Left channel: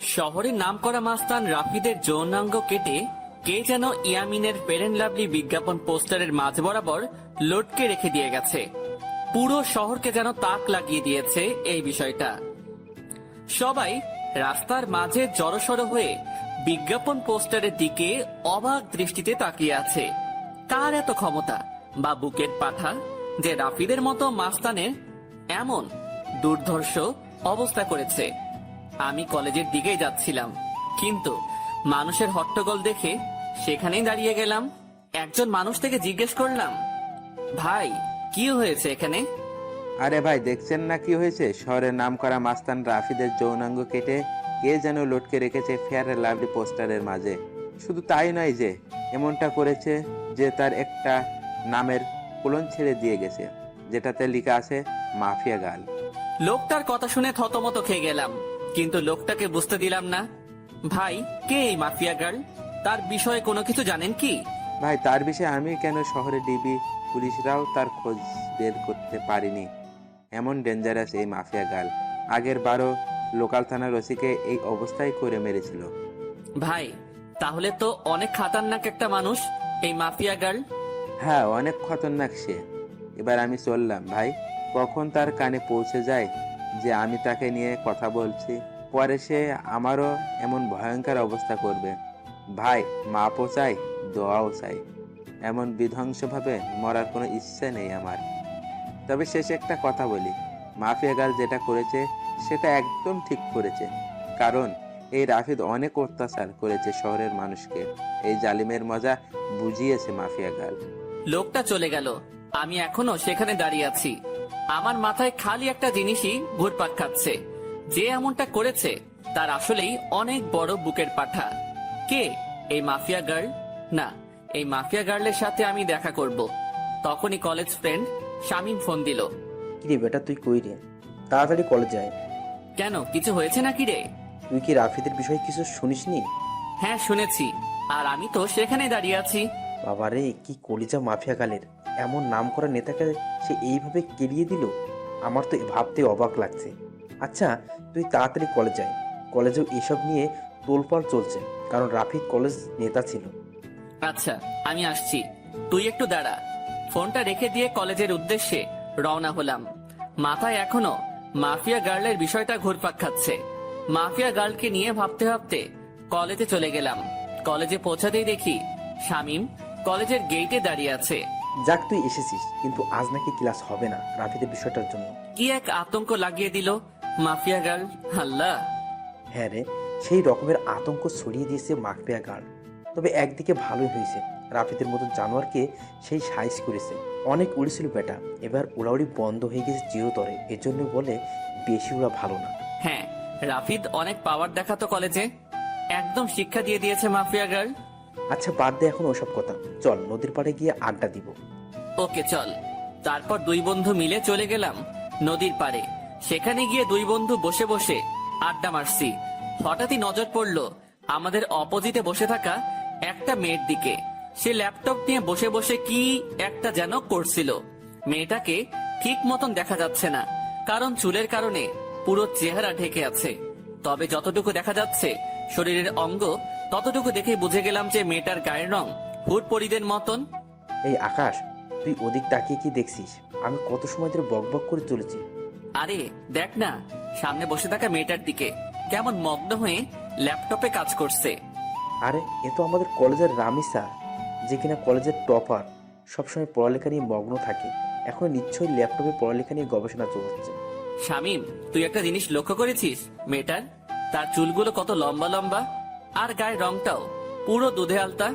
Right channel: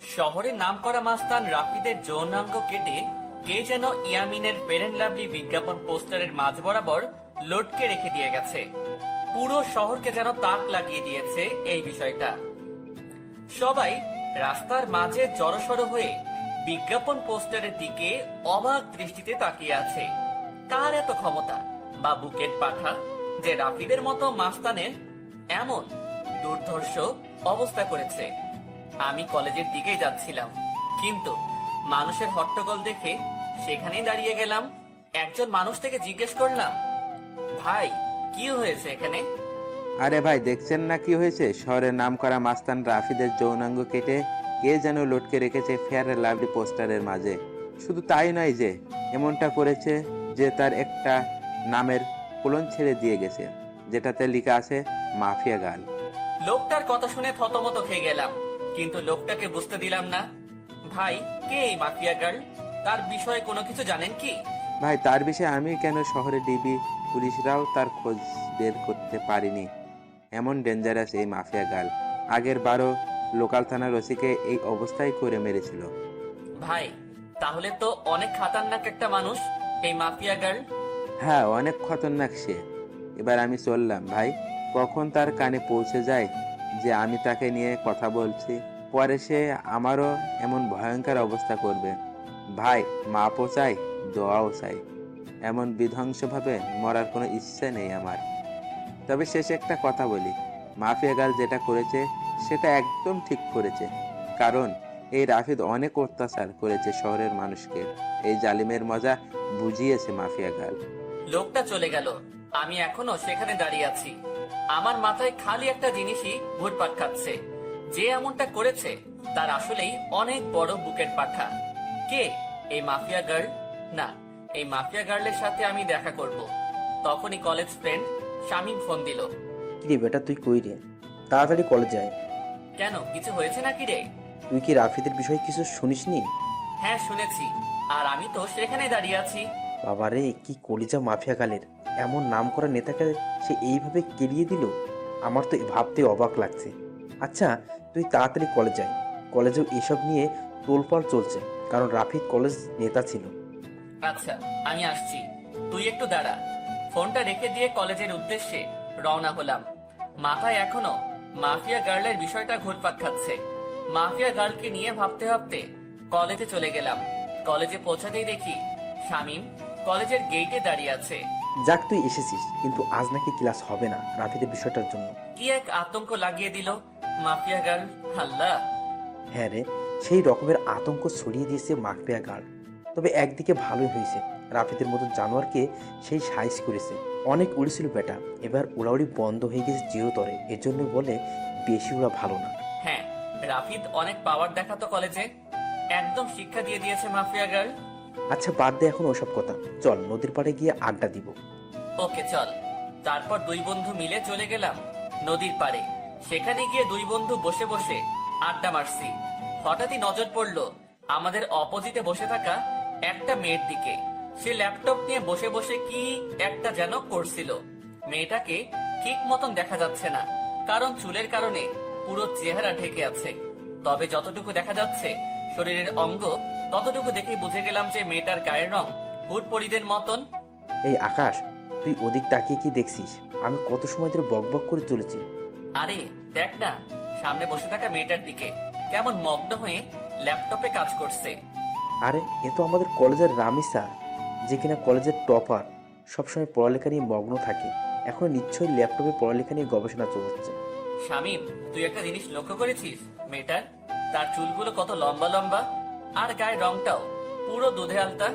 শহরের নামকরা মাস্তান রাফিদের যৌনাঙ্গ কেটে কে যেন ইয়ামিনের ফেয়ার অ্যান্ড লাভলি বিজ্ঞাপন পোস্টারের মাঝ বরাবর লটকে রেখে দিয়ে গেছে। পুরো শহরকে যেন তাক লাগিয়ে দিয়েছে এই বিষয়টা। সবাই রাস্তার মাঝে জড়সড় হয়ে বিজ্ঞাপন পোস্টারের দিকে অবাক দৃষ্টিতে তাকিয়ে আছে। কার এত ক্ষমতা বা বুকেট পাঠা যে রাফিদের মতো মাস্তানের এমন দুর্ধর্ষ অবস্থা করেছে। আমি কলেজের দিকেই যাচ্ছিলাম, কিন্তু মানুষের হট্টগোল দেখে সেখানেই দাঁড়িয়ে গেলাম। একজন মানুষ থেকে জিজ্ঞেস করলাম, ভাই কি হয়েছে এখানে? আরে ভাই, দেখছেন না কি হয়েছে? শহরের নামকরা মাস্তান রাফিদের যৌনাঙ্গ কেটে কে যেন লটকে রেখেছে ফেয়ার অ্যান্ড লাভলি পোস্টারের মাঝে। শুধু তাই নয়, যে এমনটা করেছে যে তার একটা নামের কোলন ছেড়ে দিয়ে গেছে, যেটাতে লেখা আছে মাফিয়া গার্ল। লোকটার কথা শুনে থতমত খেয়ে গেলাম, কিন্তু লোকটাকে বুঝতে দিলাম না। ভাই, কে এই মাফিয়া গার্ল? তার বিষয়ে কোনো কিছু জানেন কি? ভাই, তার বিষয়ে আমি কেন, শহরে ডিবি পুলিশরাও তার খোঁজ বের করতে পারিনি। এমন ডেঞ্জারাস এই মাফিয়া গার্ল। আগের বারও লোকাল থানার ওসিকে এই অবস্থায় করে মেরেছিল। ভাই, তাহলে তো অনেক খাতারনাক একটা মানুষ এই মাফিয়া গার্ল। হ্যাঁ, অনেক খতরনাক সে। এবার আমি চললাম ভাই, কখন তার কানে পৌঁছে যায় যে আমি তাকে নিয়ে কথা বলছি, পরে সে আমারও এমন ভয়ঙ্কর অবস্থা করবে। ভাই, মাপও চাই, দোয়াও চাই। এমন বিধ্বংসভাবে মরার কোনো ইচ্ছে নেই আমার। তবে শেষে একটা কথা বলি, মাফিয়া গার্ল যেটা করেছে সেটা একদম ঠিক করেছে। কারণ এই রাফিদ অনেক অত্যাচার করেছে শহরের মানুষকে। এই জালিমের মজা বুঝিয়েছে মাফিয়া গার্ল। লোকটা চলে গেল, আমি এখনো সেখানে দাঁড়িয়ে আছি। আমার মাথায় খালি একটা জিনিসই ঘুরপাক খাচ্ছে, যে এমনটা করেছে তার আসলেই অনেক বড় বুকের পাঠা। কে এই মাফিয়া গার্ল? না, এই মাফিয়া গার্লের সাথে আমি দেখা করব। তখনই কলেজ ফ্রেন্ড শামীম ফোন দিল। কিরে বেটা, তুই কই রে? তাড়াতাড়ি কলেজ যায়। কেন, কিছু হয়েছে নাকি রে? তুই কি রাফিদের বিষয়ে কিছু শুনিসনি? হ্যাঁ শুনেছি, আর আমি তো সেখানে দাঁড়িয়ে আছি। বাবারে, কি কলিজা মাফিয়া গালের! এমন নাম করা নেতাকে সে এইভাবে কেলিয়ে দিল। আমার তো ভাবতে অবাক লাগছে। আচ্ছা, তুই তাড়াতাড়ি কলেজ যায়। কলেজেও এসব নিয়ে তোলপাড় চলছে, কারণ রাফিদ কলেজ নেতা ছিল। আচ্ছা, আমি আসছি, তুই একটু দাঁড়া। ফোনটা রেখে দিয়ে কলেজের উদ্দেশ্যে রওনা হলাম। মাথায় এখনো মাফিয়া গার্লের বিষয়টা ঘুরপাক খাচ্ছে। মাফিয়া গার্লকে নিয়ে ভাবতে ভাবতে কলেজে চলে গেলাম। কলেজে পৌঁছাতেই দেখি শামীম কলেজের গেটে দাঁড়িয়ে আছে। যাক, তুই এসেছিস, কিন্তু আজ নাকি ক্লাস হবে না রাফিদের বিষয়টার জন্য। কি এক আতঙ্ক লাগিয়ে দিল মাফিয়া গার্ল! আল্লাহ! হ্যাঁ রে, সেই রকমের আতঙ্ক ছড়িয়ে দিয়েছে মাফিয়া গার্ল। তবে একদিকে ভালোই হয়েছে, রাফিদের মতো জানোয়ারকে সেই সাইজ করেছে। অনেক উড়েছিল বেটা, এবার উড়াউড়ি বন্ধ হয়ে গেছে চিরতরে। এজন্য বলে বেশি উড়া ভালো না। হ্যাঁ, রাফিদ অনেক পাওয়ার দেখাতো কলেজে, একদম শিক্ষা দিয়ে দিয়েছে মাফিয়া গার্ল। আচ্ছা, বাদ দে এখন ওসব কথা, চল নদীর পাড়ে গিয়ে আড্ডা দিব। ওকে চল। তারপর দুই বন্ধু মিলে চলে গেলাম নদীর পাড়ে। সেখানে গিয়ে দুই বন্ধু বসে বসে আড্ডা মারছি। হঠাৎই নজর পড়লো আমাদের অপোজিটে বসে থাকা একটা মেয়ের দিকে। সে ল্যাপটপ নিয়ে বসে বসে কি একটা যেন করছিল। মেয়েটাকে ঠিক মতন দেখা যাচ্ছে না, কারণ চুলের কারণে পুরো চেহারা ঢেকে আছে। তবে যতটুকু দেখা যাচ্ছে শরীরের অঙ্গ, ততটুকু দেখে বুঝে গেলাম যে মেয়েটার গায়ের রং হুট পরিদের মতন। এই আকাশ, তুই ওদিক তাকিয়ে কি দেখছিস? আমি কত সময় ধরে বক বক করে চলেছি। আরে দেখ না, সামনে বসে থাকা মেয়েটার দিকে কেমন মগ্ন হয়ে ল্যাপটপে কাজ করছে। আরে, এ তো আমাদের কলেজের রামিসা, যে কিনা কলেজের টপার, সবসময় পড়ালেখা নিয়ে মগ্ন থাকে। এখন নিশ্চয়ই ল্যাপটপে পড়ালেখা নিয়ে গবেষণা চলছে। শামীম, তুই একটা জিনিস লক্ষ্য করেছিস মেয়েটার? তার চুলগুলো কত লম্বা লম্বা, আর গায়ের রংটাও পুরো দুধে আলতা।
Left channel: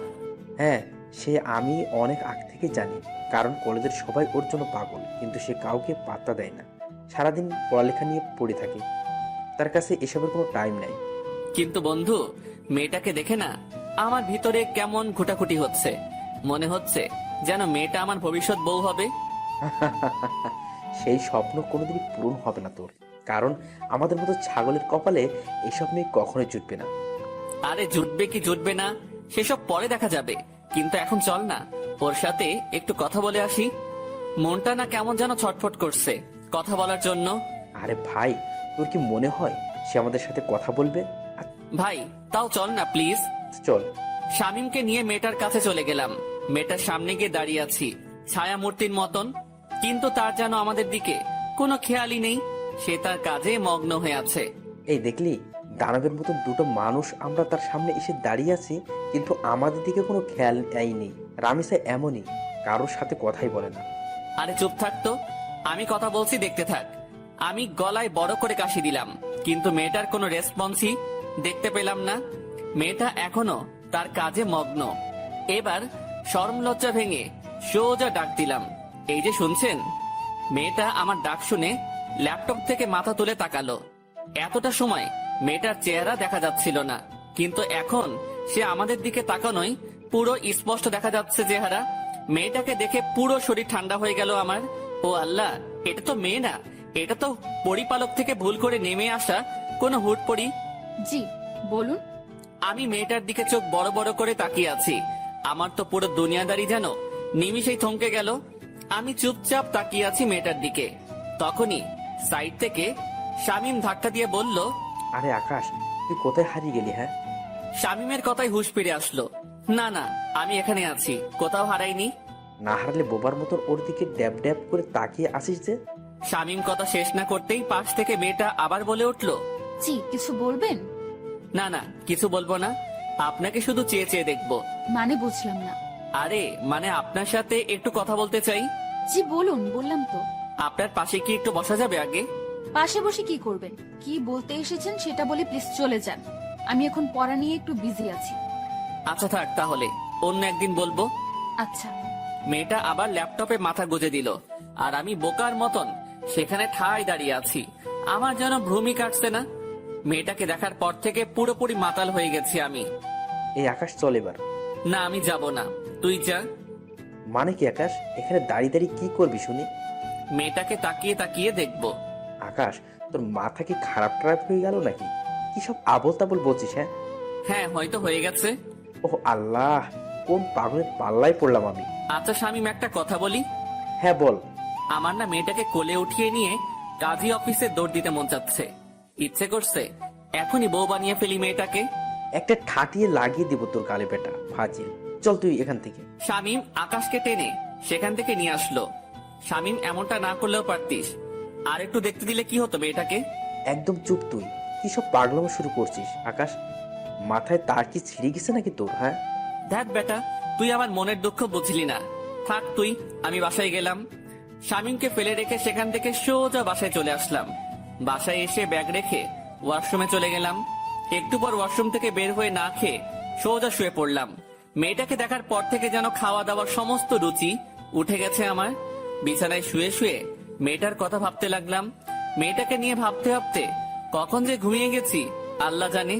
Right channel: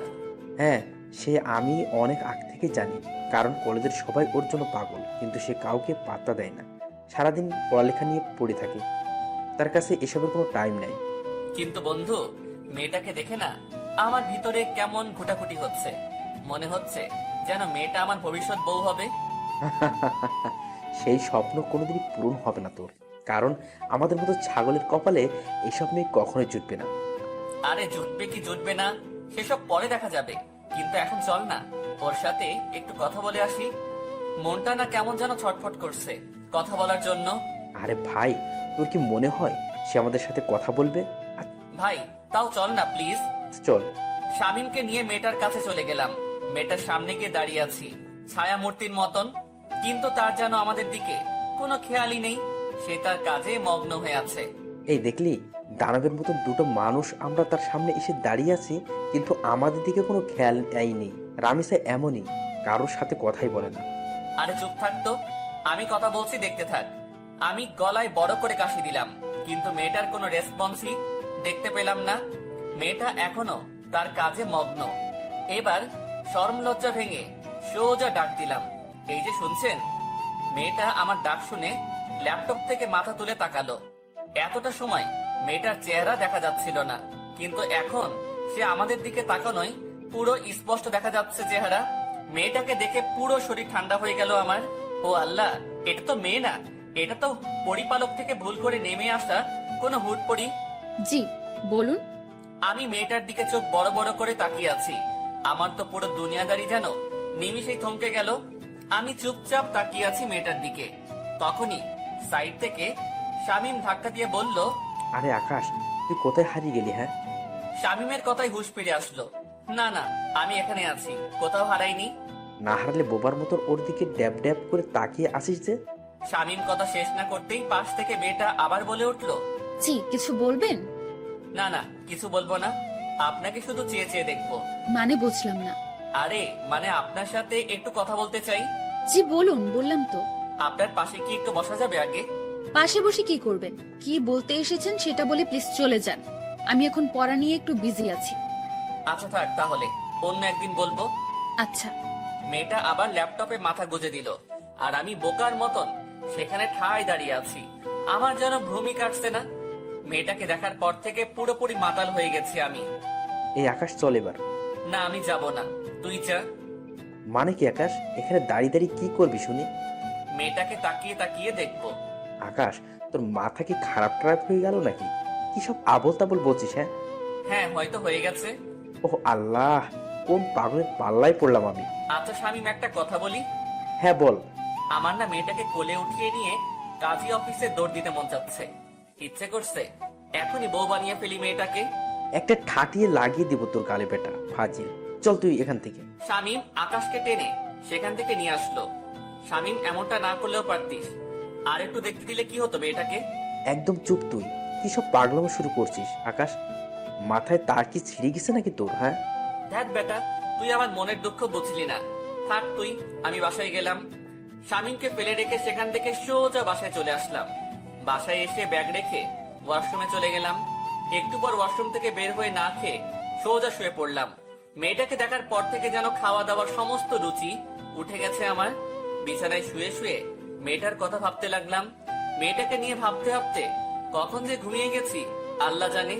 হ্যাঁ, সে আমি অনেক আগ থেকে জানি, কারণ কলেজের সবাই ওর জন্য পাগল, কিন্তু সে কাউকে পাত্তা দেয় না। সারাদিন পড়ালেখা নিয়ে পড়ে থাকে, তার কাছে এসবের কোনো টাইম নাই। কিন্তু বন্ধু, মেয়েটাকে দেখে না আমার ভিতরে কেমন ঘুটাঘুটি হচ্ছে। মনে হচ্ছে যেন মেয়েটা আমার ভবিষ্যৎ বউ হবে। সেই স্বপ্ন কোনোদিনই পূরণ হবে না তোর, কারণ আমাদের মতো ছাগলের কপালে এসব মেয়ে কখনোই জুটবে না। আরে জুটবে কি জুটবে না সেসব পরে দেখা যাবে, কিন্তু এখন চল না ওর সাথে একটু কথা বলে আসি। মনটা না কেমন যেন ছটফট করছে কথা বলার জন্য। আরে ভাই, তোর কি মনে হয় সে আমাদের সাথে কথা বলবে? ভাই তাও চল না প্লিজ। চল। শামীমকে নিয়ে মেয়েটার কাছে চলে গেলাম। মেয়েটার সামনে গিয়ে দাঁড়িয়ে আছি ছায়া মূর্তির মতন, কিন্তু তার যেন আমাদের দিকে কোনো খেয়ালই নেই। সে তার কাজে মগ্ন হয়ে আছে। এই দেখলি, দানবের মতো দুটো মানুষ আমরা তার সামনে এসে দাঁড়িয়ে আছি, কিন্তু আমাদের দিকে কোনো খেয়াল নেই। রামিসা এমনই, কারোর সাথে কথাই বলে না। আরে চুপ থাক তো, আমি কথা বলছি, দেখতে থাক। আমি গলায় বড় করে কাশি দিলাম, কিন্তু মেয়েটার কোনো রেসপন্সই দেখতে পেলাম না। মেয়েটা এখনো তার কাজে মগ্ন। এবার শরম লজ্জা ভেঙে সোজা ডাক দিলাম, এই যে শুনছেন। মেয়েটা আমার ডাক শুনে ল্যাপটপ থেকে মাথা তুলে তাকালো। এতটা সময় মেয়েটার চেহারা দেখা যাচ্ছিল না, কিন্তু এখন সে আমাদের দিকে তাকানোই পুরো স্পষ্ট দেখা যাচ্ছে চেহারা। মেয়েটাকে দেখে পুরো শরীর ঠান্ডা হয়ে গেল আমার। ও আল্লাহ, এটা তো মেয়ে না, এটা তো পরিপালক থেকে ভুল করে নেমে আসা কোনো হুটপড়ি। জি বলুন। আমি মেয়েটার দিকে চোখ বড় বড় করে তাকিয়ে আছি। আমার তো পুরো দুনিয়াদারি যেন নিমিষেই থমকে গেল। আমি চুপচাপ তাকিয়ে আছি মেয়েটার দিকে। তখনই সাইড থেকে শামীম ধাক্কা দিয়ে বলল, আরে আকাশ, তুই কোথায় হারিয়ে গেলি? হ্যাঁ, শামীমের কথায় হুঁশ ফিরে আসলো। না না, আমি এখানে আছি, কোথাও হারাইনি। না হারালে বোবার মতন ওর দিকে ড্যাব ড্যাব করে তাকিয়ে আসিস যে। শামীম কথা শেষ না করতেই পাশ থেকে মেয়েটা আবার বলে উঠল, জি কিছু বলবেন? না না, কিছু বলবো না, আপনাকে শুধু চেয়ে চেয়ে দেখবো। মানে বুঝলাম না। আরে মানে আপনার সাথে একটু কথা বলতে চাই। জি বলুন, বললাম তো। আপনার পাশে কি একটু বসা যাবে আগে? পাশে বসে কি করবেন? কি বলতে এসেছেন সেটা বলে প্লিজ চলে যান। আমি এখন পড়া নিয়ে একটু বিজি আছি। আচ্ছা থাক, তাহলে অন্য একদিন বলবো। আচ্ছা। মেয়েটা আবার ল্যাপটপে মাথা গুজে দিল, আর আমি বোকার মতন সেখানে ঠায় দাঁড়িয়ে আছি। আমার যেন ভ্রুমি কাটছে না। মেয়েটাকে দেখার পর থেকে পুরোপুরি মাতাল হয়ে গেছি আমি। এই আকাশ, চল এবার। না, আমি যাব না, তুই যা। মানে কি আকাশ, এখানে দাঁড়িয়ে দাঁড়িয়ে কি করবি শুনি? মেয়েটাকে তাকিয়ে তাকিয়ে দেখবো। আকাশ, তোর মাথা কি খারাপ টারাপ হয়ে গেল নাকি? কি সব আবোল তাবোল বলছিস? হ্যাঁ, হ্যাঁ হয়তো হয়ে গেছে। ও আল্লাহ, কোন পাগলের পাল্লায় পড়লাম আমি। আচ্ছা শামীম, একটা কথা বলি। হ্যাঁ বল। আমার না মেয়েটাকে কোলে উঠিয়ে নিয়ে কাজী অফিসে দৌড় দিতে মন চাচ্ছে। ইচ্ছে করছে এখনই বউ বানিয়ে ফেলি মেয়েটাকে। একটা ঠাটিয়ে লাগিয়ে দিব তোর গালে, বেটা ফাজিল। চল তুই এখান থেকে। শামীম আকাশকে টেনে সেখান থেকে নিয়ে আসলো। শামীম, এমনটা না করলেও পারতিস, আর একটু দেখতে দিলে কি হতো মেয়েটাকে। একদম চুপ তুই। কি সব পাগলামো শুরু করছিস আকাশ? মাথায় তার কি ছিঁড়ে গেছে নাকি তোর? হ্যাঁ, দেখ বেটা, তুই আমার মনের দুঃখ বুঝলি না। থাক তুই, আমি বাসায় গেলাম। শামীমকে ফেলে রেখে সেখান থেকে সোজা বাসায় চলে আসলাম। বাসায় এসে ব্যাগ রেখে ওয়াশরুমে চলে গেলাম। একটু পর ওয়াশরুম থেকে বের হয়ে না খেয়ে সোজা শুয়ে পড়লাম। মেয়েটাকে দেখার পর থেকে যেন খাওয়া দাওয়ার সমস্ত রুচি উঠে গেছে আমার। বিছানায় শুয়ে শুয়ে মেয়েটার কথা ভাবতে লাগলাম। মেয়েটাকে নিয়ে ভাবতে ভাবতে কখন যে ঘুমিয়ে গেছি আল্লাহ জানে।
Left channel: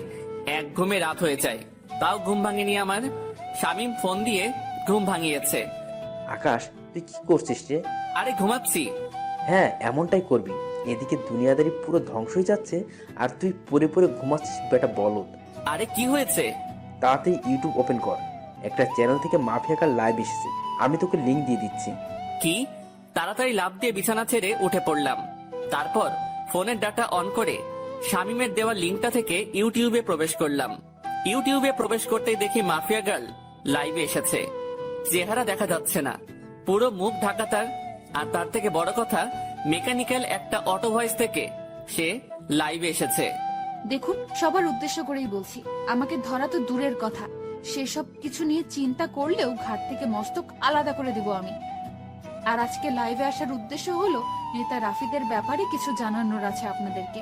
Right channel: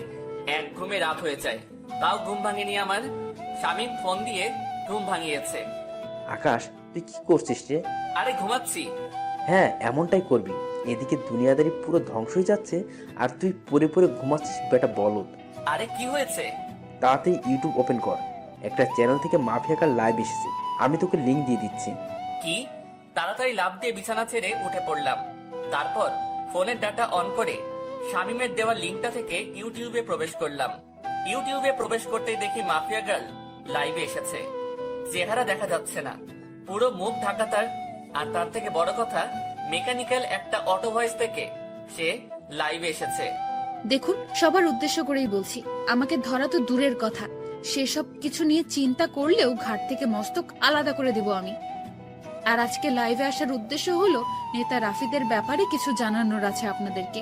এক ঘুমে রাত হয়ে যায়, তাও ঘুম ভাঙেনি আমার। শামীম ফোন দিয়ে ঘুম ভাঙিয়েছে। আকাশ তুই কি করছিস রে? আরে ঘুমাচ্ছি। হ্যাঁ, এমনটাই করবি। এদিকে দুনিয়াদারি পুরো ধ্বংস হয়ে যাচ্ছে, আর তুই পরে পরে ঘুমাচ্ছিস, বেটা বলদ। আরে কি হয়েছে? তাড়াতাড়ি ইউটিউব ওপেন কর। একটা চ্যানেল থেকে মাফিয়াকার লাইভ এসেছে, আমি তোকে লিংক দিয়ে দিচ্ছি। কি? তাড়াতাড়ি লাফ দিয়ে বিছানা ছেড়ে উঠে পড়লাম। তারপর ফোনের ডাটা অন করে শামীমের দেওয়া লিঙ্কটা থেকে ইউটিউবে প্রবেশ করলাম। ইউটিউবে প্রবেশ করতেই দেখি মাফিয়া গার্ল লাইভে এসেছে। চেহারা দেখা যাচ্ছে না, পুরো মুখ ঢাকা তার। আর তার থেকে বড় কথা, মেকানিক্যাল একটা অটো ভয়েস থেকে সে লাইভে এসেছে। দেখুন, সবার উদ্দেশ্য করেই বলছি, আমাকে ধরা তো দূরের কথা, সেসব কিছু নিয়ে চিন্তা করলেও ঘাট থেকে মস্তক আলাদা করে দিব আমি। আর আজকে লাইভে আসার উদ্দেশ্য হলো নেতা রাফিদের ব্যাপারে কিছু জানানোর আছে আপনাদেরকে।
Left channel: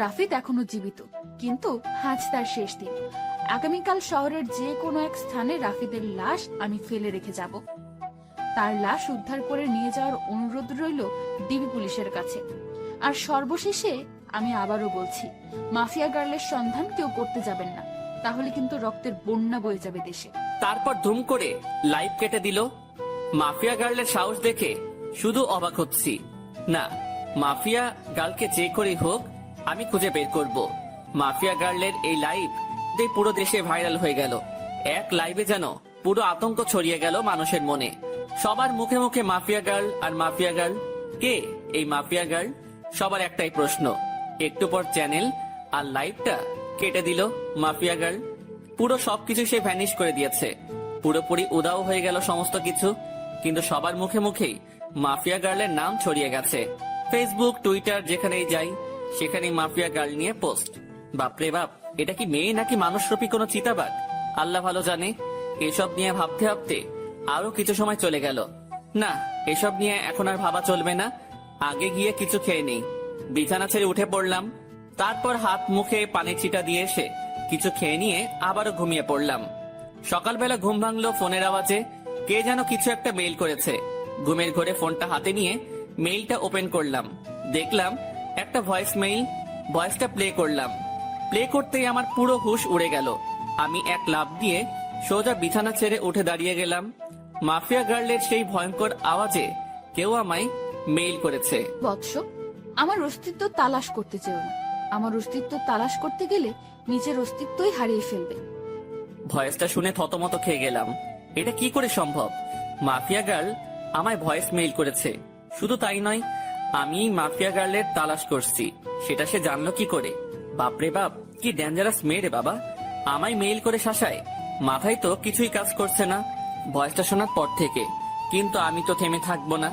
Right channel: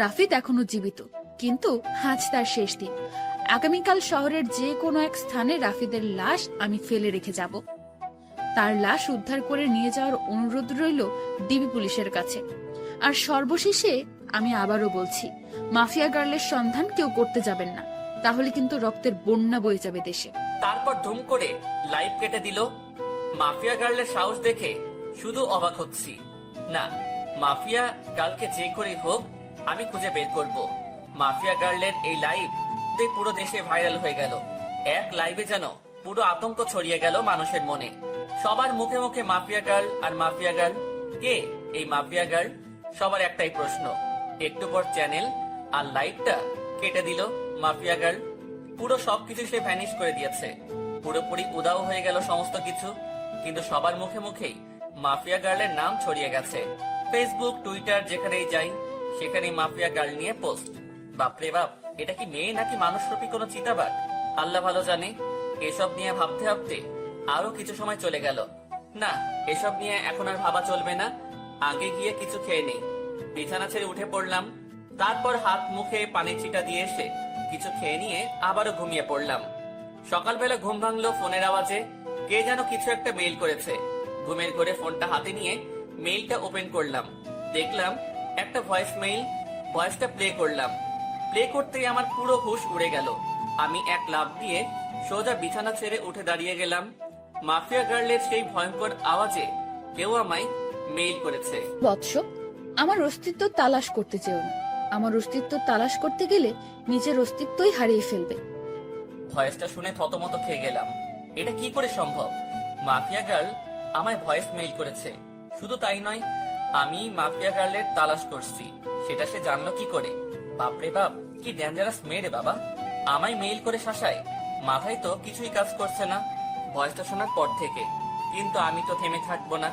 রাফিদ এখনো জীবিত, কিন্তু আজ তার শেষ দিন। আগামীকাল শহরের যে কোনো এক স্থানে রাফিদের লাশ আমি ফেলে রেখে যাব। তার লাশ উদ্ধার করে নিয়ে যাওয়ার অনুরোধ রইল ডিবি পুলিশের কাছে। আর সর্বশেষে আমি আবারও বলছি, মাফিয়া গার্লের সন্ধান কেউ করতে যাবেন না, তাহলে কিন্তু রক্তের বন্যা বয়ে যাবে দেশে। তারপর ধুম করে লাইভ কেটে দিল। মাফিয়া গার্লের সাহস দেখে শুধু অবাক হচ্ছি। না, মাফিয়া গার্লকে যে করেই হোক আমি খুঁজে বের করব। মাফিয়া গার্লের এই লাইভ পুরো দেশে ভাইরাল হয়ে গেল। এক লাইভে যেন পুরো আতঙ্ক ছড়িয়ে গেল মানুষের মনে। সবার মুখে মুখে মাফিয়া গার্ল আর মাফিয়া গার্ল। কে এই মাফিয়া গার্ল? সবার একটাই প্রশ্ন। একটু পর চ্যানেল আর লাইটটা কেটে দিল মাফিয়া গার্ল। পুরো সবকিছু সে ভ্যানিশ করে দিয়েছে, পুরোপুরি উদাও হয়ে গেল সমস্ত কিছু। কিন্তু সবার মুখে মুখেই মাফিয়া গার্লের নাম ছড়িয়ে গেছে। ফেসবুক, টুইটার যেখানেই যাই সেখানেই মাফিয়া গার্ল নিয়ে পোস্ট। বাপরে বাপ, এটা কি মেয়ে নাকি মানুষরূপী কোনো চিতাবাঘ? আল্লাহ ভালো জানে। এসব নিয়ে ভাবতে ভাবতে আরো কিছু সময় চলে গেল। না, এসব নিয়ে এখন আর ভাবা চলবে না, আগে গিয়ে কিছু খেয়ে নেই। বিছানা ছেড়ে উঠে পড়লাম। তারপর হাত মুখে পানি ছিটা দিয়ে এসে কিছু খেয়ে নিয়ে আবারও ঘুমিয়ে পড়লাম। সকালবেলা ঘুম ভাঙলো ফোনের আওয়াজে। কে যেন কিছু একটা মেইল করেছে। ঘুমের ঘরে ফোনটা হাতে নিয়ে মেইলটা ওপেন করলাম। দেখলাম একটা ভয়েস মেইল। ভয়েসটা প্লে করলাম। প্লে করতেই আমার পুরো হুঁশ উড়ে গেল। আমি এক লাফ দিয়ে সোজা বিছানা ছেড়ে উঠে দাঁড়িয়ে গেলাম। মাফিয়া গার্লের সেই ভয়ঙ্কর আওয়াজে কেউ আমায় মেইল করেছে। বৎস, আমার অস্তিত্ব তালাশ করতে চেও না। আমার অস্তিত্ব তালাশ করতে গেলে নিজের অস্তিত্বই হারিয়ে ফেলবে। ভয়েসটা শুনে থতমত খেয়ে গেলাম। এটা কি করে সম্ভব? মাফিয়া গার্ল আমায় ভয়েস মেইল করেছে। শুধু তাই নয়, আমি মাফিয়া গার্লের তালাশ করছি সেটা সে জানলো কি করে? বাপরে বাপ, কি ডেঞ্জারাস মেয়ে রে বাবা! আমায় মেইল করে শাসায়। মাথায় তো কিছুই কাজ করছে না ভয়েসটা শোনার পর থেকে। কিন্তু আমি তো থেমে থাকবো না।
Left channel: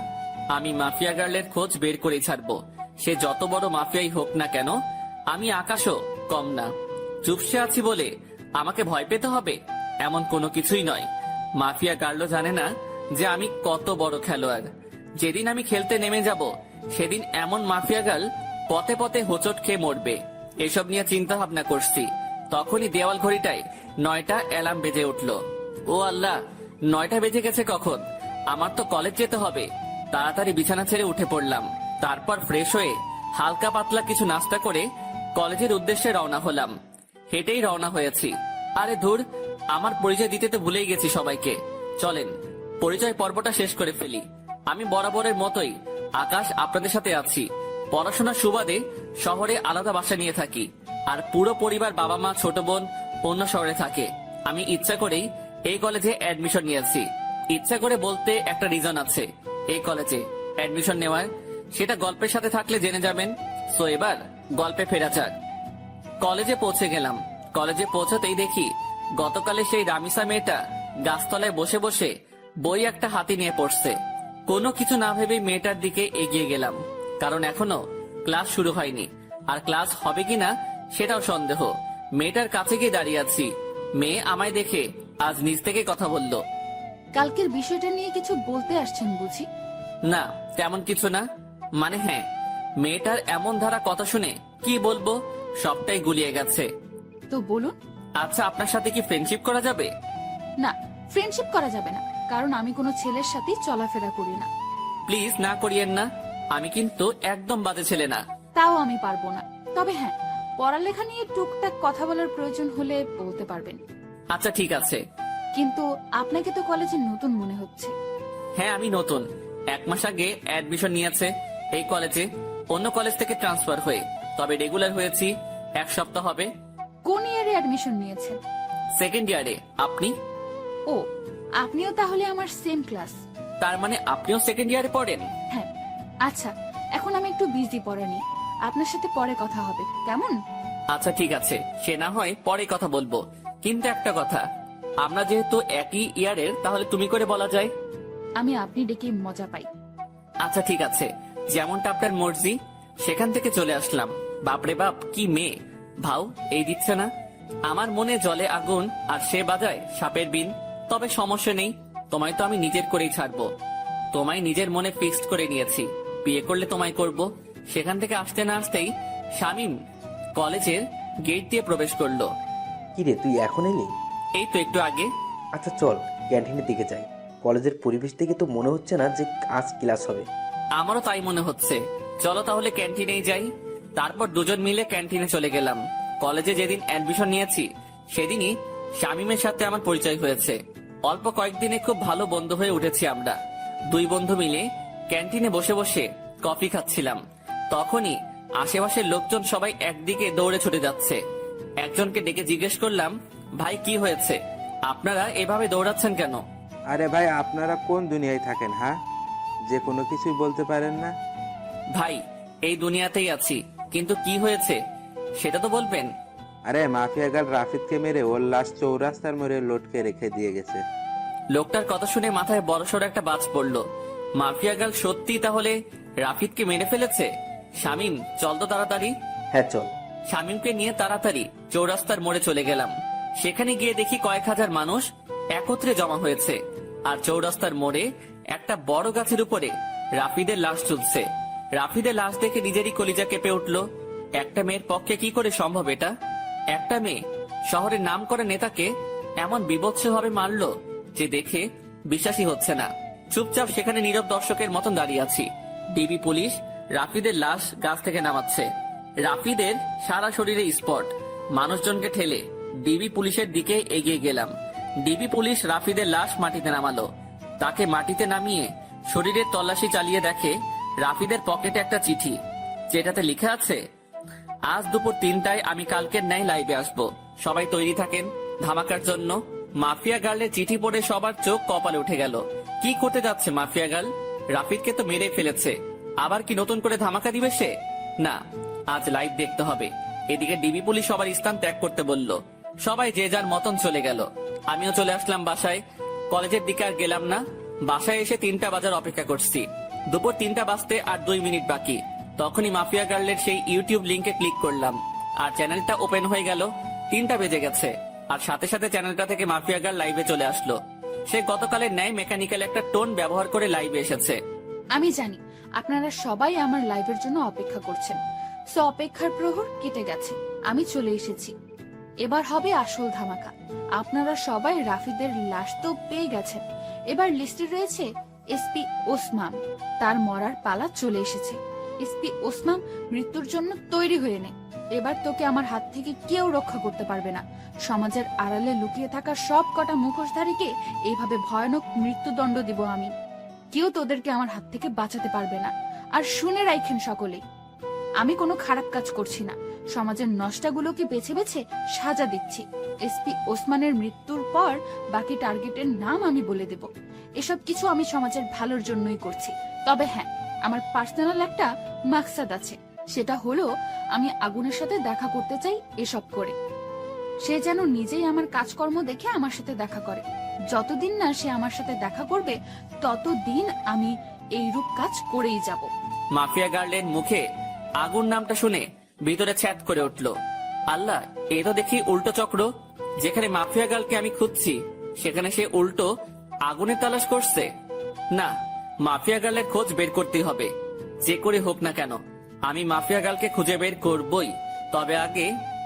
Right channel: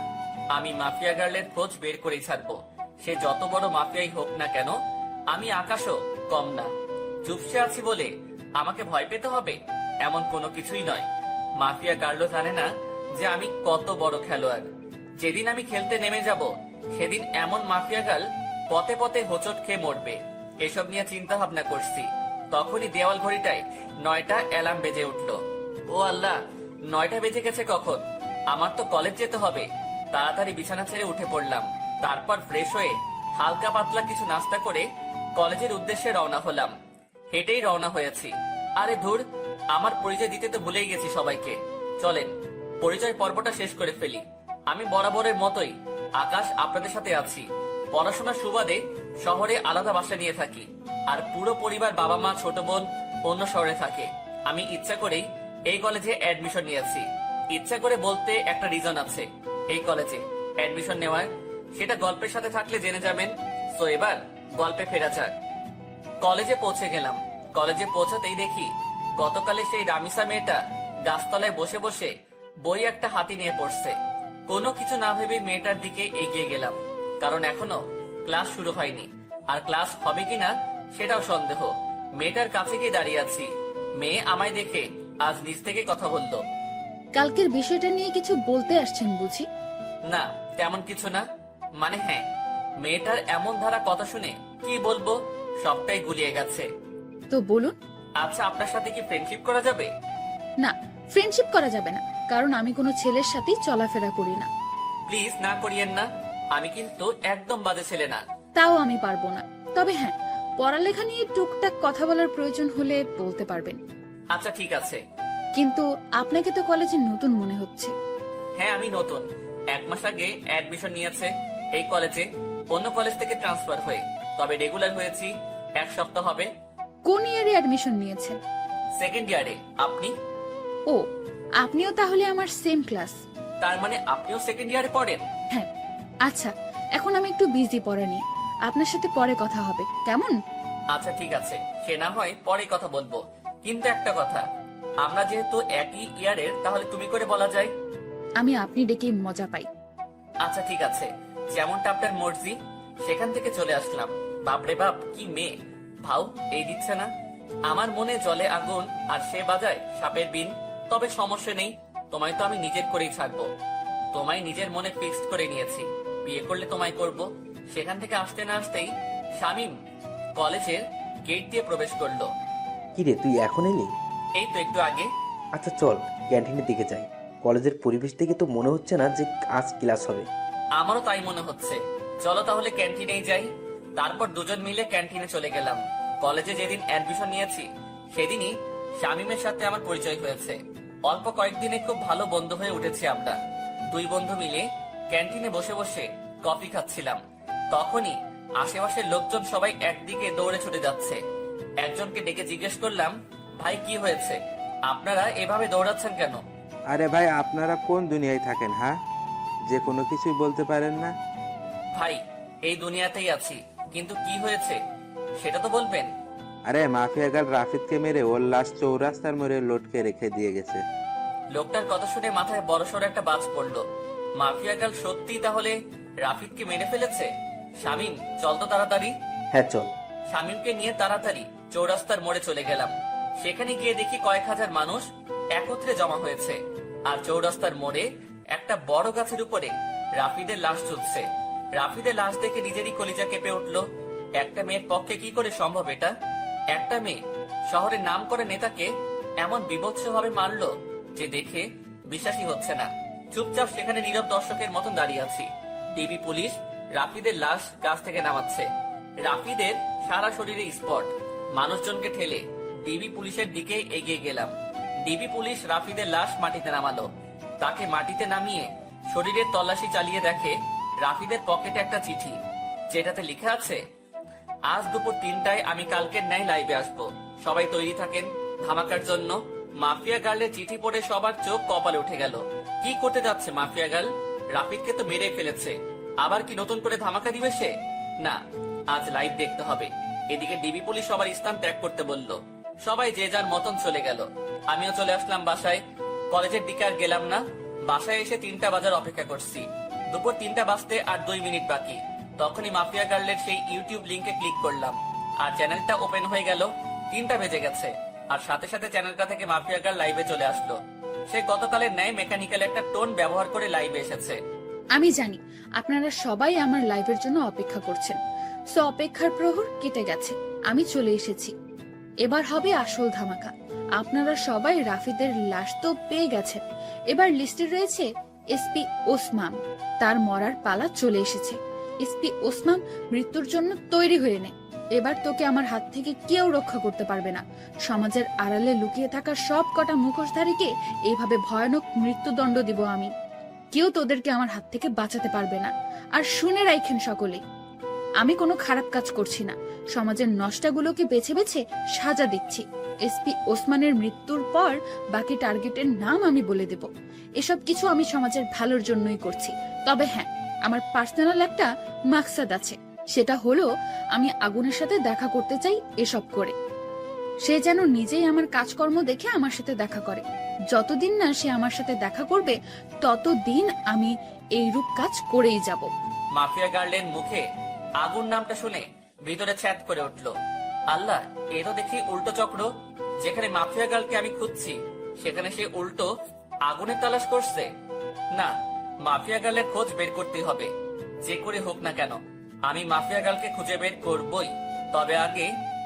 আমি মাফিয়া গার্লের খোঁজ বের করেই ছাড়বো। সে যত বড় মাফিয়াই হোক না কেন, আমি আকাশও কম না। চুপসে আছি বলে আমাকে ভয় পেতে হবে এমন কোনো কিছুই নয়। মাফিয়া গার্লও জানে না যে আমি কত বড় খেলোয়াড়। যেদিন আমি খেলতে নেমে যাব সেদিন এমন মাফিয়া গার্ল পথে পথে হোঁচট খেয়ে মরবে। এসব নিয়ে চিন্তা ভাবনা করছি। তখনই দেওয়াল ঘড়িটায় 9টা অ্যালার্ম বেজে উঠলো। ও আল্লাহ, 9টা বেজে গেছে কখন? আমার তো কলেজ যেতে হবে। তাড়াতাড়ি বিছানা ছেড়ে উঠে পড়লাম। তারপর ফ্রেশ হয়ে হালকা পাতলা কিছু নাস্তা করে কলেজের উদ্দেশ্যে রওনা হলাম। হেঁটেই রওনা হয়েছি। আরে ধুর, আমার পরিচয় দিতে তো ভুলেই গেছি সবাইকে। চলেন পরিচয় পর্বটা শেষ করে ফেলি। আমি বরাবরের মতোই আকাশ, আপনাদের সাথে আছি। পড়াশোনার সুবাদে শহরে আলাদা বাসা নিয়ে থাকি। আর পুরো পরিবার, বাবা মা, ছোট বোন অন্য শহরে থাকে। আমি ইচ্ছা করেই এই কলেজে অ্যাডমিশন নিয়েছি। ইচ্ছা করে বলতে একটা রিজন আছে এই কলেজে অ্যাডমিশন নেওয়ার, সেটা গল্পের সাথে থাকলে জেনে যাবেন। সো এবার গল্পে ফেরা যাক। কলেজে পৌঁছে গেলাম। কলেজে পৌঁছাতেই দেখি গতকালে সেই রামিসা মেয়েটা গাছতলায় বসে বসে বই একটা হাতে নিয়ে পড়ছে। কোনো কিছু না ভেবে মেয়েটার দিকে এগিয়ে গেলাম, কারণ এখনো ক্লাস শুরু হয়নি। আর ক্লাস হবে কিনা সেটাও সন্দেহ। মেয়েটার কাছে গিয়ে দাঁড়িয়ে আছি। মেয়ে আমায় দেখে আজ নিজ থেকে কথা বলল। কালকের বিষয়টা নিয়ে কিছু বলতে আসছেন বুঝি? না, তেমন কিছু না। মানে হ্যাঁ, মেয়েটার এমন ধারা কথা শুনে কি বলবো, সবটাই গুলিয়ে গেছে। তো বলুন। আচ্ছা, আপনার সাথে কি ফ্রেন্ডশিপ করা যাবে? না, ফ্রেন্ডশিপ করা যাবে না, কারণ আমি কোনো ছেলের সাথেই চলাফেরা করি না। প্লিজ না করিয়েন না। আমি কিন্তু একদম বাজে ছেলে না। তাও আমি পারবো না। তবে হ্যাঁ, পড়ালেখা নিয়ে টুকটাক কথা বলার প্রয়োজন হলে বলতে পারবেন। আচ্ছা ঠিক আছে। কিন্তু আপনাকে তো কলেজে নতুন মনে হচ্ছে। হ্যাঁ, আমি নতুন। 1 মাস আগে অ্যাডমিশন নিয়েছে এই কলেজে, অন্য কলেজ থেকে ট্রান্সফার হয়ে। তবে রেগুলার হয়েছি 1 সপ্তাহ হবে। কোন ইয়ারে অ্যাডমিশন নিয়েছেন? সেকেন্ড ইয়ারে। আপনি? ও, আপনিও তাহলে আমার সেম ক্লাস। তার মানে আপনিও সেকেন্ড ইয়ারে পড়েন? হ্যাঁ। আচ্ছা, এখন আমি একটু বিজি পড়া নিয়ে। আপনার সাথে পরে কথা হবে, কেমন? আচ্ছা ঠিক আছে, সে না হয় পরে কথা বলবো। কিন্তু একটা কথা, আমরা যেহেতু একই ইয়ারের, তাহলে তুমি করে বলা যায়। আমি আপনি ডেকে মজা পাই। আচ্ছা ঠিক আছে, যেমনটা আপনার মর্জি। সেখান থেকে চলে আসলাম। বাপরে বাপ, কি মেয়ে! ভাও এই দিচ্ছে না। আমার মনে জলে আগুন আর সে বাজায় সাপের বিন। তবে সমস্যা নেই, তোমায় তো আমি নিজের করেই ছাড়বো। তোমায় নিজের মনে ফিক্সড করে নিয়েছি, বিয়ে করলে তোমায় করব। সেখান থেকে আসতে না আসতেই শামীম কলেজের গেট দিয়ে প্রবেশ করলো। কিরে, তুই এখন এলি? এই তো একটু আগে। আচ্ছা চল ক্যান্টিনের দিকে যাই। কলেজের পরিবেশ দেখে তো মনে হচ্ছে না যে আজ ক্লাস হবে। আমারও তাই মনে হচ্ছে। চলো তাহলে ক্যান্টিনেই যাই। তারপর দুজন মিলে ক্যান্টিনে চলে গেলাম। কলেজে যেদিন অ্যাডমিশন নিয়েছি সেদিনই শামীমের সাথে আমার পরিচয় হয়েছে। অল্প কয়েকদিনে খুব ভালো বন্ধু হয়ে উঠেছি আমরা। 2 বন্ধু মিলে ক্যান্টিনে বসে বসে কফি খাচ্ছিলাম। তখনই আশেপাশের লোকজন সবাই একদিকে দৌড়ে ছুটে যাচ্ছে। একজনকে ডেকে জিজ্ঞেস করলাম, ভাই কি হয়েছে, আপনারা এভাবে দৌড়াচ্ছেন কেন? আরে ভাই, আপনারা কোন দুনিয়ায় থাকেন? হ্যাঁ, যে কোনো কিছুই বলতে পারেন না? ভাই এই দুনিয়াতেই আছি, কিন্তু কি হয়েছে সেটা তো বলবেন। আরে মাফিয়া গার্ল রাফিদকে মেরে ওর লাশ চৌরাস্তার মোড়ে লটকে রেখে দিয়ে গেছে। লোকটার কথা শুনে মাথায় বড়সড় একটা বাজ পড়লো। মাফিয়া গার্ল সত্যি তাহলে রাফিদকে মেরে ফেলেছে। শামিম, চল তো তাড়াতাড়ি। হ্যাঁ চল। শামিমকে নিয়ে তাড়াতাড়ি চৌরাস্তার মোড়ে চলে গেলাম। সেখানে গিয়ে দেখি কয়েক হাজার মানুষ একত্রে জমা হয়েছে, আর চৌরাস্তার মোড়ে একটা বড় গাছের উপরে রাফিদের লাশ ঝুলছে। রাফিদের লাশ দেখে নিজেরই কলিজা কেঁপে উঠলো। একটা মেয়ের পক্ষে কি করে সম্ভব এটা? একটা মেয়ে শহরের নাম করা নেতাকে এমন বিভৎসভাবে মারলো যে দেখে বিশ্বাসই হচ্ছে না। চুপচাপ সেখানে নীরব দর্শকের মতন দাঁড়িয়ে আছি। ডিবি পুলিশ রাফিদের লাশ গাছ থেকে নামাচ্ছে। রাফিদের সারা শরীরে স্পট। মানুষজনকে ঠেলে ডিবি পুলিশের দিকে এগিয়ে গেলাম। ডিবি পুলিশ রাফিদের লাশ মাটিতে নামালো। তাকে মাটিতে নামিয়ে শরীরের তল্লাশি চালিয়ে দেখে রাফিদের পকেটে একটা চিঠি, যেটাতে লেখা আছে, আজ দুপুর 3টায় আমি কালকের ন্যায় লাইভে আসবো, সবাই তৈরি থাকেন ধামাকার জন্য। মাফিয়া গার্লের চিঠি পড়ে সবার চোখ কপালে উঠে গেল। কি করতে যাচ্ছে মাফিয়া গার্ল? রাফিদকে তো মেরে ফেলেছে, আবার কি নতুন করে ধামাকা দিবে সে? না, আজ লাইভ দেখতে হবে। এদিকে ডিবি পুলিশ সবার স্থান ত্যাগ করতে বলল। সবাই যে যার মতন চলে গেল। আমিও চলে আসলাম বাসায়। কলেজের দিকে আর গেলাম না। বাসায় এসে 3টা বাজার অপেক্ষা করছি। দুপুর 3টা বাজতে আর 2 মিনিট বাকি। তখনই মাফিয়া গার্লের সেই ইউটিউব লিংকে ক্লিক করলাম, আর চ্যানেলটা ওপেন হয়ে গেল। 3টা বেজে গেছে, আর সাথে সাথে চ্যানেলটা থেকে মাফিয়া গার্ল লাইভে চলে আসলো। সে গতকালের ন্যায় মেকানিক্যাল একটা টোন ব্যবহার করে লাইভে এসেছে। আমি জানি আপনারা সবাই আমার লাইভের জন্য অপেক্ষা করছেন, সো অপেক্ষার প্রহর কেটে গেছে, আমি চলে এসেছি। এবার হবে আসল ধামাকা। আপনারা সবাই রাফিদের লাশ তো পেয়ে গেছেন, এবার লিস্টে রয়েছে এসপি ওসমান। তার মরার পালা চলে এসেছে। এসপি ওসমান, মৃত্যুর জন্য তৈরি হয়ে নে। এবার তোকে আমার হাত থেকে কেউ রক্ষা করতে পারবে না। সমাজের আড়ালে লুকিয়ে থাকা সব কটা মুখোশধারীকে এইভাবে ভয়ানক মৃত্যুদণ্ড দিব আমি। কেউ তোদেরকে আমার হাত থেকে বাঁচাতে পারবে না। আর শুনে রাখেন সকলেই, আমি কোনো খারাপ কাজ করছি না, সমাজের নষ্টাগুলোকে বেছে বেছে সাজা দিচ্ছি। এসপি ওসমানের মৃত্যুর পর বাকি টার্গেটের নাম আমি বলে দেব। এসব কিছু আমি সমাজের ভালোর জন্যই করছি। তবে হ্যাঁ, আমার পার্সোনাল একটা মাকসাদ আছে, সেটা হলো আমি আগুনের সাথে দেখা করতে চাই। এসব করে সে যেন নিজেই আমার কাজকর্ম দেখে আমার সাথে দেখা করে। যতদিন না সে আমার সাথে দেখা করবে, ততদিন আমি এইরূপ কাজ করেই যাব। মাফিয়া গার্লের মুখে আগুন নামটা শুনে ভিতরে ছ্যাদ করে উঠল। আল্লাহ, এ তো দেখি উল্টো চক্র। যেখানে মাফিয়া গার্লকে আমি খুঁজছি, সেখানে সে উল্টো আগুনের তালাশ করছে। না, মাফিয়া গার্লের খোঁজ বের করতেই হবে, যে করে হোক না কেন। আমি মাফিয়া গার্লকে খুঁজে বের করবই। তবে আগে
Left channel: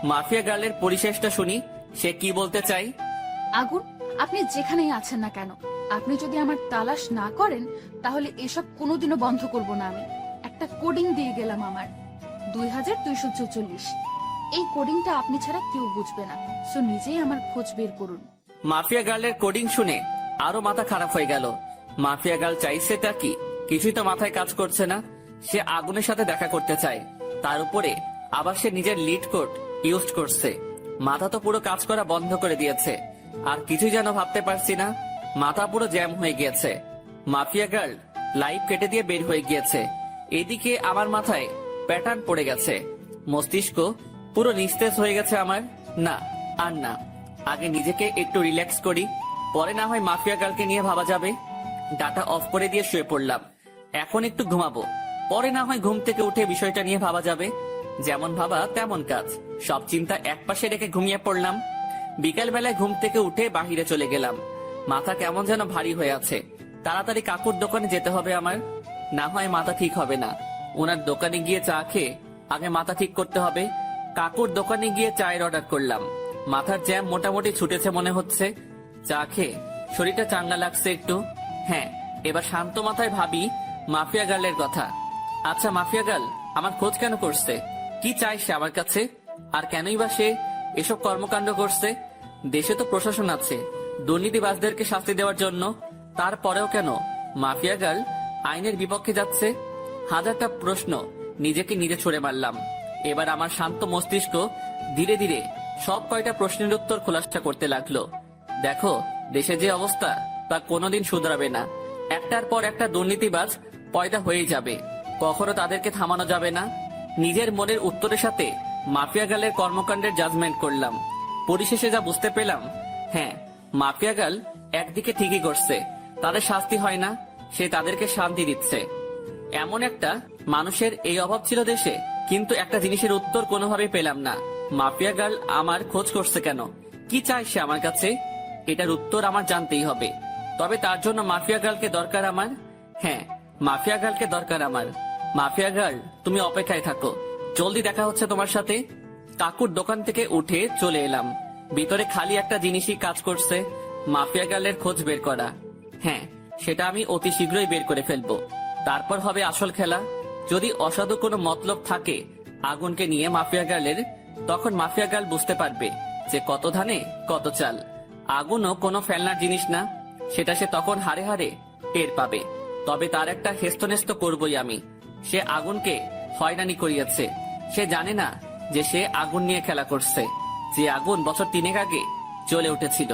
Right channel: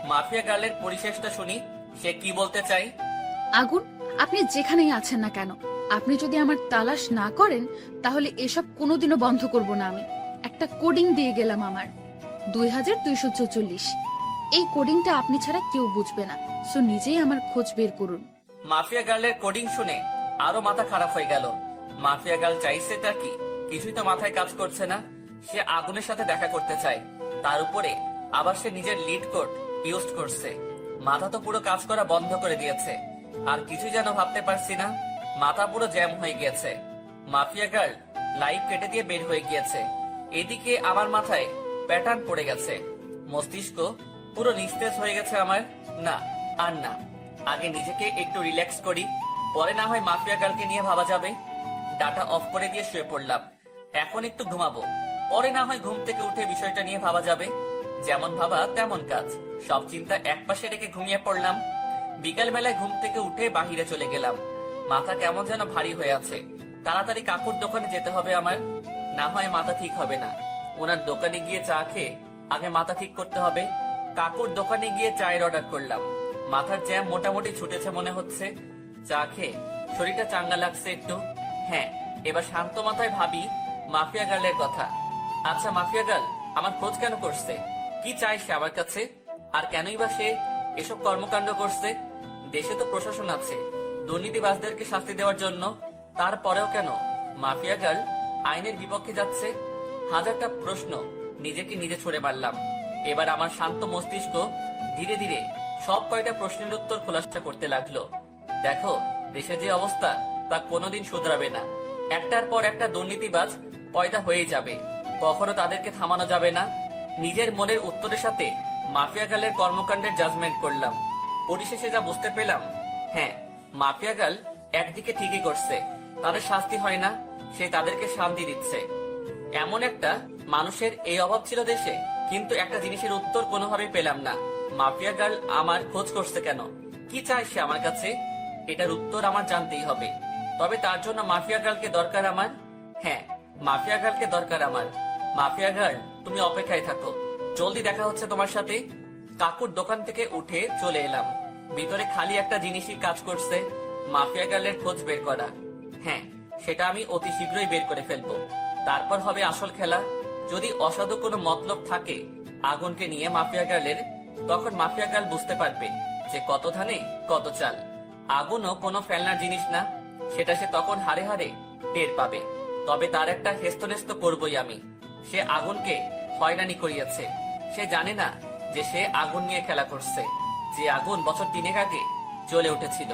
মাফিয়া গার্লের পরিশেষটা শুনি, সে কি বলতে চাই। আগুন, আপনি যেখানেই আছেন না কেন, আপনি যদি আমার তালাশ না করেন, তাহলে এসব কোনোদিনও বন্ধ করব না আমি। একটা কোডিং দিয়ে গেলাম আমার, 2244। এই কোডিংটা আপনি ছাড়া কেউ বুঝবে না, সো নিজেই আমার খোঁজ বের করুন। মাফিয়া গার্লের কোডিং শুনে আরো মাথা খারাপ হয়ে গেল। মাফিয়া গার্ল চাইছে তা কি? কিছুই তো মাথায় কাজ করছে না। সে আগুনের সাথে দেখা করতে চায়, তার উপরে আবার সে নিজের লিড কোড ইউজ করছে। মাথা তো পুরো কাজ করা বন্ধ করে দিয়েছে, আর কিছুই যেন ভাবতে পারছি না। মাথা পুরো জ্যাম হয়ে গিয়েছে। মাফিয়া গার্ল লাইভ কেটে দিয়ে বের হয়ে গিয়েছে। এদিকে আমার মাথায় প্যাটার্ন পড়ে গেছে, মস্তিষ্ক পুরো নিস্তেজ হয়ে গেছে আমার। না, আর না, আগে নিজেকে একটু রিল্যাক্স করি, পরে না হয় মাফিয়া গার্লকে নিয়ে ভাবা যাবে। ডাটা অফ করে দিয়ে শুয়ে পড়লাম। এখন একটু ঘুমাবো, পরে না হয় ঘুম থেকে উঠে বিষয়টা নিয়ে ভাবা যাবে। যেমন ভাবা তেমন কাজ, সব চিন্তা একপাশে রেখে ঘুমিয়ে পড়লাম। বিকাল বেলায় ঘুম থেকে উঠে বাহিরে চলে গেলাম। মাথা কেমন যেন ভারী হয়ে আছে। তাড়াতাড়ি কাকুর দোকানে যেতে হবে আমার, না হয় মাথা ঠিক হবে না। ওনার দোকানে গিয়ে চা খেয়ে আগে মাথা ঠিক করতে হবে। কাকুর দোকানে গিয়ে চায়ের অর্ডার করলাম। মাথার জ্যাম মোটামুটি ছুটেছে মনে হচ্ছে। চা খেয়ে শরীরটা চাঙ্গা লাগছে একটু। হ্যাঁ, এবার শান্ত মাথায় ভাবি মাফিয়া গার্লের কথা। আচ্ছা, মাফিয়া গার্ল আমার খোঁজ কেন করছে? কি চাই সে আমার কাছে? আর কেনই বা সে এসব কর্মকাণ্ড করছে? দেশে তো প্রশাসন আছে দুর্নীতিবাজদেরকে শাস্তি দেওয়ার জন্য, তারপরেও কেন মাফিয়া গার্ল আইনের বিপক্ষে যাচ্ছে? হাজারটা প্রশ্ন নিজেকে নিজে ছুড়ে মারলাম। এবার আমার শান্ত মস্তিষ্ক ধীরে ধীরে সব কয়টা প্রশ্নের উত্তর খোলাসা করতে লাগলো। দেখো, দেশে যে অবস্থা তা কোনোদিন শুধরাবে না। একটার পর একটা দুর্নীতিবাজ পয়দা হয়ে যাবে। কখনো তাদেরকে থামানো যাবে না। নিজের মনের উত্তরের সাথে মাফিয়া গার্লের কর্মকাণ্ডের জাজমেন্ট করলাম। পরিশেষে যা বুঝতে পেলাম, হ্যাঁ, মাফিয়া গার্ল একদিকে ঠিকই করছে, তাদের শাস্তি হয় না, সে তাদেরকে শান্তি দিচ্ছে। এমন একটা মানুষের এই অভাব ছিল দেশে, কিন্তু একটা জিনিসের উত্তর কোনোভাবেই পেলাম না। মাফিয়া গার্ল আমার খোঁজ করছে কেন? কি চায় সে আমার কাছে? এটার উত্তর আমার জানতেই হবে। তবে তার জন্য মাফিয়া গার্লকে দরকার আমার। হ্যাঁ, মাফিয়া গার্লকে দরকার আমার। মাফিয়া গার্ল, তুমি অপেক্ষায় থাকো, জলদি দেখা হচ্ছে তোমার সাথে। কাকুর দোকান থেকে উঠে চলে এলাম। ভিতরে খালি একটা জিনিসই কাজ করছে, মাফিয়া গার্লের খোঁজ বের করা। হ্যাঁ, সেটা আমি অতি শীঘ্রই বের করে ফেলবো। তারপর হবে আসল খেলা। যদি অসাধু কোনো মতলব থাকে আগুনকে নিয়ে মাফিয়া গার্লের, তখন মাফিয়া গার্ল বুঝতে পারবে যে কত ধানে কত চাল। আগুনও কোনো ফেলনার জিনিস না, সেটা সে তখন হারে হারে টের পাবে। তবে তার একটা হেস্তনেস্ত করবই আমি। সে আগুনকে হয়রানি করিয়েছে, সে জানে না যে সে আগুন নিয়ে খেলা করছে। যে আগুন বছর 3 আগে জ্বলে উঠেছিল,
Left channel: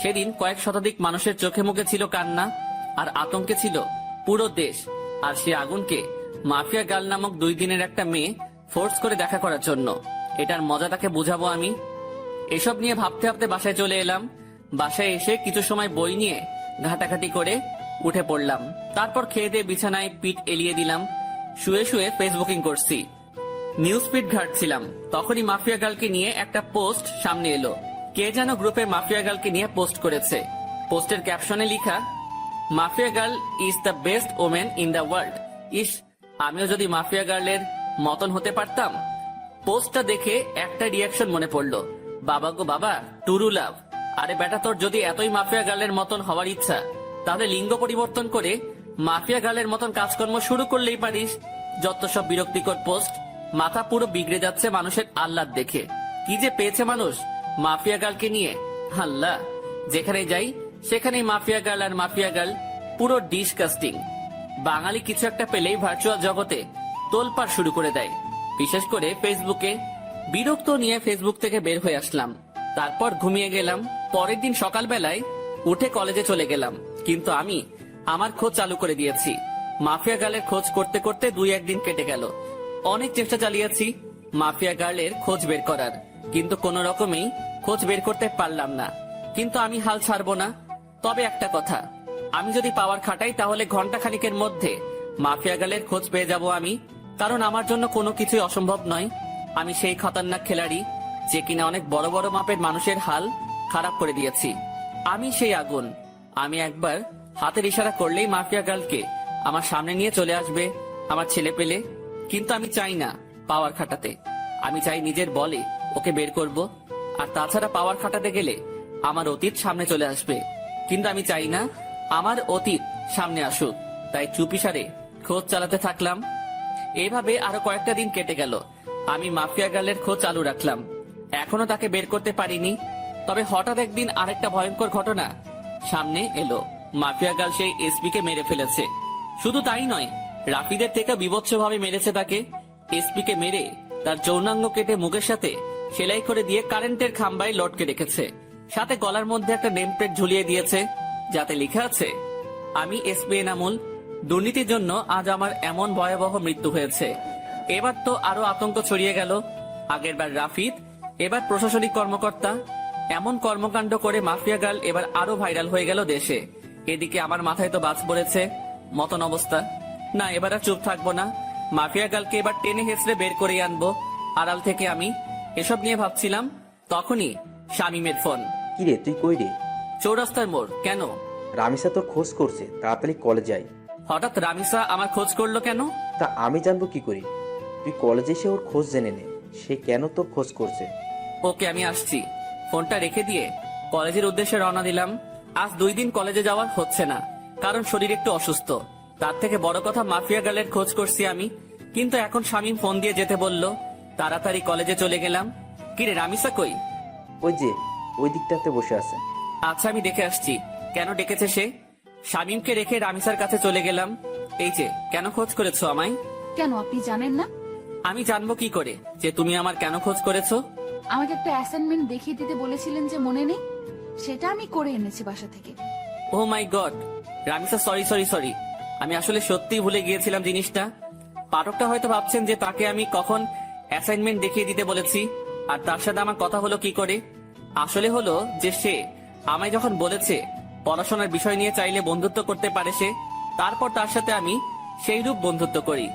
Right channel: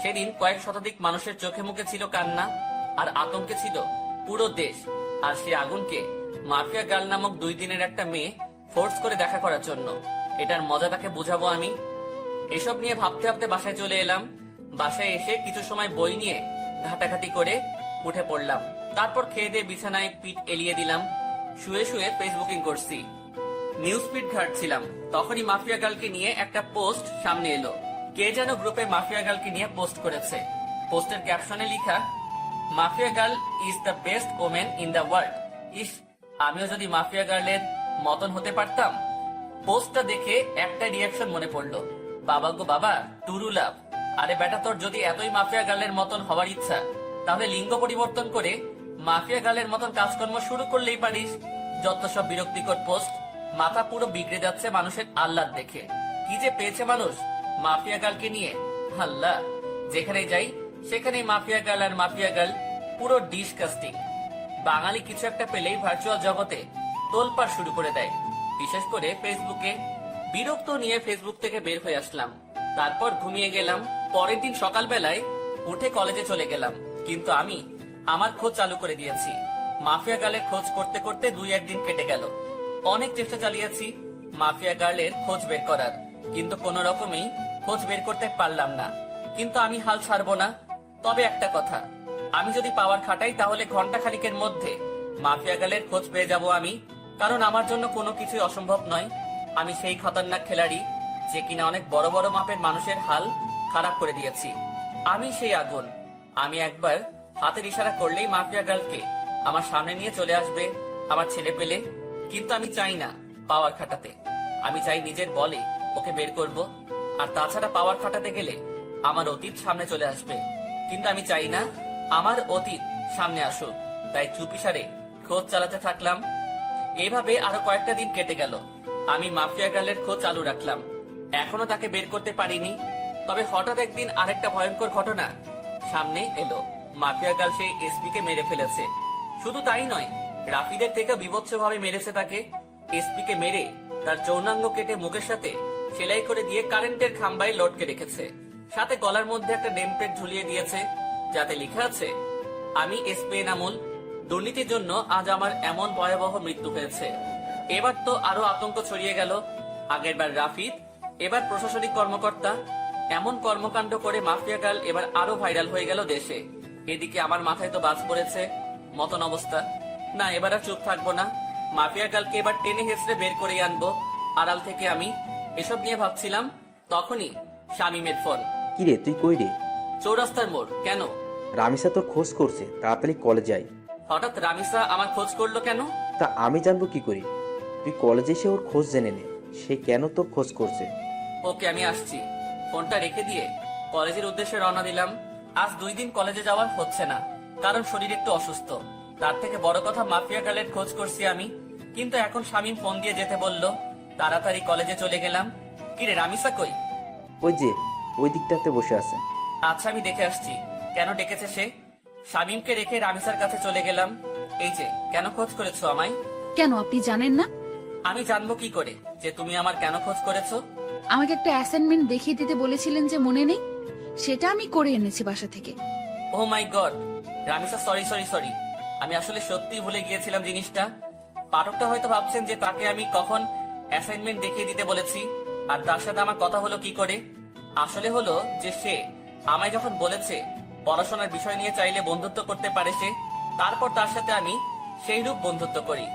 সেদিন কয়েক শতাধিক মানুষের চোখে মুখে ছিল কান্না, আর আতঙ্কে ছিল পুরো দেশ। আর সে আগুনকে মাফিয়া গার্ল নামক 2 দিনের একটা মেয়ে ফোর্স করে দেখা করার জন্য। এটার মজা তাকে বুঝাবো আমি। এসব নিয়ে ভাবতে ভাবতে বাসায় চলে এলাম। বাসায় এসে কিছু সময় বই নিয়ে ঘাটাঘাটি করে উঠে পড়লাম। তারপর খেয়ে দিয়ে বিছানায় পিঠ এলিয়ে দিলাম। শুয়ে শুয়ে ফেসবুকিং করছি, নিউজ ফিড ঘাটছিলাম। তখনই মাফিয়া গার্লকে নিয়ে একটা পোস্ট সামনে এলো। কে যেন গ্রুপে মাফিয়া গার্লকে নিয়ে পোস্ট করেছে। পোস্টের ক্যাপশনে লেখা, mafia girl is the best women in the world. ইস, আমিও যদি মাফিয়া গার্লের মতন হতে পারতাম। পোস্টটা দেখে একটা রিয়াকশন মনে পড়লো, বাবা গো বাবা, টুরু লাভ। আরে বেটা, তোর যদি এতই মাফিয়া গার্লের মতন হওয়ার ইচ্ছা, তাহলে লিঙ্গ পরিবর্তন করে মাফিয়া গার্লের মতন কাজকর্ম শুরু করলেই পারিস। যত সব বিরক্তিকর পোস্ট, মাথা পুরো বিগড়ে যাচ্ছে মানুষের আহ্লাদ দেখে। কি যে পেয়েছে মানুষ মাফিয়া গার্লকে নিয়ে, আল্লাহ। যেখানে যাই সেখানেই মাফিয়া গার্ল আর মাফিয়া গার্ল, পুরো ডিসকাস্টিং। বাঙালি কিছু একটা পেলেই ভার্চুয়াল জগতে তোলপাড় শুরু করে দেয়, বিশেষ করে ফেসবুকে। বিরক্ত নিয়ে ফেসবুক থেকে বের হয়ে আসলাম। তারপর ঘুমিয়ে গেলাম। পরের দিন সকালবেলায় উঠে কলেজে চলে গেলাম। কিন্তু আমি আমার খোঁজ চালু করে দিয়েছি। মাফিয়া গার্লের খোঁজ করতে করতে 2-1 দিন কেটে গেল। অনেক চেষ্টা চালিয়েছি মাফিয়া গার্লের খোঁজ বের করার, কিন্তু কোনো রকমেই খোঁজ বের করতে পারলাম না। কিন্তু আমি হাল ছাড়বো না। তবে একটা কথা, আমি যদি পাওয়ার খাটাই তাহলে ঘন্টা খানিকের মধ্যে মাফিয়া গার্লের খোঁজ পেয়ে যাব আমি। কারণ আমার জন্য কোনো কিছুই অসম্ভব নয়। আমি সেই খতরনাক খেলাড়ি যে কিনা অনেক বড় বড় মাপের মানুষের হাল খারাপ করে দিয়েছি। আমি সেই আগুন। আমি একবার হাতের ইশারা করলেই মাফিয়া গার্লকে আমার সামনে নিয়ে চলে আসবে আমার ছেলে পেলে। কিন্তু আমি চাই না পাওয়ার খাটাতে, আমি চাই নিজের বলে ওকে বের করব। আর তাছাড়া পাওয়ার খাটাতে গেলে আমার অতীত সামনে চলে আসবে, কিন্তু আমি চাই না আমার অতীত সামনে আসুক। তাই চুপিসারে খোঁজ চালাতে থাকলাম। এইভাবে আরো কয়েকটা দিন কেটে গেল। আমি মাফিয়া গার্লের খোঁজ চালু রাখলাম। এখনো তাকে বের করতে পারিনি। তবে হঠাৎ একদিন আরেকটা ভয়ঙ্কর ঘটনা সামনে এলো। মাফিয়া গার্ল সেই এসপি কে মেরে ফেলেছে। শুধু তাই নয়, রাফিদের থেকে বিভৎসভাবে মেরেছে তাকে। এসপি কে মেরে তার যৌনাঙ্গ কেটে মুখের সাথে সেলাই করে দিয়ে কারেন্টের খাম্বায় লটকে রেখেছে। সাথে গলার মধ্যে একটা নেম প্লেট ঝুলিয়ে দিয়েছে, যাতে লেখা আছে, আমি এসপি এনামুল, দুর্নীতির জন্য আজ আমার এমন ভয়াবহ মৃত্যু হয়েছে। এবার তো আরো আতঙ্ক ছড়িয়ে গেল। আগেরবার রাফিদ, এবার প্রশাসনিক কর্মকর্তা। এমন কর্মকাণ্ড করে মাফিয়া গার্ল এবার আরো ভাইরাল হয়ে গেল দেশে। এদিকে আমার মাথায় তো বাজ পড়েছে মতন অবস্থা। না, এবার আর চুপ থাকবো না। মাফিয়া গার্লকে এবার টেনে হেসড়ে বের করে আনবো আড়াল থেকে। আমি এসব নিয়ে ভাবছিলাম, তখনই শামীমের ফোন। কিরে, তুই কই রে? চৌরাস্তার মোড়। কেন? রামিসা তোর খোঁজ করছে, তাড়াতাড়ি কলেজে আয়। হঠাৎ রামিসা আমার খোঁজ করলো কেন? তা আমি জানবো কি করি? তুই কলেজে এসে ওর খোঁজ জেনে নে, সে কেন তোর খোঁজ করছে। ওকে, আমি আসছি। ফোনটা রেখে দিয়ে কলেজের উদ্দেশ্যে রওনা দিলাম। আজ 2 দিন কলেজে যাওয়া হচ্ছে না, কারণ শরীর একটু অসুস্থ। তার থেকে বড় কথা, মাফিয়া গার্লের খোঁজ করছি আমি। কিন্তু এখন শামীম ফোন দিয়ে যেতে বলল। তাড়াতাড়ি কলেজে চলে গেলাম। কিরে, রামিসা কই? ওই যে ওই দিকটাতে বসে আছে। আচ্ছা, আমি দেখে আসছি কেন ডেকেছে সে। শামীমকে রেখে রামিসার কাছে চলে গেলাম। এই যে, কেন খোঁজ করেছো আমায়? কেন, আপনি জানেন না? আমি জানবো কি করে যে তুমি আমার কেন খোঁজ করেছো? আমাকে একটা অ্যাসাইনমেন্ট দেখিয়ে দিতে বলেছিলেন যে, মনে নেই? সেটা আমি করে এনেছি বাসা থেকে। Oh my god, Ramisa, sorry sorry sorry. আমি আসলে সত্যিই ভুলে গিয়েছিলাম জিনিসটা। পাঠকটা হয়তো ভাবছেন যে তাকে আমি কখন অ্যাসাইনমেন্ট দেখিয়ে দিতে বলেছি আর তার সাথে আমার কথা হলো কি করে। আসলে হলো যে সে আমায় যখন বলেছে পড়াশোনার বিষয় নিয়ে চাইলে বন্ধুত্ব করতে পারে সে, তারপর তার সাথে আমি সেই রূপ বন্ধুত্ব করি।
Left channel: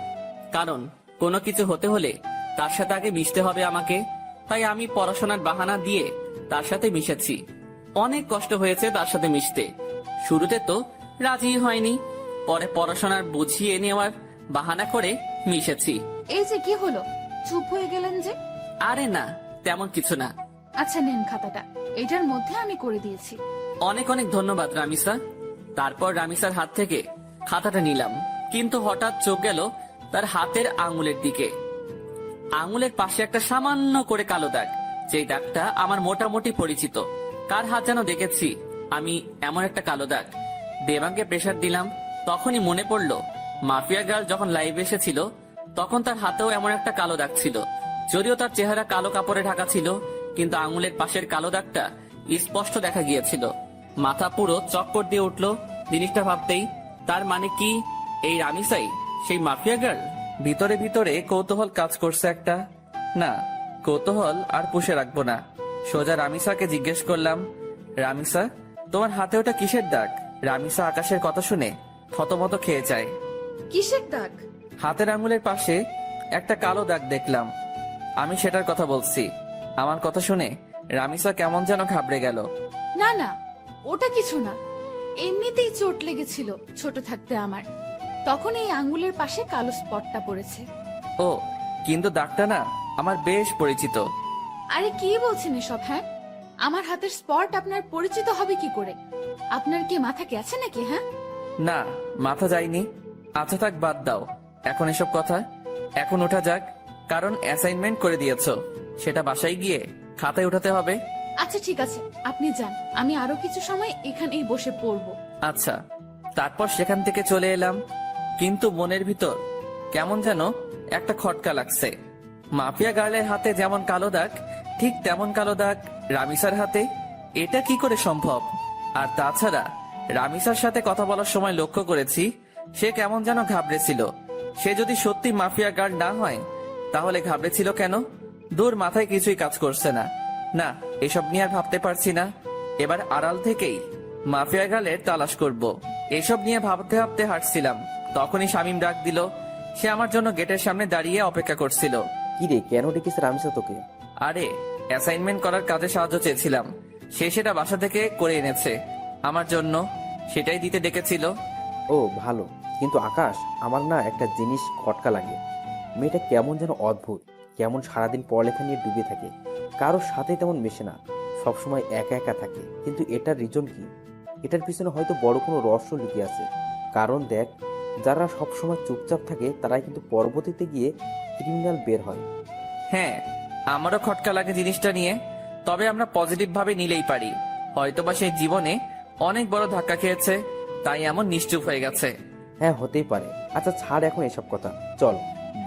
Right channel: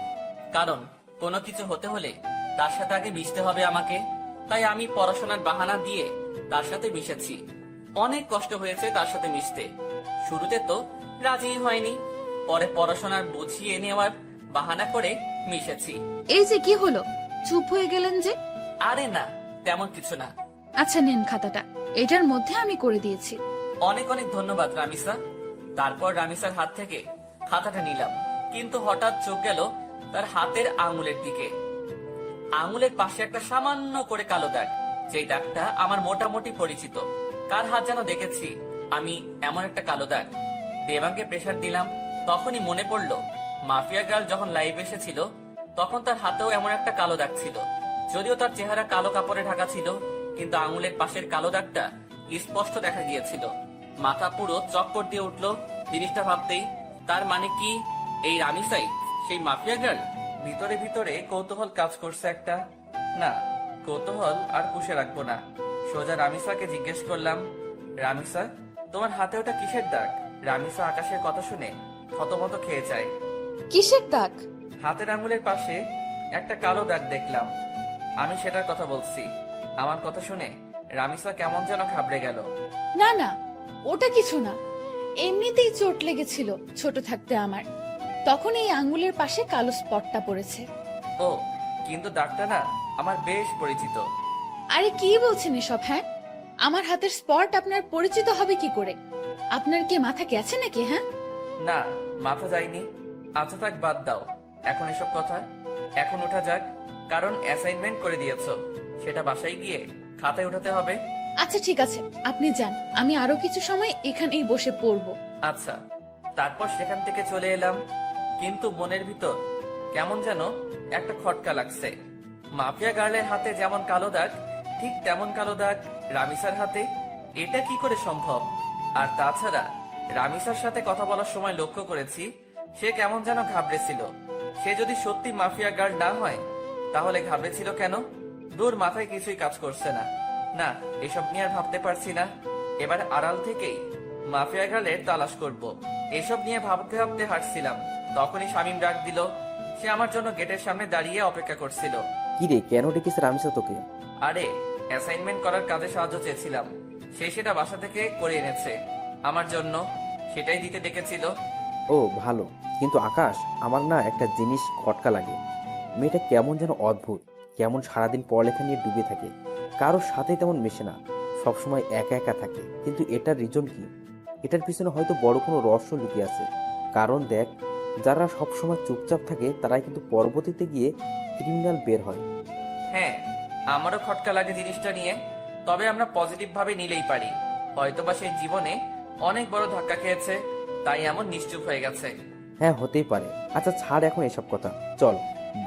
কারণ কোনো কিছু হতে হলে তার সাথে আগে মিশতে হবে আমাকে, তাই আমি পড়াশোনার বাহানা দিয়ে তার সাথে মিশেছি। অনেক কষ্ট হয়েছে তার সাথে মিশতে। শুরুতে তো রাজি হয়নি, পরে পড়াশোনার বুঝিয়ে নেওয়ার বাহানা করে মিশেছি। এই যে কি হলো, চুপ হয়ে গেলেন যে? আরে না, তেমন কিছু না। আচ্ছা নেন খাতাটা, এটার মধ্যে আমি করে দিয়েছি। অনেক অনেক ধন্যবাদ রামিসা। তারপর রামিসার হাত থেকে খাতাটা নিলাম, কিন্তু হঠাৎ চোখ গেল তার হাতের আঙুলের দিকে। আঙুলের পাশে একটা সামান্য করে কালো দাগ, যেই দাগটা আমার মোটামুটি পরিচিত। কার হাত যেন দেখেছি আমি এমন একটা কালো দাগ। দেবাঙ্গে প্রেসার দিলাম, তখনই মনে পড়লো মাফিয়া গার্ল যখন লাইভে এসেছিল তখন তার হাতেও এমন একটা কালো দাগ ছিল। যদিও তার চেহারা কালো কাপড়ে ঢাকা ছিল, কিন্তু আঙুলের পাশের কালো দাগটা স্পষ্ট দেখা গিয়েছিল। মাথা পুরো চক্কর দিয়ে উঠলো জিনিসটা ভাবতেই। তার মানে কি এই রামিসাই সেই মাফিয়া গার্ল? ভিতরে ভিতরে কৌতূহল কাজ করছে একটা। না, কৌতূহল আর পুষে রাখবো না। সোজা রামিসাকে জিজ্ঞেস করলাম, রামিসা তোমার হাতে ওটা কিসের দাগ? রামিসা আকাশের কথা শুনে থতমত খেয়ে যায়। কিসের দাগ? হাতের আঙুলের পাশে একটা কালো দাগ দেখলাম। আমি সেটার কথা বলছি। আমার কথা শুনে রামিসা কেমন যেন ঘাবড়ে গেল। না না, ওটা কিছু না, এমনিতেই চোট লেগেছিল ছোট থাকতে আমার, তখন এই আঙ্গুলের পাশে কালো স্পটটা পড়েছে। ও, কিন্তু দাগটা না আমার বেশ পরিচিত। আরে কি বলছেন এসব? হ্যাঁ, আমার হাতের স্পট আপনার পরিচিত হবে কি করে? আপনার কি মাথা গেছে নাকি? হ্যাঁ, না, মাথা যায়নি। আচ্ছা থাক, বাদ দাও এখন এসব কথা। এখন ওঠা যাক, কারণ অ্যাসাইনমেন্ট করে দিয়েছো, সেটা বাসায় গিয়ে খাতায় উঠাতে হবে। আচ্ছা ঠিক আছে, আপনি যান, আমি আরো কিছু সময় এখানেই বসে পড়বো। আচ্ছা। তারপর সেখান থেকে চলে এলাম, কিন্তু মনের ভিতর কেমন যেন একটা খটকা লাগছে। মাফিয়া গার্লের হাতে যেমন কালো দাগ, ঠিক তেমন কালো দাগ রামিসার হাতে। এটা কি করে সম্ভব? আর তাছাড়া রামিসার সাথে কথা বলার সময় লক্ষ্য করেছি সে কেমন যেন ঘাবড়েছিল। সে যদি সত্যি মাফিয়া গার্ল না হয় তাহলে ঘাবড়েছিল কেন? দূর, মাথায় কিছুই কাজ করছে না। না, এসব নিয়ে আর ভাবতে পারছি না। এবার আড়াল থেকেই মাফিয়া গার্লের তালাশ করব। এসব নিয়ে ভাবতে ভাবতে হাঁটছিলাম, তখনই শামীম ডাক দিল। সে আমার জন্য গেটের সামনে দাঁড়িয়ে অপেক্ষা করছিল। কি রে, কেন ডেকেছে রামিসা তোকে? আরে, অ্যাসাইনমেন্ট করার কাজে সাহায্য চেয়েছিলাম, সে সেটা বাসা থেকে করে এনেছে আমার জন্য, সেটাই দিতে ডেকেছিল। ও ভালো, কিন্তু আকাশ, আমার না একটা জিনিস খটকা লাগে। মেয়েটা কেমন যেন অদ্ভুত, কেমন সারাদিন পড়ালেখা নিয়ে ডুবে থাকে, কারোর সাথে তেমন মেশে না, সবসময় একা একা থাকে। কিন্তু এটার রিজন কি? এটার পিছনে হয়তো বড় কোনো রহস্য লুকিয়ে আছে। কারণ দেখ, যারা সবসময় চুপচাপ থাকে তারাই কিন্তু পরবর্তীতে গিয়ে ক্রিমিনাল বের হয়। হ্যাঁ, আমারও খটকা লাগে জিনিসটা নিয়ে, তবে আমরা পজিটিভ ভাবে নিলেই পারি। হয়তোবা সে জীবনে অনেক বড় ধাক্কা খেয়েছে, তাই এমন নিশ্চুপ হয়ে গেছে। হ্যাঁ, হতেই পারে। আচ্ছা ছাড় এখন এসব কথা, চল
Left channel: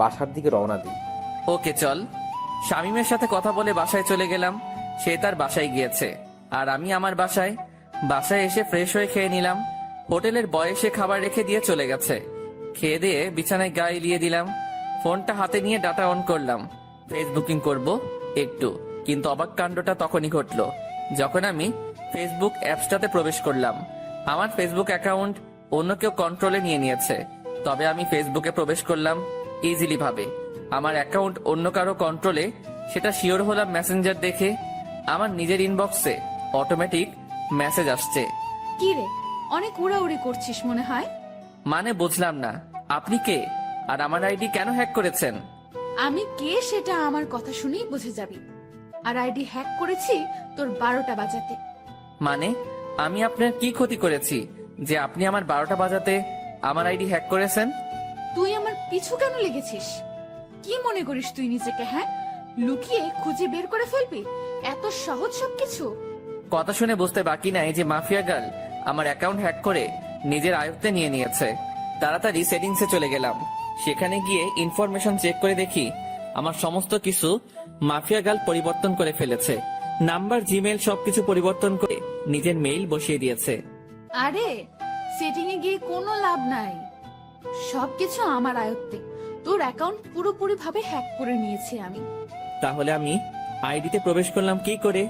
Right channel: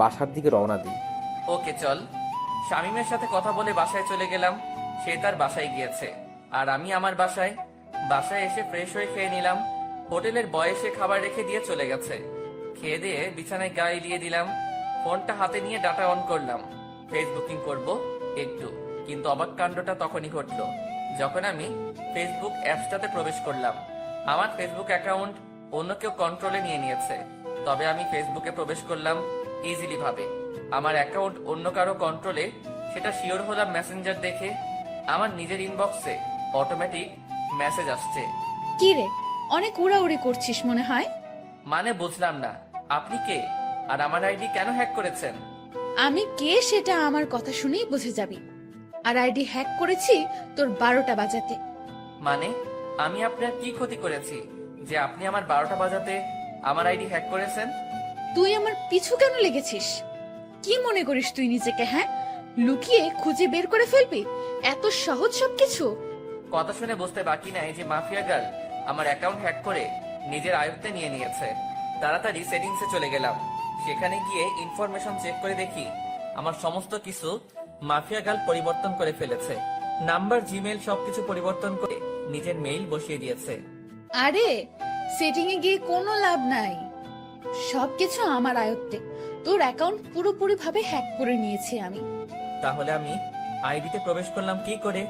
বাসার দিকে রওনা দিই। ওকে চল। শামীমের সাথে কথা বলে বাসায় চলে গেলাম। সে তার বাসায় গিয়েছে, আর আমি আমার বাসায়। বাসায় এসে ফ্রেশ হয়ে খেয়ে নিলাম। হোটেলের বয়সে খাবার রেখে দিয়ে চলে গেছে। খেয়ে দিয়ে বিছানায় গা এলিয়ে দিলাম। ফোনটা হাতে নিয়ে ডাটা অন করলাম, ফেসবুকিং করব একটু। কিন্তু অবাক কাণ্ডটা তখনই ঘটলো যখন আমি ফেসবুক অ্যাপসটাতে প্রবেশ করলাম। আমার ফেসবুক অ্যাকাউন্ট অন্য কেউ কন্ট্রোলে নিয়ে নিয়েছে, তবে আমি ফেসবুকে প্রবেশ করলাম ইজিলি ভাবে। আমার অ্যাকাউন্ট অন্য কারো কন্ট্রোলে, সেটা শিওর হলাম মেসেঞ্জার দেখে। আমার নিজের ইনবক্সে অটোমেটিক মেসেজ আসছে। কি রে, অনেক উড়াউড়ি করছিস মনে হয়। মানে বুঝলাম না, আপনি কে আর আমার আইডি কেন হ্যাক করেছেন? আমি কে সেটা আমার কথা শুনেই বুঝে যাবি। আর আইডি হ্যাক করেছি তোর 12টা বাজাতে। মানে আমি আপনার কি ক্ষতি করেছি যে আপনি আমার 12টা বাজাতে আমার আইডি হ্যাক করেছেন? তুই আমার পিছু কেন লেগেছিস? কি মনে করিস তুই নিজেকে? হ্যাঁ, লুকিয়ে খুঁজে বের করে ফেলবি? এত সহজ সবকিছু? কথা শুনে বুঝতে বাকি নাই যে মাফিয়া গার্ল আমার অ্যাকাউন্ট হ্যাক করে নিজের আয়ত্তে নিয়ে নিয়েছে। তাড়াতাড়ি সেটিংসে চলে গেলাম। সেখানে গিয়ে ইনফরমেশন চেক করে দেখি আমার সমস্ত কিছু মাফিয়া গার্ল পরিবর্তন করে ফেলেছে। নাম্বার, জিমেল সবকিছু পরিবর্তন করে নিজের মেইল বসিয়ে দিয়েছে। আরে, সেটিং এ গিয়ে কোনো লাভ নাই, সবকিছু আমার আয়ত্তে। তোর অ্যাকাউন্ট পুরোপুরি ভাবে হ্যাক করে নিয়েছি আমি। তাহলে আমি আইডিতে প্রবেশ করলাম কি করে?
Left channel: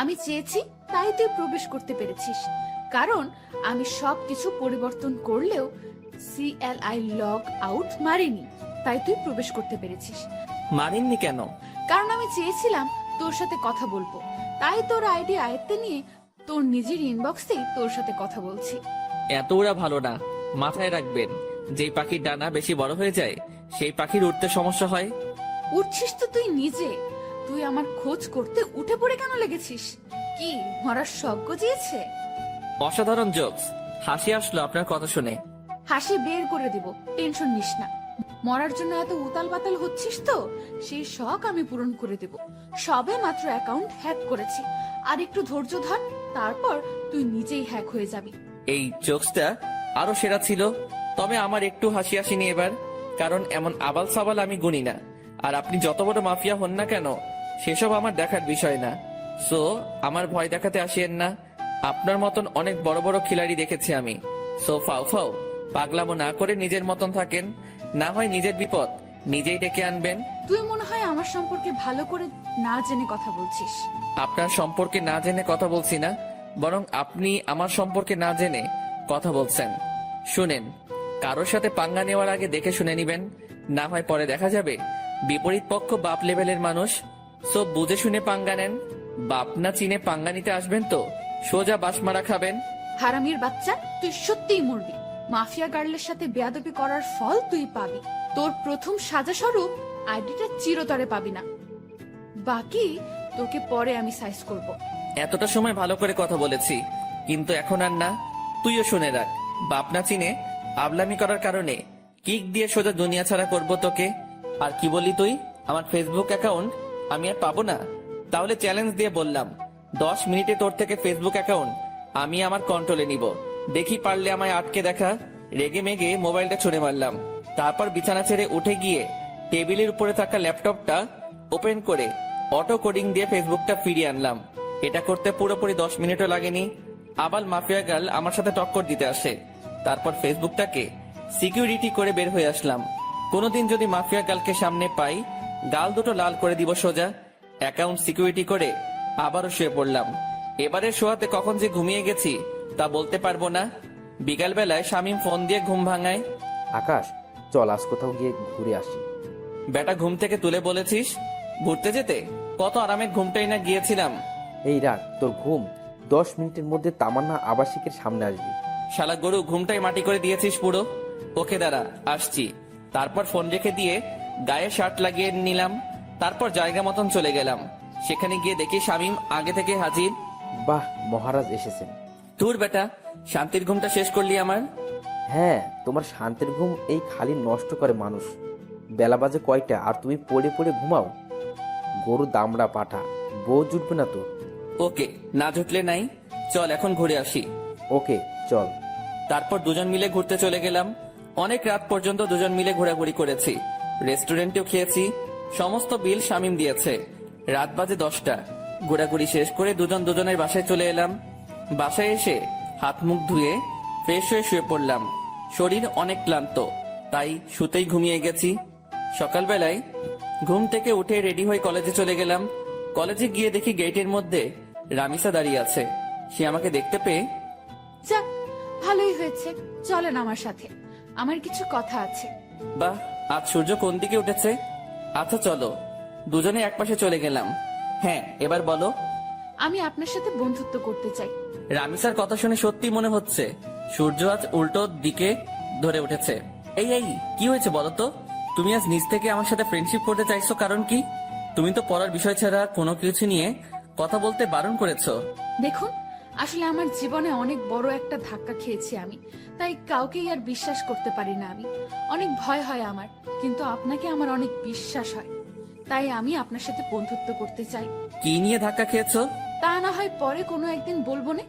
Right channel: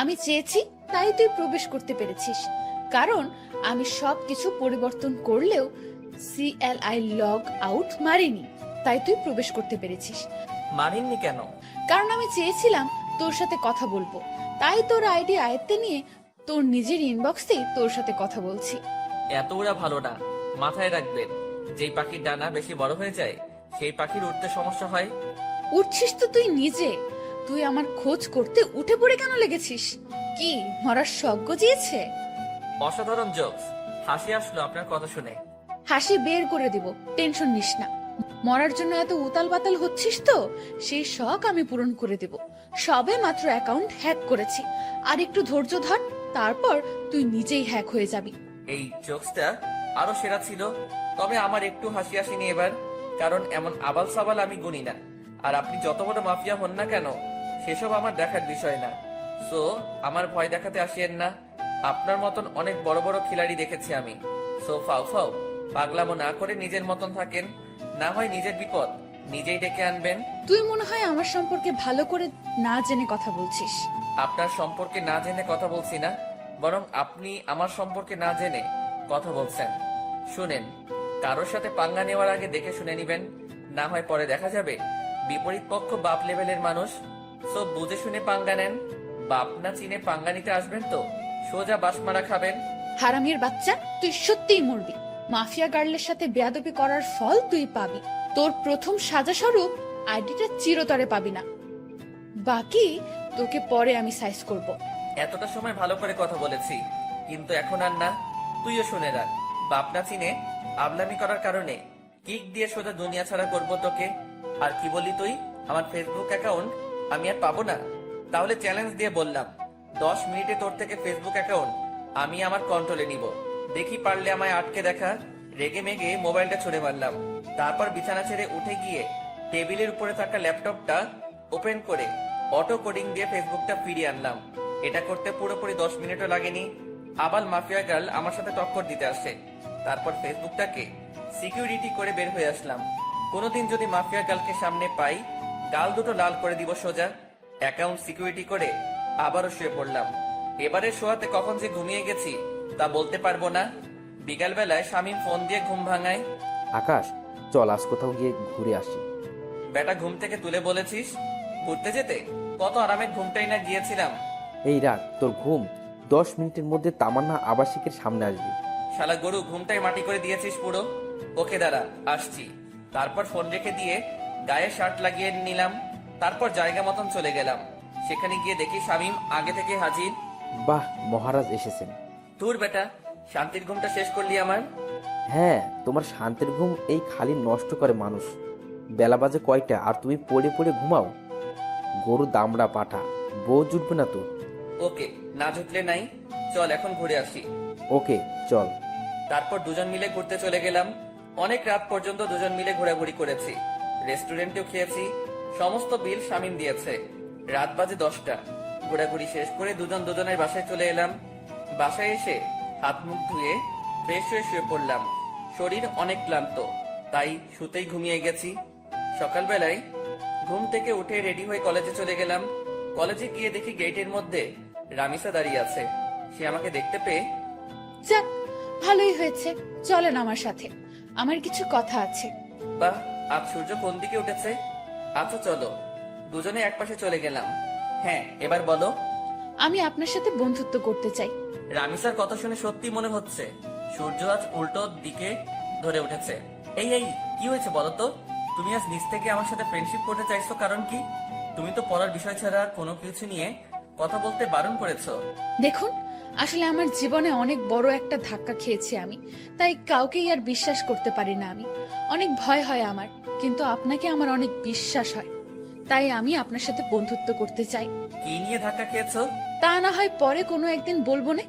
আমি চেয়েছি তাই তুই প্রবেশ করতে পেরেছিস, কারণ আমি সবকিছু পরিবর্তন করলেও CLI লগ আউট মারিনি, তাই তুই প্রবেশ করতে পেরেছিস। মানেননি কেন? কারণ আমি চেয়েছিলাম তোর সাথে কথা বলবো, তাই তোর আইডি আয়ত্তে নিয়ে তোর নিজের ইনবক্সেই তোর সাথে কথা বলছি। এত ওরা ভালো না, মাথায় রাখবেন। যেই পাখির ডানা বেশি বড় হয়ে যায় সেই পাখির উঠতে সমস্যা হয়। উঠছিস তো তুই নিজে, তুই আমার খোঁজ করতে উঠে পড়ে কেন লেগেছিস? কি মরার শখ গজিয়েছে? অসাধারণ জোকস, হাসি আসলো আপনার কথা শুনে। হাসি বের করে দিব, টেনশন নিস না। মরার জন্য এত উতাল পাতাল হচ্ছিস তো, সেই শখ আমি পূরণ করে দেব। সবে মাত্র অ্যাকাউন্ট হ্যাক করেছি, আর একটু ধৈর্য ধর, তারপর তুই নিজেই হ্যাক হয়ে যাবি। এই জোকসটা আরো সেরা ছিল, তবে আমার একটু হাসি আসেনি এবার, কারণ এমন আবাল সাবাল আমি গুনি না। আর আপনি যত বড় মাফিয়া হন না কেন, সেসব আমার দেখার বিষয় না। সো আমার ভয় দেখাতে আসিয়েন না। আপনার মতন অনেক বড় বড় খিলাড়ি দেখেছি আমি। সো ফাও ফাও পাগলামো না করে নিজের মতন থাকেন, না হয় নিজের বিপদ নিজেই ডেকে আনবেন। তুই মনে হয় আমার সম্পর্কে ভালো করে না জেনে কথা বলছিস। আপনার সম্পর্কে না জেনে কথা বলছি না, বরং আপনি আমার সম্পর্কে না জেনে কথা বলছেন। শুনেন, কারোর সাথে পাঙ্গা নেওয়ার আগে দেখে শুনে নিবেন, না হয় পরে দেখা যাবে বিপরীত পক্ষ বাপ লেভেলের মানুষ। সব বুঝে শুনে পাঙ্গা নেন। বাপ না চিনে পাঙ্গা নিতে আসবেন তো সোজা বাসমারা খাবেন। হারামির বাচ্চা, তুই সত্যিই মরবি। মাফিয়া গার্লের সাথে বেয়াদবি করার ফল তুই পাবি। তোর প্রথম সাজা স্বরূপ আইডিটা চিরতরে পাবি না, বাকি তোকে পরে আমি সাইজ করব। এতটা সময় ভালো করে কথা বলেছি, কিন্তু এখন আর না। তুইও শুনে রাখ, বাপ না চিনে আবলামি করার কারণে কিক দিয়ে সোজা দুনিয়া ছাড়া করবো তোকে। আর কি বলি তুই, আমার ফেসবুক অ্যাকাউন্ট আমি আর পাবো না? তাহলে চ্যালেঞ্জ দিয়ে বললাম, 10 মিনিটে তোর থেকে ফেসবুক অ্যাকাউন্ট আমি আমার কন্ট্রোলে নিব। দেখি পারলে আমায় আটকে দেখা। রেগে মেগে মোবাইলটা ছুঁড়ে মারলাম। তারপর বিছানা ছেড়ে উঠে গিয়ে টেবিলের উপরে থাকা ল্যাপটপটা ওপেন করে অটো কোডিং দিয়ে ফেসবুকটা ফিরিয়ে আনলাম। এটা করতে পুরোপুরি 10 মিনিটও লাগেনি। আবার মাফিয়া গার্ল আমার সাথে টক্কর দিতে আসে। তারপর ফেসবুকটাকে সিকিউরিটি করে বের হয়ে আসলাম। কোনোদিন যদি মাফিয়া গার্লকে সামনে পাই, গাল দুটো লাল করে দিব সোজা। অ্যাকাউন্ট সিকিউরিটি করে আবারও শুয়ে পড়লাম। এবারে শোয়াতে কখন যে ঘুমিয়ে গেছি তা বলতে পারবো না। বিকাল বেলায় শামীম ফোন দিয়ে ঘুম ভাঙায়। আকাশ, চল আজ কোথাও গিয়ে ঘুরে আসি। বেটা ঘুম থেকে তুলে বলেছিস ঘুরতে যেতে? কত আরামের ঘুমটাই না গিয়েছিলাম। এই রাখ তোর ঘুম, 10 মিনিটের মধ্যে তামান্না আবাসিকের সামনে আসবি। শালা গরু, ঘুমটাই মাটি করে দিয়েছিস পুরো। ওকে দাঁড়া, আসছি। তারপর ফোন রেখে দিয়ে গায়ে শার্ট লাগিয়ে নিলাম। তারপর জায়গা মতন চলে গেলাম। সেখানে গিয়ে দেখি শামীম আগে থেকে হাজির। বাহ, মহারাজ এসেছেন। তোর বেটা, শান্তির ঘুমটা শেষ করলি আমার। হ্যাঁ, তোমার শান্তির ঘুম এই খালি নষ্ট করে মানুষ। বেলা বাজে কয়টা আর তুমি পড়ে পড়ে ঘুমাও? গরু দামড়া পাঠা, বউ জুটবে না তোর। ওকে, না জুটলে নাই, চল এখন ঘুরে আসি। ওকে চল। তারপর দুজন মিলে ঘুরতে চলে গেলাম। অনেক রাত পর্যন্ত দুজন মিলে ঘোরাঘুরি করেছি। রেস্টুরেন্টেও খেয়েছি। সমস্ত বিল শামীম দিয়েছে। রাত বাজে 10টা। ঘোরাঘুরি শেষ করে দুজন দুজনের বাসায় চলে এলাম। বাসায় এসে হাত মুখ ধুয়ে ফ্রেশ হয়ে শুয়ে পড়লাম। শরীর অনেক ক্লান্ত, তাই শুতেই ঘুমিয়ে গেছি। সকালবেলায় ঘুম থেকে উঠে রেডি হয়ে কলেজে চলে গেলাম। কলেজে গিয়ে দেখি গেটের মধ্যে রামিসা দাঁড়িয়ে আছে। সে আমাকে দেখতে পেয়ে, যাক, ভালোই হয়েছে, চলেন আমার সাথে, আমার কিছু কথা আছে। বাহ, আজ সূর্য কোন দিকে উঠেছে। আচ্ছা চলো। দুজনে একপাশে চলে গেলাম। হ্যাঁ, এবার বলো। আমি আপনার সাথে বন্ধুত্ব করতে চাই। রামিসার কথা শুনে সত্যি মনে হচ্ছে সূর্য আজ উল্টো দিকে ধরে উঠেছে। এই এই কি হয়েছে বলো তো? তুমি আজ নিজ থেকে আমার সাথে ফ্রেন্ডশিপ করতে চাইছো, কারণ কি? তুমি তো পড়ার বিষয় ছাড়া কোনো কিছু নিয়ে কথা বলতে বারণ করেছো। দেখুন, আসলে আমার জীবনে অনেক বড় একটা ধাক্কা খেয়েছি আমি, তাই কাউকেই আর বিশ্বাস করতে পারি না আমি। অনেক ভয় হয় আমার, কিন্তু আপনাকে আমার অনেক বিশ্বাস হয়, তাই আমি আপনার সাথে বন্ধুত্ব করতে চাই। কি নিয়ে ধাক্কা খেয়েছো? তা না হয় পরে কোনো একদিন বলবো না।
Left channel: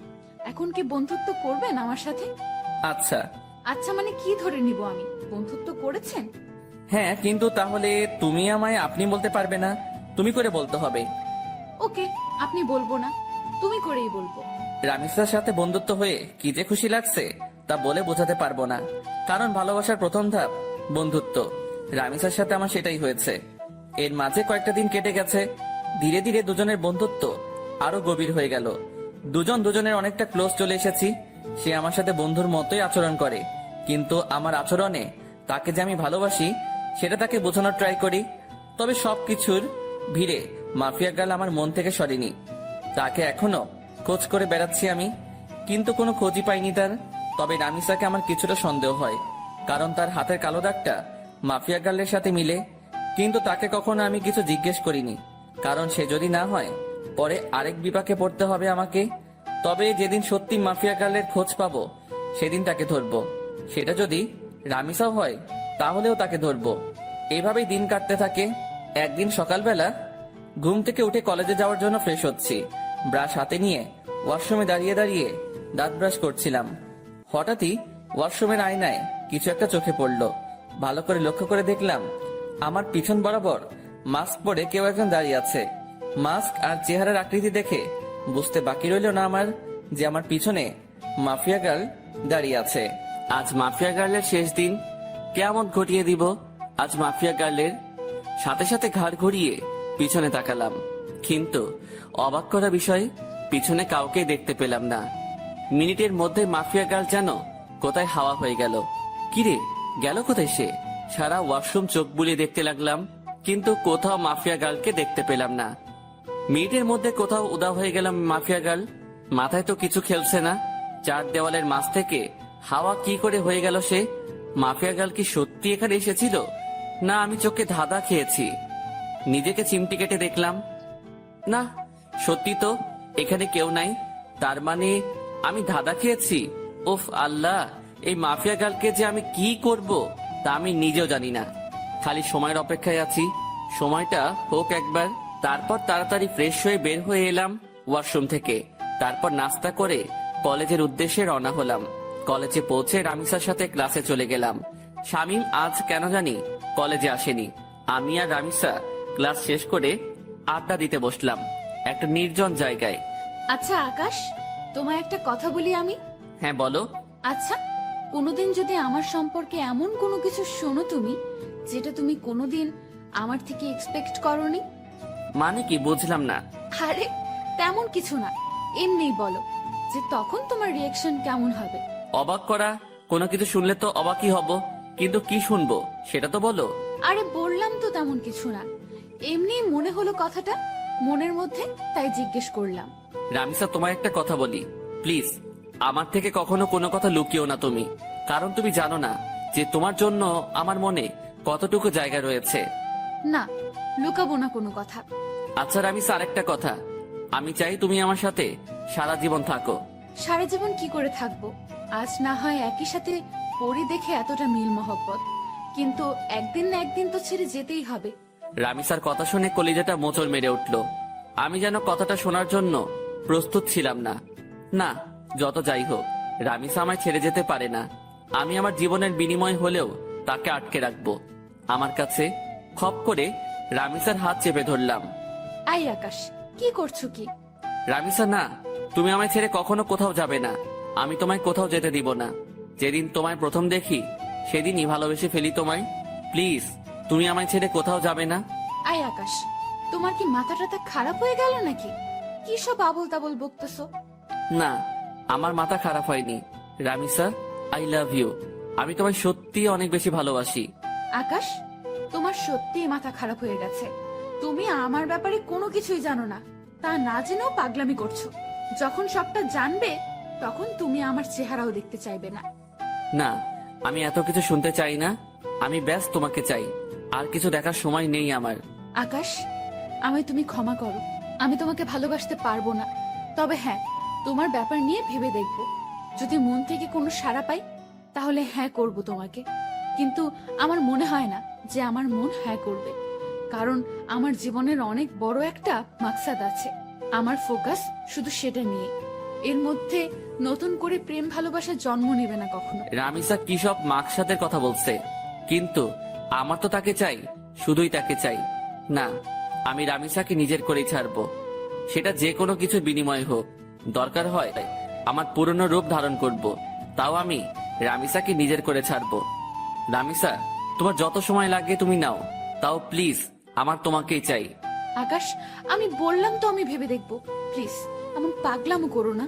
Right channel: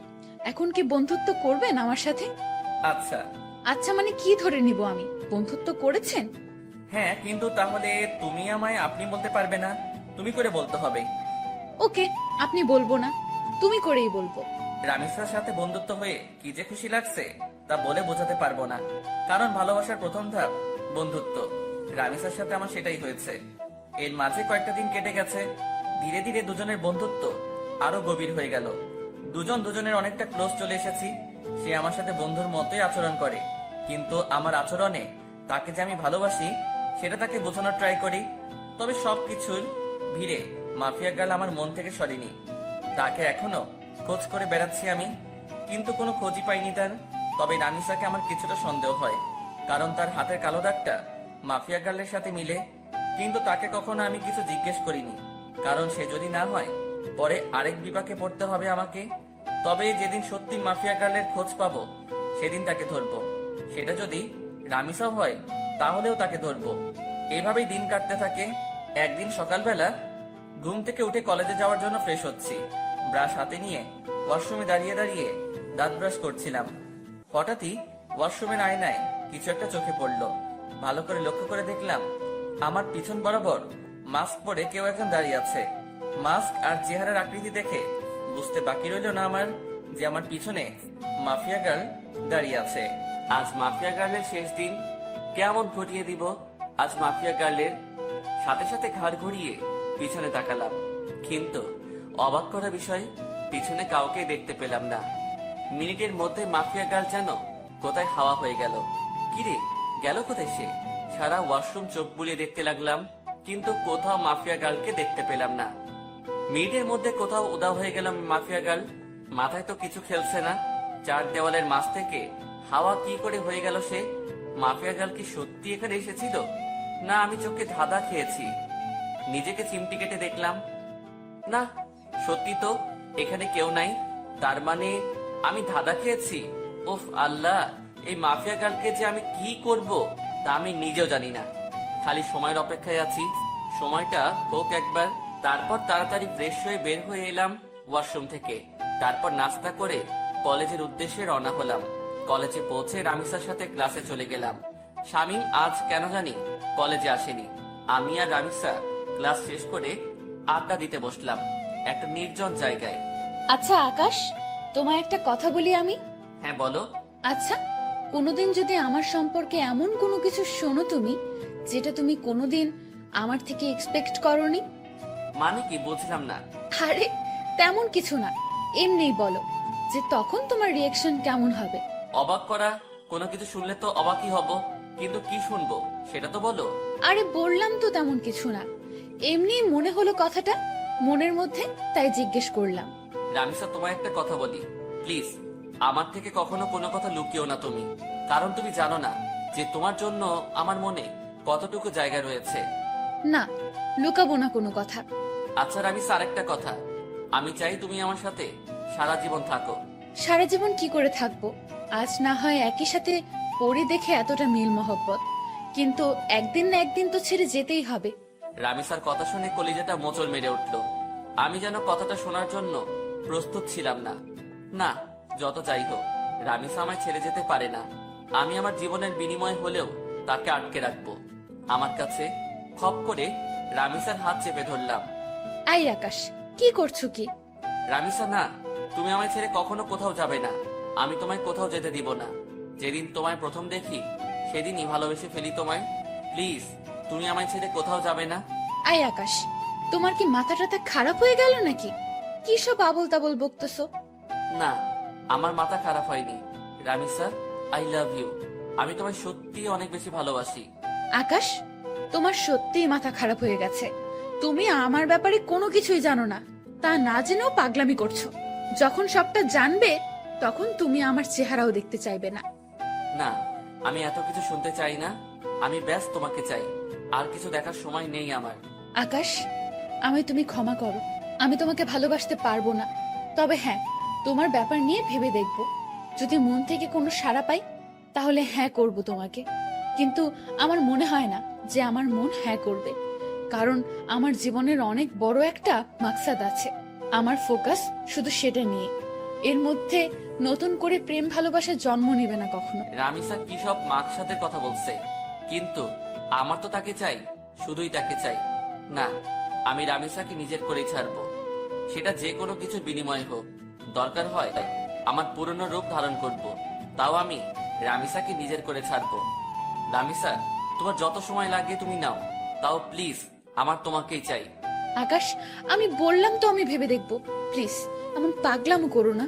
এখন কি বন্ধুত্ব করবেন আমার সাথে? আচ্ছা। আচ্ছা মানে কি ধরে নিব আমি? বন্ধুত্ব করেছেন? হ্যাঁ, কিন্তু তাহলে তুমি আমায় আপনি বলতে পারবে না, তুমি করে বলতে হবে। ওকে, আপনি বলবো না, তুমি করেই বলবো। রামিসার সাথে বন্ধুত্ব হয়ে কি যে খুশি লাগছে তা বলে বোঝাতে পারবো না, কারণ ভালোবাসার প্রথম ধাপ বন্ধুত্ব। রামিসার সাথে আমার সেটাই হয়েছে। এর মাঝে কয়েকটা দিন কেটে গেছে। ধীরে ধীরে দুজনের বন্ধুত্ব আরো গভীর হয়ে গেল। দুজন দুজনের অনেকটা ক্লোজ চলে এসেছি। সে আমার সাথে বন্ধুর মতোই আচরণ করে, কিন্তু আমার আচরণে তাকে যে আমি ভালোবাসি সেটা তাকে বোঝানোর ট্রাই করি। তবে সবকিছুর ভিড়ে মাফিয়া গার্ল আমার মন থেকে সরেনি। তাকে এখনো খোঁজ করে বেড়াচ্ছি আমি, কিন্তু কোনো খোঁজই পাইনি তার। তবে রামিসাকে আমার কিছুটা সন্দেহ হয়, কারণ তার হাতের কালো দাগটা মাফিয়া গার্লের সাথে মিলে। কিন্তু তাকে কখনো আমি কিছু জিজ্ঞেস করিনি, কারণ সে যদি না হয় পরে আরেক বিপাকে পড়তে হবে আমাকে। তবে যেদিন সত্যি মাফিয়া গার্লের খোঁজ পাবো সেদিন তাকে ধরবো। সেটা যদি রামিসাও হয় তাহলেও তাকে ধরবো। এভাবেই দিন কাটতে থাকে। একদিন সকালবেলা ঘুম থেকে উঠে কলেজে যাওয়ার জন্য ফ্রেশ হচ্ছি। ব্রাশ হাতে নিয়ে ওয়াশরুমে দাঁড়িয়ে দাঁড়িয়ে দাঁত ব্রাশ করছিলাম। হঠাৎই ওয়াশরুমের আয়নায় কিছু একটা চোখে পড়লো। ভালো করে লক্ষ্য করে দেখলাম আমার পিছন বরাবর মাস্ক পরে কেউ একজন দাঁড়িয়ে আছে। মাস্ক আর চেহারার আকৃতি দেখে বুঝতে বাকি রইল না আমার যে আমার পিছনে মাফিয়া গার্ল দাঁড়িয়ে আছে। আজ মাফিয়া গার্লের শেষ দিন, কেমন ঘটিয়ে দিব। আজ মাফিয়া গার্লের সাথে সাথে ঘাড় ঘুরিয়ে পিছনে তাকালাম, কিন্তু অবাক করা বিষয়, পিছনে কাউকে দেখতে পেলাম না। মিনিটের মধ্যে মাফিয়া গার্ল যেন কোথায় হাওয়া হয়ে গেল। কিরে, গেল কোথায় সে? সারা ওয়াশরুম চোখ বুলিয়ে দেখতে লাগলাম, কিন্তু কোথাও মাফিয়া গার্লকে দেখতে পেলাম না। মিনিটের মধ্যে কোথাও উদা হয়ে গেলাম মাফিয়া গার্ল। মাথায় তো কিছু খেলছে না। চার দেওয়ালের মাঝ থেকে হাওয়া কি করে হয়ে গেল সে? মাফিয়া গার্ল কি সত্যি এখানে এসেছিল, না আমি চোখে ধাঁধা খেয়েছি? নিজেকে চিমটি কেটে দেখলাম, না সত্যি তো এখানে কেউ নাই। তার মানে আমি ধাঁধা খেয়েছি। উফ আল্লাহ, এই মাফিয়া গার্লকে যে আমি কি করব তা আমি নিজেও জানি না। খালি সময়ের অপেক্ষায় আছি, সময়টা হোক একবার। তারপর তাড়াতাড়ি ফ্রেশ হয়ে বের হয়ে এলাম ওয়াশরুম থেকে। তারপর নাস্তা করে কলেজের উদ্দেশ্যে রওনা হলাম। কলেজে পৌঁছে রামিসার সাথে ক্লাসে চলে গেলাম। শামীম আজ কেন জানি কলেজে আসেনি। আমি আর রামিসা ক্লাস শেষ করে আড্ডা দিতে বসলাম একটা নির্জন জায়গায়। আচ্ছা আকাশ, তোমায় একটা কথা বলি আমি। হ্যাঁ বলো। আচ্ছা, কোনোদিন যদি আমার সম্পর্কে এমন কোনো কিছু শোনো তুমি, যেটা তুমি কোনোদিন আমার থেকে এক্সপেক্ট করনি। মানে কি, বুঝলাম না। আরে তেমন কিছু না, এমনিই বলো যে তখন তোমার রিয়াকশন কেমন হবে। অবাক করা কোনো কিছু শুনলে তো অবাকই হব, কিন্তু কি শুনবো সেটা তো বলো। আরে বললাম তো তেমন কিছু না, এমনি মনে হলো কথাটা মনের মধ্যে, তাই জিজ্ঞেস করলাম। রামিসা, তোমার একটা কথা বলি প্লিজ, আমার থেকে কখনো কোনো কথা লুকিও না তুমি। কারণ তুমি জানো না যে তোমার জন্য আমার মনে কতটুকু জায়গা রয়েছে। না, লুকাবো না কোনো কথা। আচ্ছা রামিসা, আরেকটা কথা, আমি চাই তুমি আমার সাথে সারা জীবন থাকো। সারা জীবন কি করে থাকবো? আজ না হয় একই সাথে পড়ি দেখে এতটা মিল মহব্বত, কিন্তু একদিন না একদিন তো ছেড়ে যেতেই হবে। রামিসার কথা শুনে কলিজাটা মোচড় মেরে উঠল। আমি যেন কথাটা শোনার জন্য প্রস্তুত ছিলাম না। না, যত যাই হোক, রামিসা আমায় ছেড়ে যেতে পারে না। আমি আমার জীবনের বিনিময় হলেও তাকে আটকে রাখবো আমার কাছে। খপ করে রামিসার হাত চেপে ধরলাম। আই আকাশ, কি করছো কি? রামিসা, না, তুমি আমায় ছেড়ে কখনো কোথাও যাবে না। আমি তোমায় কোথাও যেতে দিব না। যেদিন তোমায় প্রথম দেখি সেদিনই ভালোবেসে ফেলি তোমায়। প্লিজ, তুমি আমায় ছেড়ে কোথাও যাবে না। আই আকাশ, তোমার কি মাথা টাথা খারাপ হয়ে গেল নাকি? কি সব আবল তাবল বকতেছো? না, আমার মাথা খারাপ হয়নি। Ramisa, I love you. আমি তোমায় সত্যি অনেক বেশি ভালোবাসি। আকাশ, তোমার সত্যিই মাথা খারাপ হয়ে গেছে। তুমি আমার ব্যাপারে কোনো কিছুই জানো না, তা না জেনেও পাগলামি করছো। যখন সবটা জানবে তখন তুমি আমার চেহারাও দেখতে চাইবে না। না, আমি এত কিছু শুনতে চাই না। আমি ব্যাস তোমাকে চাই, আর কিছু দেখার সময় নেই আমার। আকাশ, আমায় তুমি ক্ষমা করো, আমি তোমাকে ভালোবাসতে পারবো না। তবে হ্যাঁ, তোমার ব্যাপার নিয়ে ভেবে দেখব। যদি মন থেকে কোনো সাড়া পাই তাহলে হ্যাঁ করব তোমাকে, কিন্তু আমার মনে হয় না যে আমার মন হ্যাঁ করবে, কারণ আমার জীবনের অনেক বড় একটা মাকসাদ আছে। আমার ফোকাস শুধু সেটা নিয়ে। এর মধ্যে নতুন করে প্রেম ভালোবাসা জন্ম নেবে না কখনো। রামিসা কি সব মাকসাদের কথা বলছে, কিন্তু আমার তো তাকে চাই, শুধুই তাকে চাই। না, আমি রামিসাকে নিজের করেই ছাড়বো, সেটা যে কোনো কিছুর বিনিময় হোক। দরকার হয় আমার পুরনো রূপ ধারণ করব, তাও আমি রামিসাকে নিজের করে ছাড়বো। রামিসা, তোমার যত সময় লাগে তুমি নাও, তাও প্লিজ আমার তোমাকেই চাই। আকাশ, আমি বললাম তো আমি ভেবে দেখবো, প্লিজ এমন পাগলামো করো না।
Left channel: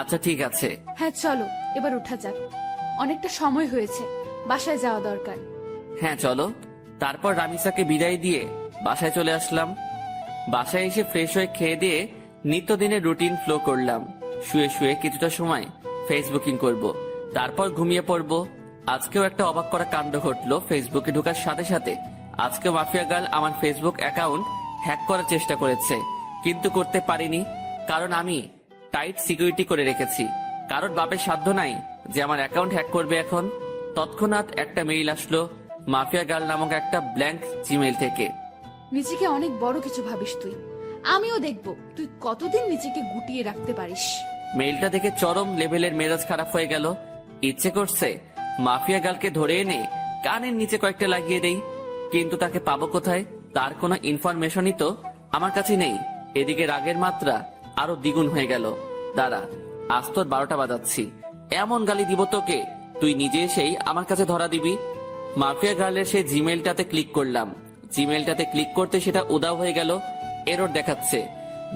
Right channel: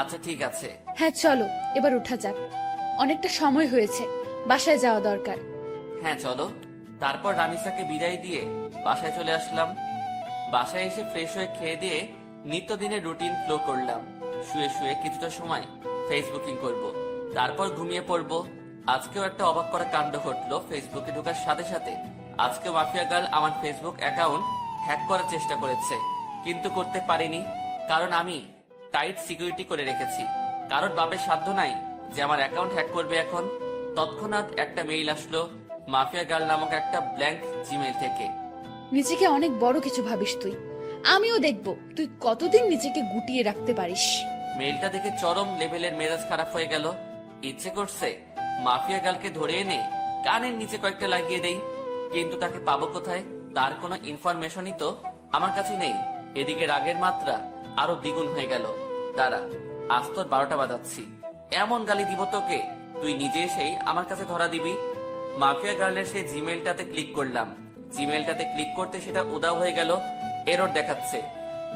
আচ্ছা ঠিক আছে। হ্যাঁ চলো এবার উঠা যাক, অনেকটা সময় হয়েছে, বাসায় যাওয়া দরকার। হ্যাঁ চলো। তারপর রামিসাকে বিদায় দিয়ে বাসায় চলে আসলাম। বাসায় এসে ফ্রেশ হয়ে খেয়ে দিয়ে নিত্যদিনের রুটিন ফ্লো করলাম। শুয়ে শুয়ে কিছুটা সময় ফেসবুকিং করব, তারপর ঘুমিয়ে পড়ব। আজকেও একটা অবাক করা কাণ্ড ঘটলো ফেসবুকে ঢোকার সাথে সাথে। আজকে মাফিয়া গার্ল আমার ফেসবুক অ্যাকাউন্ট হ্যাক করার চেষ্টা করেছে, কিন্তু করতে পারিনি, কারণ আমি টাইট সিকিউরিটি করে রেখেছি। কারোর বাপের সাধ্য নাই যে আমার অ্যাকাউন্ট হ্যাক করবে এখন। তৎক্ষণাৎ একটা মেইল আসলো মাফিয়া গার্ল নামক একটা ব্ল্যাঙ্ক জিমেইল থেকে। নিজেকে অনেক বড় কিছু ভাবিস তুই, আমিও দেখবো তুই কতদিন নিজেকে গুটিয়ে রাখতে পারিস। মেইলটা দেখে চরম লেভেলের মেজাজ খারাপ হয়ে গেল। ইচ্ছে করছে মাফিয়া গার্লকে ধরে এনে কানের নিচে কয়েকটা লাগিয়ে দেই, কিন্তু তাকে পাবো কোথায়? তার কোনো ইনফরমেশনই তো আমার কাছে নেই। এদিকে রাগের মাত্রা আরো দ্বিগুণ হয়ে গেল। দাঁড়া, আজ তোর 12টা বাজাচ্ছি, এমন গালি দিব তোকে তুই নিজে এসেই আমার কাছে ধরা দিবি। মাফিয়া গার্লের সেই জিমেলটাতে ক্লিক করলাম। জিমেলটাতে ক্লিক করতে সেটা উদাও হয়ে গেল, এরর দেখাচ্ছে।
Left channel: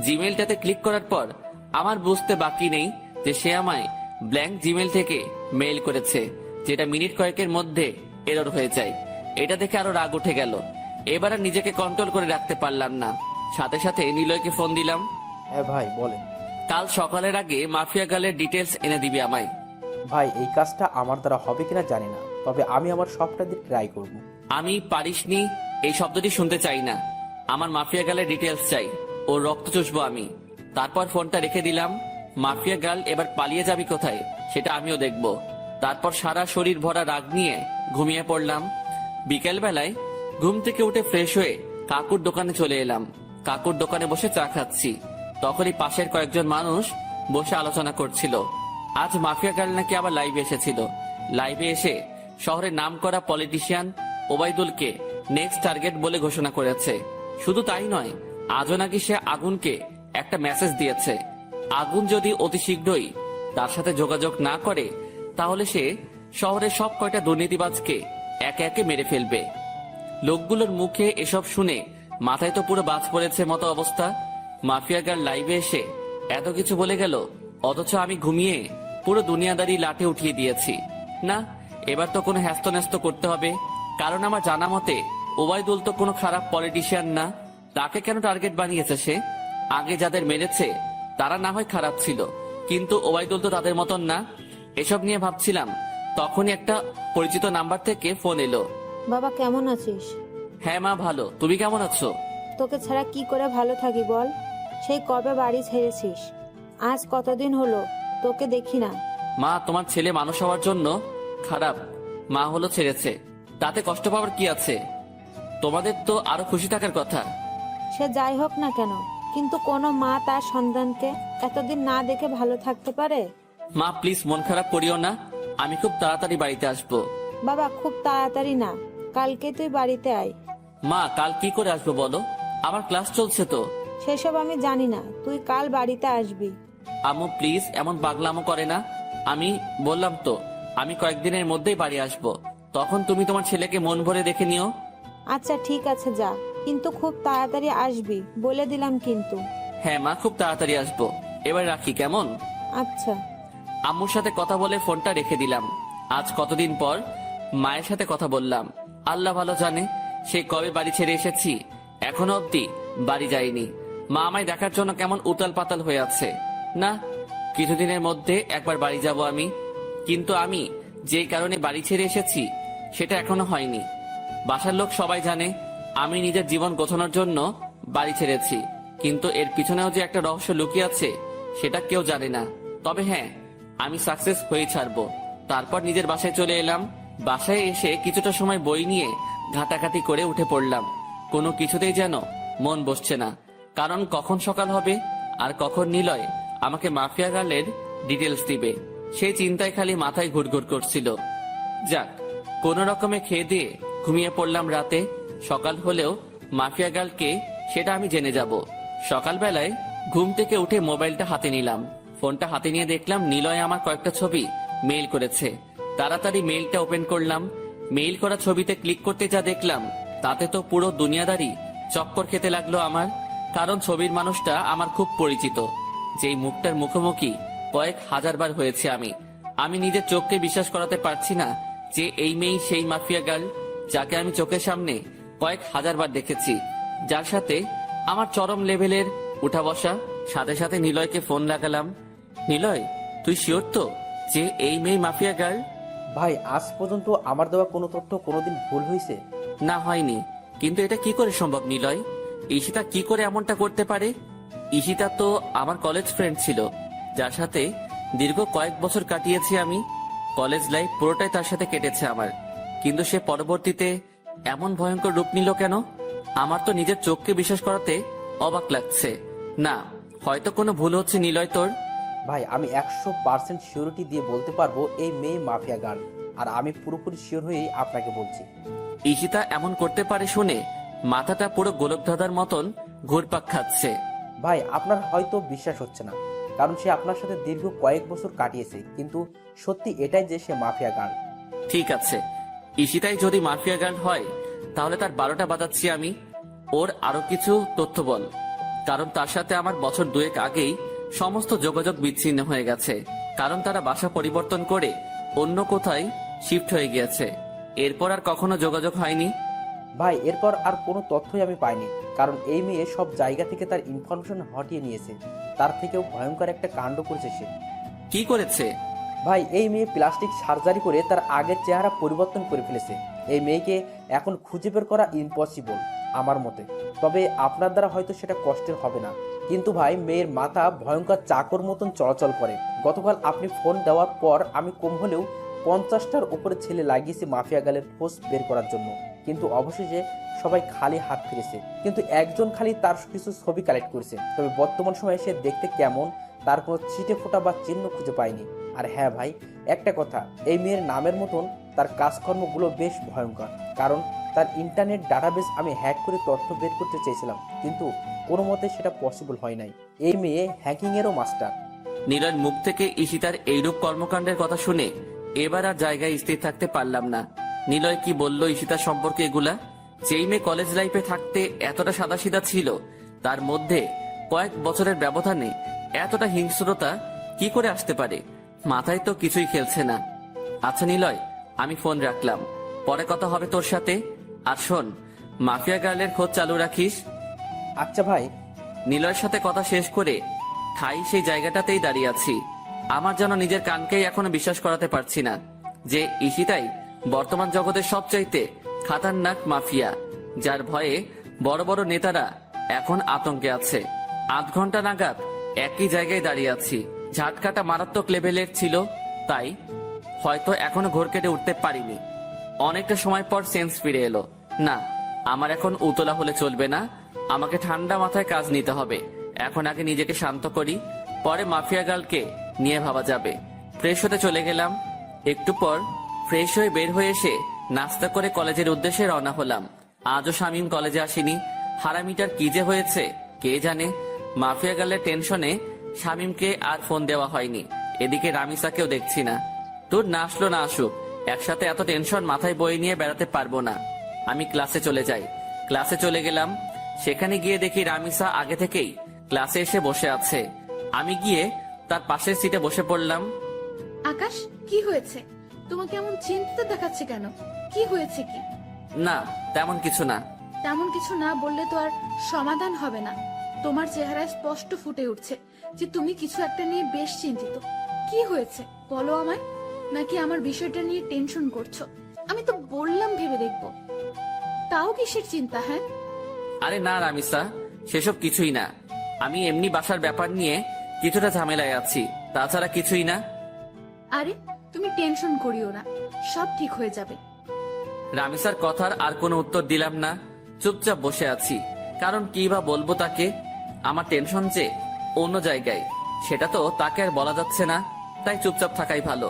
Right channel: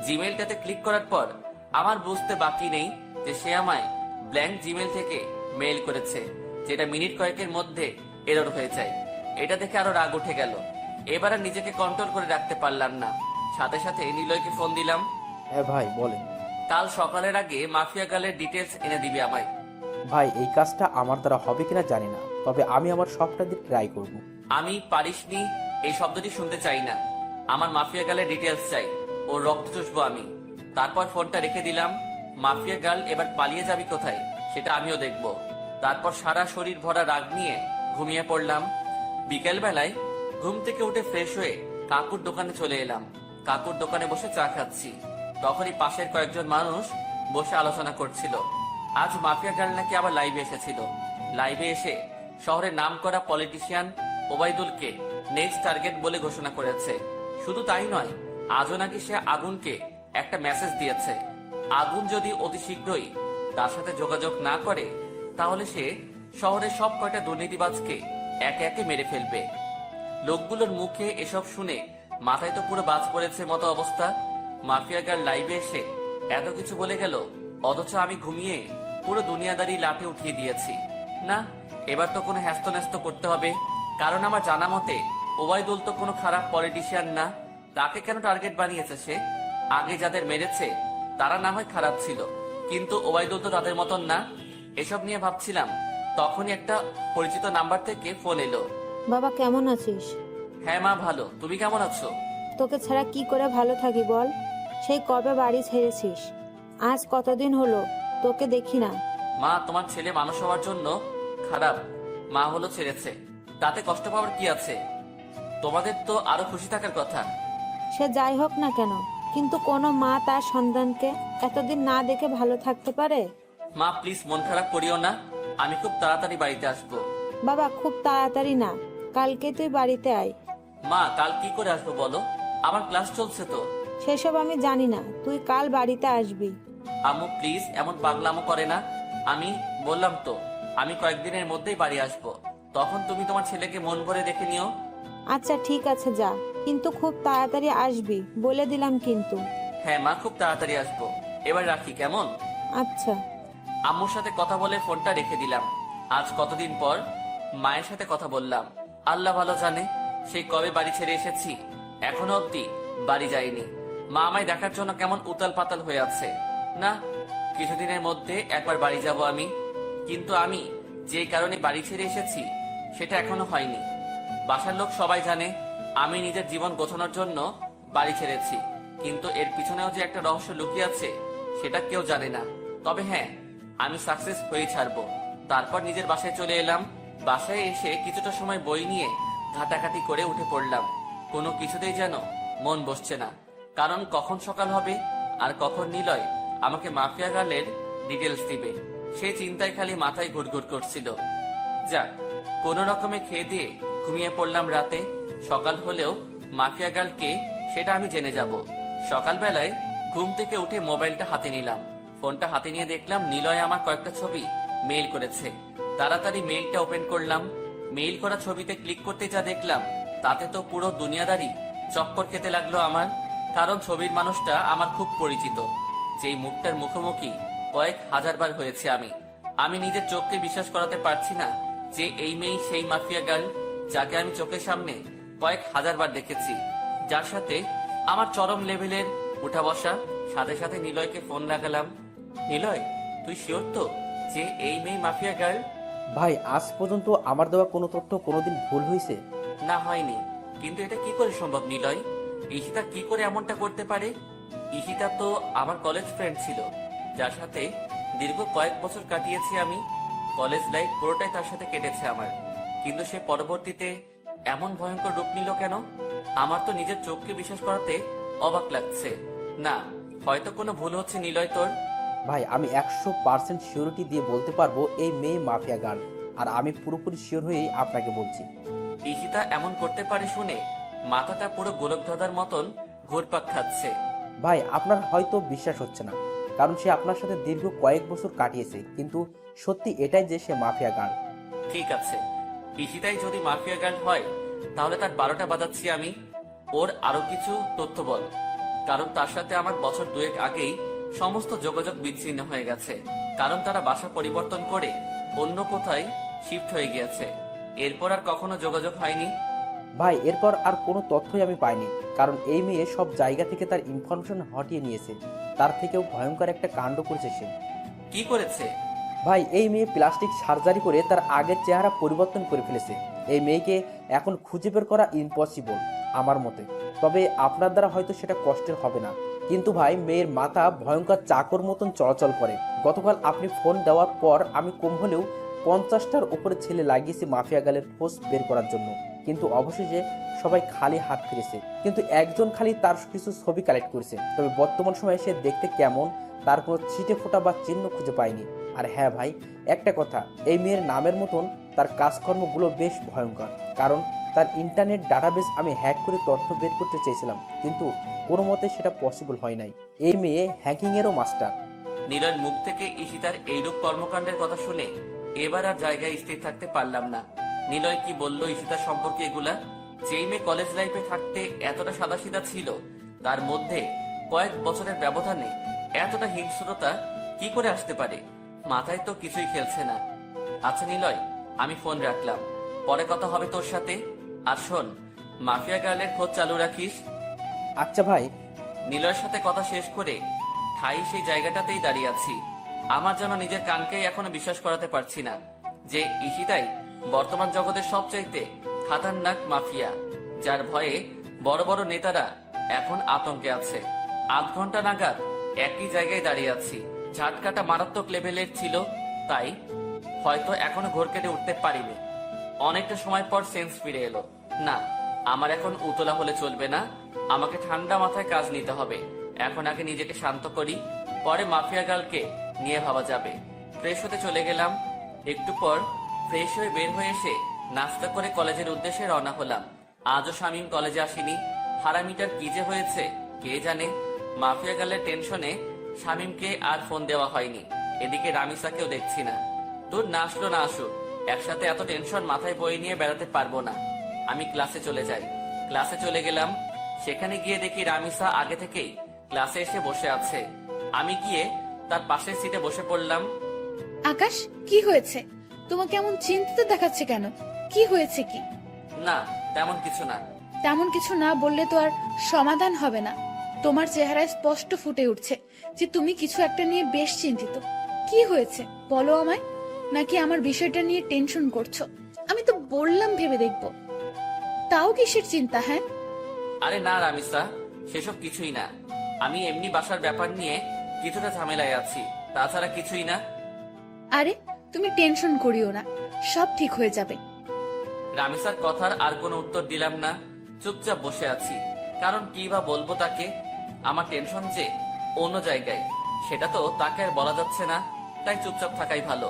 জিমেলটাতে ক্লিক করার পর আমার বুঝতে বাকি নেই যে সে আমায় ব্ল্যাঙ্ক জিমেল থেকে মেইল করেছে, যেটা মিনিট কয়েকের মধ্যে এরর হয়ে যায়। এটা দেখে আরো রাগ উঠে গেল। এবার আর নিজেকে কন্ট্রোল করে রাখতে পারলাম না, সাথে সাথে নিলয়কে ফোন দিলাম। হ্যাঁ ভাই বলেন। কাল সকালের আগে মাফিয়া গার্লের ডিটেলস এনে দিবি আমায়। ভাই এই কাজটা আমার দ্বারা হবে কিনা জানি না, তবে আমি আমার সবটা দিয়ে ট্রাই করব। আমি পারিসনি এই শব্দটি শুনতে চাই না, আমার মাফিয়া গার্লের ডিটেলস চাই, ওর রক্ত চুষবো আমি। তারপর ফোনটা রেখে দিলাম। মাফিয়া গার্ল এবার পালিয়ে যাবি কোথায় সেটা আমিও দেখব। তারপর সারা শরীর ভরা রাগ নিয়ে ঘুমিয়ে পড়লাম। বিকেল বেলায় ঘুম থেকে উঠে ফ্রেশ হয়ে কাকুর দোকানে চলে এলাম। কাকুর দোকানে বসে চা খাচ্ছি, তখনই পাশের কয়েকজন মানুষ বসে আলোচনা করছিল। আজ মাফিয়া গার্ল নাকি আবার লাইভে এসেছিল। লাইভে এসে শহরের নামকরা পলিটিশিয়ান ওবায়দুলকে নেক্সট টার্গেট বলে ঘোষণা করেছে। শুধু তাই নয়, আজও নাকি সে আগুনকে একটা মেসেজ দিয়েছে। আগুন যদি অতি শীঘ্রই তার সাথে যোগাযোগ না করে, তাহলে সে শহরের সব কয়টা দুর্নীতিবাজকে একে একে মেরে ফেলবে। লোকগুলোর মুখে এসব শুনে মাথায় তো পুরো বাজ পড়েছে মতো অবস্থা। মাফিয়া গার্ল লাইভে এসে এত কিছু বলে গেল, অথচ আমি ঘুমিয়ে পুরো দুনিয়াদারি লাঠে উঠিয়ে দিয়েছি। না, এবার তো কোনো হ্যাস্ত করতে হবে, কারণ আমার জানা মতে ওবায়দুল তো কোনো খারাপ পলিটিশিয়ান না। তাকে কেন টার্গেট বানিয়েছে সে? আগে যাদের মেরেছে তারা না হয় খারাপ ছিল, কিন্তু ওবায়দুল তো তাদের মতন না। এসব নিয়ে ভাবছিলাম, তখনই একটা পরিচিত নাম্বার থেকে ফোন এলো। বাবা কেমন আছিস? হ্যাঁ মা, ভালো। তুমি কেমন আছো? তোকে ছাড়া কি করে ভালো থাকি বল? সেই কবে বাড়ি ছেড়েছিস? আজ কতদিন হলো তোকে দেখি না। মা, তোমার ছেলে মানুষ হওয়ার জন্য খারাপ, মা হলো ছেড়েছে, তাতে কষ্ট পাওয়ার কি আছে? তোমাদের তো আরো খুশি থাকার কথা। সে যাই হোক না কেন, কিন্তু কোনো মা তার সন্তানকে এতদিন না দেখে ভালো থাকতে পারে? মা প্লিজ মন খারাপ করিও না, আমি খুব তাড়াতাড়ি বাড়িতে আসবো। বাবা খুব তাড়াতাড়ি না, কালকে তুই বাড়িতে আয়। মা, কাল কি করে আসবো বলো? আমার ক্লাস চলছে তো। সেসব আমি জানি না, তুই কাল বাড়িতে আসবি। আম্মু প্লিজ এমন পাগলামো করে না। আমি বললাম তো আমি কয়েকদিনের মধ্যেই বাড়ি আসবো, তখন তুমি তোমার ছেলেকে মন ভরে দেখে নিও। আচ্ছা ঠিক আছে যা, কিন্তু খুব তাড়াতাড়ি আসবি বলে দিলাম কিন্তু। হ্যাঁ মা, খুব তাড়াতাড়ি আসবো। এবার রাখি কেমন? আচ্ছা। আম্মুর সাথে কথা বলে ফোনটা রেখে দিলাম। আজ কতদিন পর মায়ের সাথে কথা বললাম। আল্লাহ ভালো জানে সেই কবে বাড়ি ছেড়ে এসেছি, এখনো অব্দি বাড়ি যাইনি। মা আমায় দেখার জন্য কেমন উতাল পাতাল হয়ে আছে। না, কিছুদিনের মধ্যে একবার বাড়ি যাব আমি, কিন্তু আমি যে কারণে বাড়ি ছেড়ে এসেছি সেটা এখনো হয়নি। বাসার লোক সবাই জানে আমি নিজের জীবন গোছানোর জন্য বাড়ি ছেড়েছি, কিন্তু এর পিছনেও যে একটা রহস্য লুকিয়ে আছে সেটা কেউ জানে না। তবে হ্যাঁ, আমি সাকসেস হয়ে ছাড়বো। তারপর নিজের বাসায় চলে এলাম। বাসায় এসে কিছুটা সময় বই নিয়ে ঘাটাঘাটি করে উঠে পড়লাম। কোনো কিছুতেই যেন মন বসছে না, কারণ কখন সকাল হবে আর কখন নিলয় আমাকে মাফিয়া গার্লের ডিটেলস দিবে সেই চিন্তায় খালি মাথায় ঘুরঘুর করছিল। যাক, কোন রকমে খেয়ে দিয়ে ঘুমিয়ে পড়লাম রাতে। সকাল হলেও মাফিয়া গার্লকে সেটা আমি জেনে যাব। সকালবেলায় ঘুম থেকে উঠে মোবাইলটা হাতে নিলাম। ফোনটা হাতে নিয়ে দেখলাম নিলয় আমার কয়েকটা ছবি মেইল করেছে। তাড়াতাড়ি মেইলটা ওপেন করলাম। মেইল করা ছবিতে ক্লিক করতে যা দেখলাম তাতে তো পুরো দুনিয়াদারি চক্কর খেতে লাগলো আমার। কারণ ছবির মানুষটা আমার খুব পরিচিত, যেই মুখটার মুখোমুখি কয়েক হাজার বার হয়েছে আমি নিজের চোখকে বিশ্বাস করাতে পারছি না যে এই মেয়েই সেই মাফিয়া গার্ল যাকে আমি চোখের সামনে কয়েক হাজার বার দেখেছি, যার সাথে আমার চরম লেভেলের উঠা বসা। সাথে সাথে নিলয়কে ফোন লাগালাম। নিলয়, তুই শিওর তো যে এই মেয়ে মাফিয়া গার্ল? ভাই আজ পর্যন্ত আমার দেওয়া কোনো তথ্য কোনোদিন ভুল হয়েছে? না, হয়নি। কিন্তু এটা কি করে সম্ভব নিলয়? ঈশিতা কি করে এমনটা করতে পারে? ঈশিতা তো আমার কলেজ ফ্রেন্ড ছিল, যার সাথে দীর্ঘ কয়েক বছর কাটিয়েছি আমি। কলেজ লাইফ পুরোটাই তার সাথে কেটেছে আমার। কিন্তু সে পরবর্তীতে এমন ভয়ঙ্কর রূপ নিল কেন? আমার তো নিজের চোখকে বিশ্বাস করাতে অবাক লাগছে। না, হয়তো কোনো ভুল হচ্ছে নিলয় তোর। ভাই আমি 100% সিওরিটি দিয়ে বলতে পারবো এই মেয়ে মাফিয়া গার্ল, আর আমি পুরোপুরি শিওর হয়েই আপনাকে বলছি। ঈশিতা এমন করতে পারে শুনে মাথাটা পুরো গোলকধাঁধার মতন ঘুরপাক খাচ্ছে। ভাই আপনার হয়তো বিশ্বাস হচ্ছে না, কারণ সে আপনার সাথে দীর্ঘ কয়েক বছর কাটিয়েছে, কিন্তু সত্যি এটাই যে সে মাফিয়া গার্ল। ঠিক আছে, ঈশিতাই যদি মাফিয়া গার্ল হয় তাহলে তার 12টা বাজাচ্ছি আমি। ওর আরো কিছু তথ্য বল, কারণ তার সাথে আমার বছর 2 আগেই সমস্ত যোগাযোগ বিচ্ছিন্ন হয়ে গেছে। কারণ তারা বাসা পরিবর্তন করে অন্য কোথায় শিফট হয়ে গিয়েছে। এরপর আর কখনো যোগাযোগ হয়নি। ভাই এরপর আর কোনো তথ্যই আমি পাইনি, কারণ এই মেয়ে সব জায়গা থেকে তার ইনফরমেশন হটিয়ে নিয়েছে। তার থেকেও ভয়ঙ্কর একটা কাণ্ড করেছে সে। কি করেছে? ভাই এই মেয়ে প্লাস্টিক সার্জারি করে তার আগের চেহারা পরিবর্তন করে ফেলেছে। এই মেয়েকে এখন খুঁজে বের করা ইম্পসিবল আমার মতে। তবে আপনার দ্বারা হয়তো সেটা কষ্টের হবে না, কিন্তু ভাই মেয়ের মাথা ভয়ঙ্কর চাকর মতন চলাচল করে। গতকাল আপনি ফোন দেওয়ার পর আমি কম হলেও 50টার উপরে ছেলে লাগিয়েছি মাফিয়া গালের খোঁজ বের করার জন্য, কিন্তু অবশেষে সবাই খালি হাত ফিরেছে। কিন্তু একজন খালি তার কিছু ছবি কালেক্ট করেছে। তবে বর্তমান সময়ে সে দেখতে কেমন তার কোনো ছিটে ফোঁটা বা চিহ্ন খুঁজে পায়নি। আর হ্যাঁ ভাই, একটা কথা, এই মেয়ের নামের মতন তার কাজকর্মগুলো বেশ ভয়ঙ্কর। কারণ তার ইন্টারনেট ডাটাবেস আমি হ্যাক করে তথ্য বের করতে চেয়েছিলাম, কিন্তু কোনো মতে সেটা পসিবল হয় নাই। এই মেয়ে হ্যাকিংয়েরও মাস্টার। নীলার মুখ থেকে ঈশিতার এইরূপ কর্মকাণ্ডের কথা শুনে এবার আর জায়গায় স্থির থাকতে পারলাম না। নিলয় কি বললো ঈশিতার সম্পর্কে এগুলা? যেই মেয়ে কলেজ লাইফে থাকতে এতটা সাদাসিধা ছিল, তার মধ্যে কয়েক বছরের ব্যবধানে এতটা হিংস্রতা কি করে আসতে পারে? মাথায় তো কিছুই খেলছে না। আচ্ছা নিলয়, আমি ফোন রাখলাম, পরে কথা হবে তোর সাথে। আর শোন, মাফিয়া গার্লের খোঁজ চালু রাখিস। আচ্ছা ভাই। নিলয়ের সাথে কথা শেষ করে ঠাই সেই জায়গাটাতেই দাঁড়িয়ে আছি। আমার যেন নিজের কানকেই এখনো বিশ্বাস করাতে পারছি না যে ঈশিতাই বর্তমান জগতের সবচাইতে খাতারনাক মাফিয়া, যার ভয়ে বড় বড় নেতারা এখন আতঙ্কে আছে। 8 ঘন্টা নাগাদ একই জায়গায় দাঁড়িয়ে আছি। ঝাটকাটা মারাত্মক লেভেলের ছিল, তাই হয়তো এখনো ঘোর কেটে উঠতে পারিনি। অনেকটা সময় পর সেন্স ফিরে এলো। না, আমার এখন উতলা হলে চলবে না, আমাকে ঠান্ডা মাথায় কাজ নিতে হবে। এখন আগে নিজেকে শান্ত করি, পরে মাফিয়া গার্লকে নিয়ে ভাবা যাবে। ফ্রেশ হতে চলে গেলাম। একটু পর ফ্রেশ হয়ে বের হয়ে এসে নাস্তা করে কলেজের উদ্দেশ্যে রওনা হলাম। আজও শামীম কলেজে আসেনি। হারামিটার কি যে হয়েছে কে জানে। মাফিয়া গার্লের টেনশনে শামীমকে আর ফোন দেওয়া হয়নি। এদিকে রামিসাকেও দেখছি না। তোর না আসলো না আসুক, একসাথে এত টেনশন মাথায় বয়ে নিয়ে বেড়াতে পারবো না। আমি ক্লাসে চলে যাই। ক্লাসে চলে গেলাম। সেখানে গিয়ে দেখি রামিসা আগে থেকেই ক্লাসে এসে বসে আছে। আমি গিয়ে তার পাশের সিটে বসে পড়লাম। আকাশ, কি হয়েছে? তোমাকে এমন চিন্তিত দেখাচ্ছে কেন? কি হয়েছে কি? না, তেমন কিছু না। তেমন কিছু না বললে তো আর সমাধান হবে না। তোমার চেহারায় স্পষ্ট ফুটে উঠছে যে তুমি কিছু একটা নিয়ে বেশ চিন্তিত। কি হয়েছে বলো আমায়? নাকি আমার বিষয়টা নিয়ে টেনশন করছো? আমি তো বললাম ভেবে দেখবো। তাও কিসের চিন্তা? হ্যাঁ, আরে না রামিসা, সেসব কিছুই না। আমি এমনি বাসার ব্যাপার নিয়ে কিছুটা ঝামেলায় আছি, তাছাড়া কিছুই না। আরে তুমি টেনশন করিও না, সব ঠিক হয়ে যাবে। রামিসার কথার আর কোনো উত্তর দিলাম না, চুপচাপ বসে আছি। কারণ কি বা বলবো তাকে? আমার টেনশন যে অন্য জায়গায়, সেটা তো তাকে আর বলা যাচ্ছে না, তাই চুপচাপ থাকাই ভালো।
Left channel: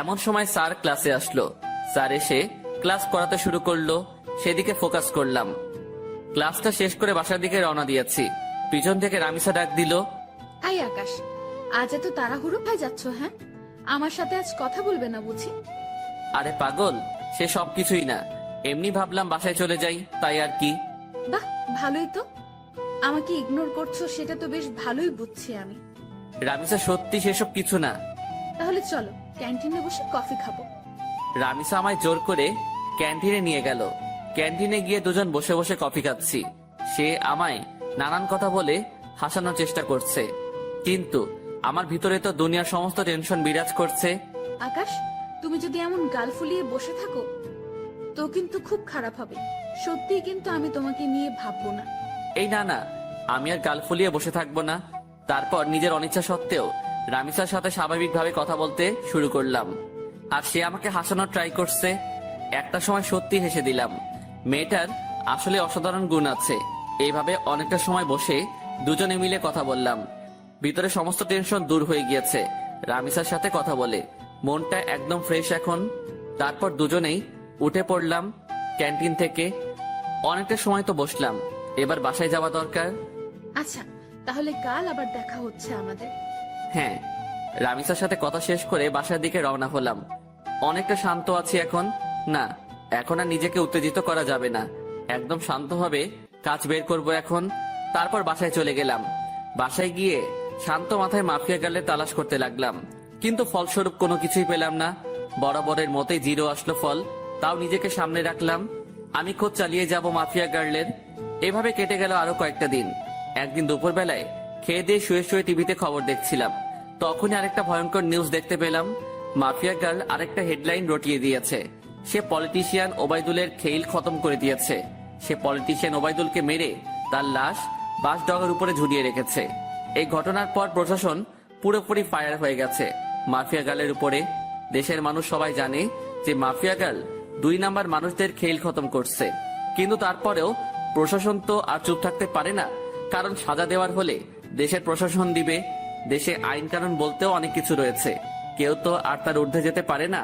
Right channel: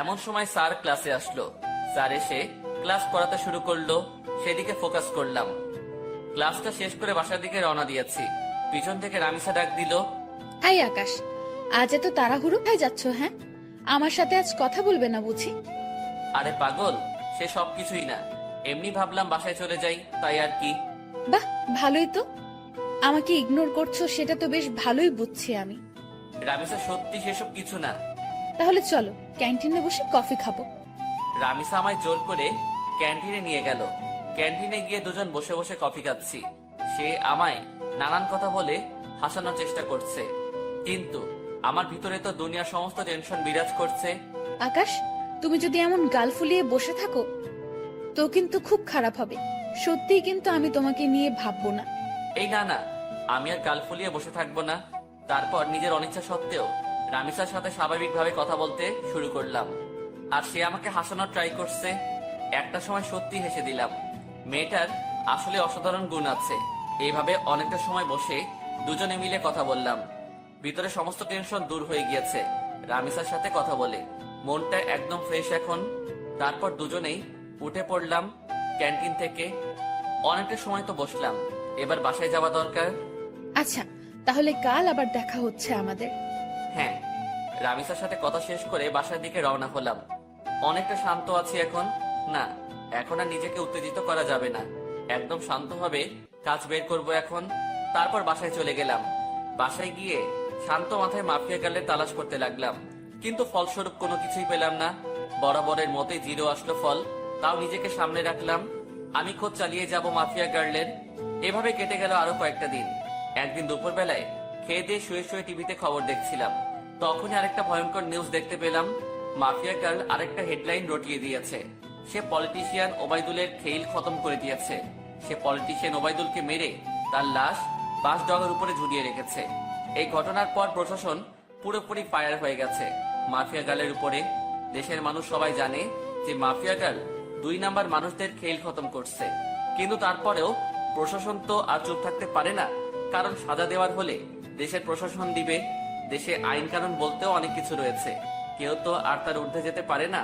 এমন সময় স্যার ক্লাসে আসলো। স্যার এসে ক্লাস করাতে শুরু করলো, সেদিকে ফোকাস করলাম। ক্লাসটা শেষ করে বাসার দিকে রওনা দিয়েছি। পিছন থেকে রামিসা ডাক দিল, হাই আকাশ, আজ এত তাড়াহুড়ো হয়ে যাচ্ছ? হ্যাঁ, আমার সাথে আজ কথা বলবে না বুঝি? আরে পাগল, সে সব কিছুই না, এমনি ভাবলাম বাসায় চলে যাই, তাই আর কি। বাহ, ভালোই তো। আমাকে ইগনোর করছো সেটা তো বেশ ভালোই বুঝছি আমি। রামিসা সত্যি সেসব কিছু না। তাহলে চলো ক্যান্টিনে বসে কফি খাবো। রামিসা আমায় জোর করে ক্যান্টিনে নিয়ে গেল। ক্যান্টিনে গিয়ে দুজন বসে বসে কফি খাচ্ছি। সে আমায় নানান কথা বলে হাসানোর চেষ্টা করছে, কিন্তু আমার ভিতরে তো দুনিয়ার সমস্ত টেনশন বিরাজ করছে। আকাশ, তুমি যদি এমন গাল ফুলিয়ে বসে থাকো তো কিন্তু খুব খারাপ হবে। সত্যিই কিন্তু আমি তোমাকে নিয়ে ভাববো না। এই না না, আমি আর গাল ফুলিয়ে বসে থাকবো না। তারপর নিজের অনিচ্ছা সত্ত্বেও রামিসার সাথে স্বাভাবিকভাবে কথা বলতে শুরু করলাম, আর সে আমাকে হাসানোর ট্রাই করছে। একটা সময় সত্যি হেসে দিলাম। মেয়েটার আসলে অসাধারণ গুণ আছে। এইভাবে অনেকটা সময় বসে দুজনে মিলে কথা বললাম। ভিতরে সমস্ত টেনশন দূর হয়ে গিয়েছে রামিসার সাথে কথা বলে। মনটা একদম ফ্রেশ এখন। তারপর দুজনেই উঠে পড়লাম ক্যান্টিন থেকে। অনেকটা সময় তো বসলাম, এবার বাসায় যাওয়া দরকার। আচ্ছা, তাহলে কাল আবার দেখা হচ্ছে আমাদের। হ্যাঁ। রামিসার সাথে কথা শেষ করে বাসার দিকে রওনা হলাম। অনেকটা শান্ত আছি এখন। না, এখন আর নিজেকে উত্তেজিত করা যাবে না। একদম শান্তভাবে কাজ বের করব এখন। তারপর বাসায় চলে গেলাম। বাসায় গিয়ে শান্ত মাথায় মাফিয়া গার্লের তালাশ করতে লাগলাম, কিন্তু ফলস্বরূপ কোনো কিছুই পেলাম না। বরাবরের মতোই জিরো আসলো ফল। তাও নিজেকে সামনে রাখলাম, আমি খোঁজ চালিয়ে যাব মাফিয়া গার্লের। এভাবে কেটে গেল আরো কয়েকটা দিন। একদিন দুপুরবেলায় খেয়ে দিয়ে শুয়ে শুয়ে টিভিতে খবর দেখছিলাম, তখনই আরেকটা ভয়ঙ্কর নিউজ দেখতে পেলাম। মাফিয়া গার্ল আরেকটা হেডলাইন রটিয়ে দিয়েছে। সে পলিটিশিয়ান ওবায়দুলের খেল খতম করে দিয়েছে। সে পলিটিশিয়ান ওবায়দুলকে মেরে তার লাশ বাসডগার উপরে ঝুলিয়ে রেখেছে। এই ঘটনার পর প্রশাসন পুরোপুরি ফায়ার হয়ে গেছে মাফিয়া গার্লের উপরে। দেশের মানুষ সবাই জানে যে মাফিয়া গার্ল 2 নাম্বার মানুষদের খেল খতম করছে, কিন্তু তারপরেও প্রশাসন তো আর চুপ থাকতে পারে না। কারণ সাজা দেওয়ার হলে দেশের প্রশাসন দিবে। দেশে আইন কানুন বলতেও অনেক কিছু রয়েছে, কেউ তো আর তার ঊর্ধ্বে যেতে পারে না।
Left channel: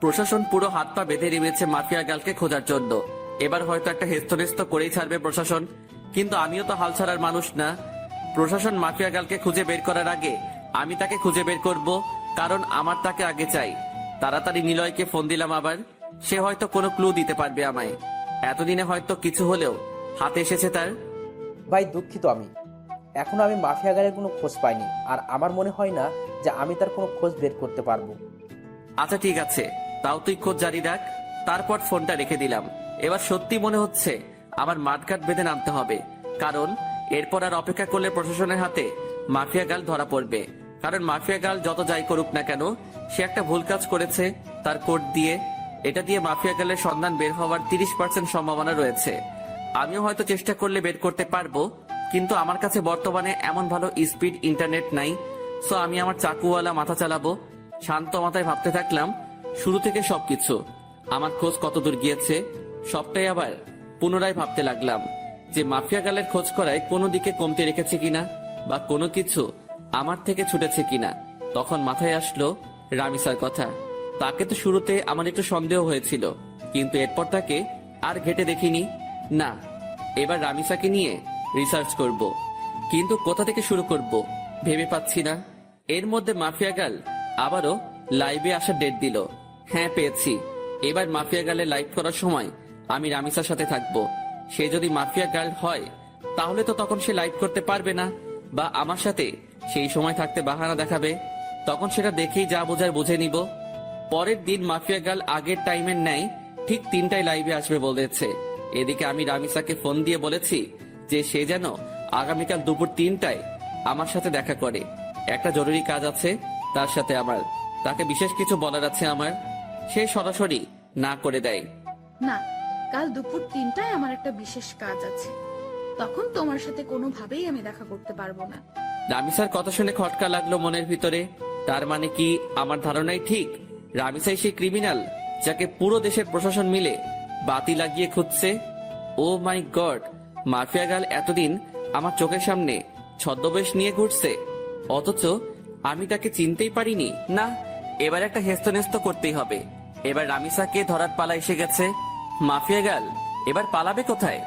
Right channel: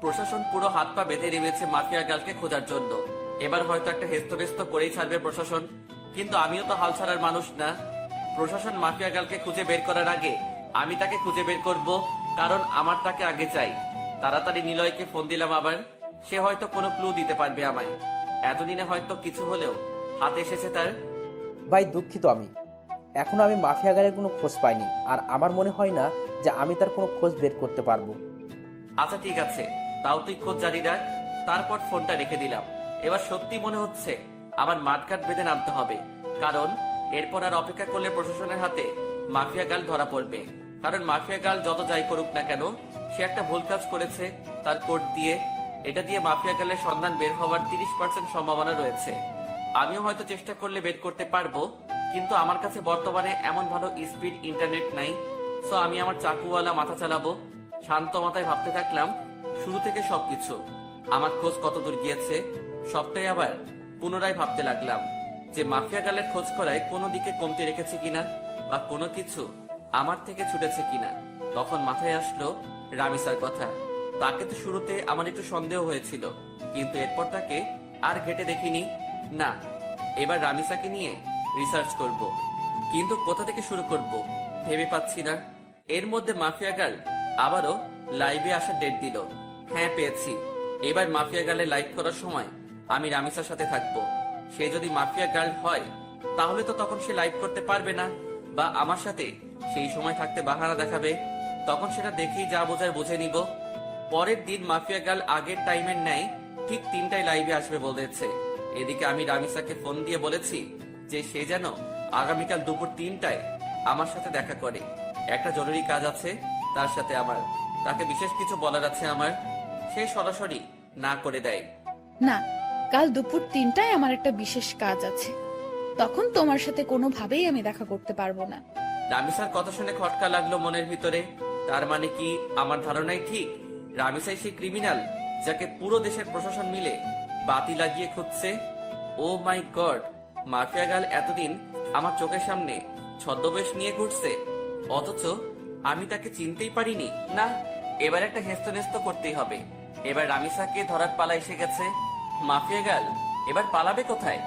প্রশাসন পুরো হাত পা বেঁধে নেমেছে মাফিয়া গার্লকে খোঁজার জন্য। এবার হয়তো একটা হেস্তনেস্ত করেই ছাড়বে প্রশাসন, কিন্তু আমিও তো হাল ছাড়ার মানুষ না। প্রশাসন মাফিয়া গার্লকে খুঁজে বের করার আগে আমি তাকে খুঁজে বের করব, কারণ আমার তাকে আগে চাই। তাড়াতাড়ি নিলয়কে ফোন দিলাম আবার। সে হয়তো কোনো ক্লু দিতে পারবে আমায়। এতদিনে হয়তো কিছু হলেও হাতে এসেছে তার। ভাই দুঃখিত, এখনো আমি মাফিয়া গাড়ির কোনো খোঁজ পাইনি, আর আমার মনে হয় না যে আমি তার কোনো খোঁজ বের করতে পারবো। আচ্ছা ঠিক আছে, তাও তুই খোঁজ জারি রাখ। তারপর ফোনটা রেখে দিলাম। এবার সত্যি মনে হচ্ছে আমার মাঠঘাট বেঁধে নামতে হবে, কারণ এরপর আর অপেক্ষা করলে প্রশাসনের হাতে মাফিয়া গার্ল ধরা পড়বে। কারণ মাফিয়া গার্ল যত যাই করুক না কেন, সে একটা ভুল কাজ করেছে তার কোড দিয়ে। এটা দিয়ে মাফিয়া গার্লের সন্ধান বের হওয়ার 30% সম্ভাবনা রয়েছে। আমিও হয়তো চেষ্টা করলে বের করতে পারবো, কিন্তু আমার কাছে বর্তমানে এমন ভালো স্পিড ইন্টারনেট নাই। সো আমি আমার চাকুওয়ালা মাথা চালাবো। শান্ত মাথায় ভাবতে থাকলাম শুরু থেকে সবকিছু। আমার খোঁজ কতদূর গিয়েছে সবটাই আবার পুনরায় ভাবতে লাগলাম যে মাফিয়া গার্লের খোঁজ করায় কোনো দিকে কমতে রেখেছে কিনা, বা কোনো কিছু আমার থেকে ছুটেছে কিনা। তখন মাথায় আসলো রামিসার কথা। তাকে তো শুরুতে আমার একটু সন্দেহ হয়েছিল, কিন্তু এরপর তাকে আর ঘেটে দেখিনি। না, এবার রামিসাকে নিয়ে রিসার্চ করব, কিন্তু কোথা থেকে শুরু করব ভেবে পাচ্ছি না। এর মধ্যে মাফিয়া গার্ল আবারও লাইভে আসার ডেট দিল। হ্যাঁ, পেয়েছি। এবার মাফিয়া গার্লের লাইভ করার সময় আমি রামিসার সাথে থাকবো। সে যদি মাফিয়া গার্ল হয় তাহলে তো তখন সে লাইভ করতে পারবে না, বা আমার সাথে সেই সময় থাকতে বাহানা দেখাবে। তখন সেটা দেখেই যা বোঝার বুঝে নিব। পরের দিন মাফিয়া গার্ল আগের টাইমের ন্যায় ঠিক 3টায় লাইভে আসবে বলেছে। এদিকে আমি রামিসাকে ফোন দিয়ে বলেছি যে সে যেন আগামীকাল দুপুর 3টায় আমার সাথে দেখা করে। একটা জরুরি কাজ আছে তার সাথে আমার, তাকে বিশেষ কিছু বলার আছে আমার। সে সরাসরি না করে দেয়। না, কাল দুপুর 3টায় আমার একটা বিশেষ কাজ আছে, তখন তোমার সাথে কোনোভাবেই আমি দেখা করতে পারবো না। রামিসার কথা শুনে খটকা লাগলো মনের ভিতরে। তার মানে কি আমার ধারণাই ঠিক? রামিসাই সেই ক্রিমিনাল যাকে পুরো দেশের প্রশাসন মিলে বাতি লাগিয়ে খুঁজছে। ও মাই গড, মাফিয়া গার্ল এতদিন আমার চোখের সামনে ছদ্মবেশ নিয়ে ঘুরছে, অথচ আমি তাকে চিনতেই পারিনি। না, এবার একটা হেস্তনেস্ত করতেই হবে। এবার রামিসাকে ধরার পালা এসে গেছে। মাফিয়া গার্ল এবার পালাবে কোথায়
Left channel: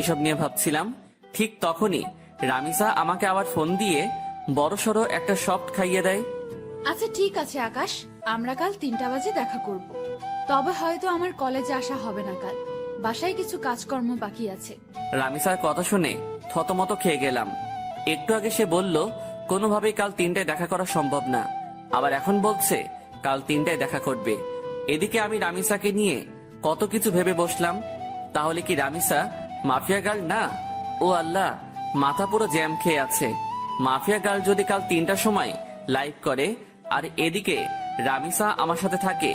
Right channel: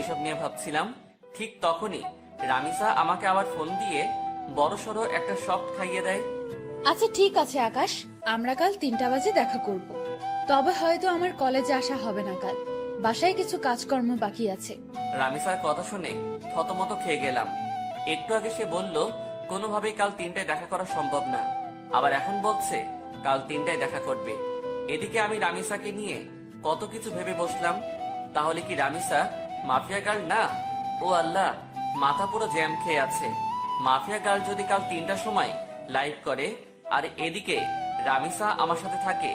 এসব নিয়ে ভাবছিলাম। ঠিক তখনই রামিসা আমাকে আবার ফোন দিয়ে বড়সড় একটা শক খাইয়ে দেয়। আচ্ছা ঠিক আছে আকাশ, আমরা কাল 3টা বাজে দেখা করব। তবে হয়তো আমার কলেজে আসা হবে না কাল, বাসায় কিছু কাজকর্ম বাকি আছে। রামিসার কথা শুনে থতমত খেয়ে গেলাম। একটু আগে সে বলল কোনোভাবেই কাল 3টায় দেখা করা সম্ভব না, আবার এখন বলছে কাল 3টায় দেখা করবে। এদিকে আমি রামিসাকে নিয়ে কত কিছু ভেবে বসলাম। তাহলে কি রামিসা মাফিয়া গার্ল না? ও আল্লাহ, মাথা পুরো জ্যাম খেয়ে আছে। মাফিয়া গার্ল যদি কাল 3টার সময় লাইভ করে আর এদিকে রামিসা আমার সাথে থাকে,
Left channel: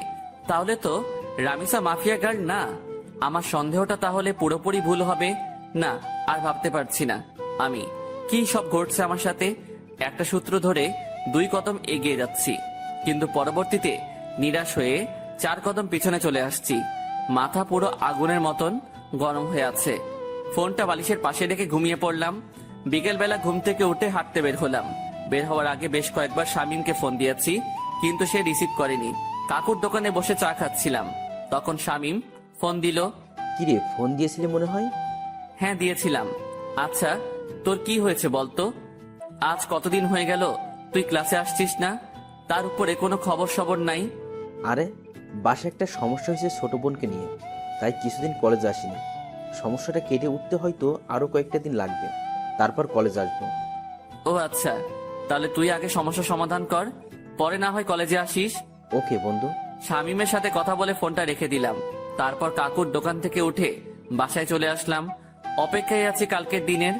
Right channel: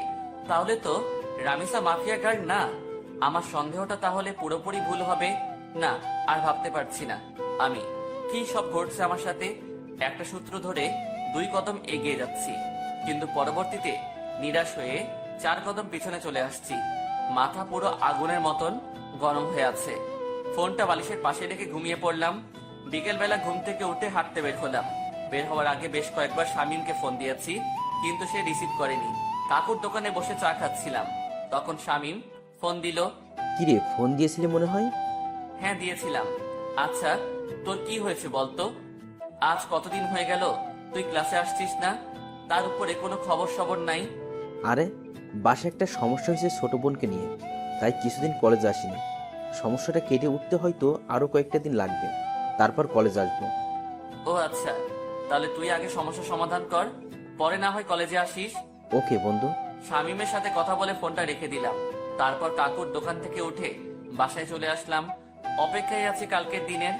তাহলে তো রামিসা মাফিয়া গার্ল না। আমার সন্দেহটা তাহলে পুরোপুরি ভুল হবে না। আর ভাবতে পারছি না আমি কি সব ঘটছে আমার সাথে। একটা সূত্র ধরে 2 কদম এগিয়ে যাচ্ছি, কিন্তু পরবর্তীতে নিরাশ হয়ে 4 কদম পিছনে চলে আসছি। মাথা পুরো আগুনের মতন গরম হয়ে আছে। ফোনটা বালিশের পাশে রেখে ঘুমিয়ে পড়লাম। বিকেলবেলা ঘুম থেকে উঠে হাঁটতে বের হলাম। বের হওয়ার আগে বেশ কয়েকবার শামীমকে ফোন দিয়েছি, কিন্তু সে রিসিভ করেনি। কাকুর দোকানে বসে চা খাচ্ছিলাম, তখন শামীম ফোন দিল। কিরে, ফোন দিয়েছিলি মনে হয়? হ্যাঁ দিয়েছিলাম। আচ্ছা তোর কি হয়েছে বলতো? আজ কতদিন হয়ে গেল তুই ক্লাসে আসছিস না, তার উপরে কোনো খবর সবর নাই। আরে বাসায় একটা সমস্যা হয়েছে ছোট বোনকে নিয়ে, তাই কিছুদিন কলেজ আসিনি। সমস্যাটা কেটে উঠতে হয়তো আরো কয়েকটা দিন লাগবে, তারপর কলেজ আসবো। ও আচ্ছা, তাহলে তুই আগে সমস্যা সমাধান কর, পরে না হয় কলেজে আসিস। ওকে বন্ধু। শামীমের সাথে কথা বলে ফোনটা রেখে দিলাম। তারপর কাকুর দোকান থেকে উঠে বাসায় চলে আসলাম। অপেক্ষায় আছি কালকের দিনের।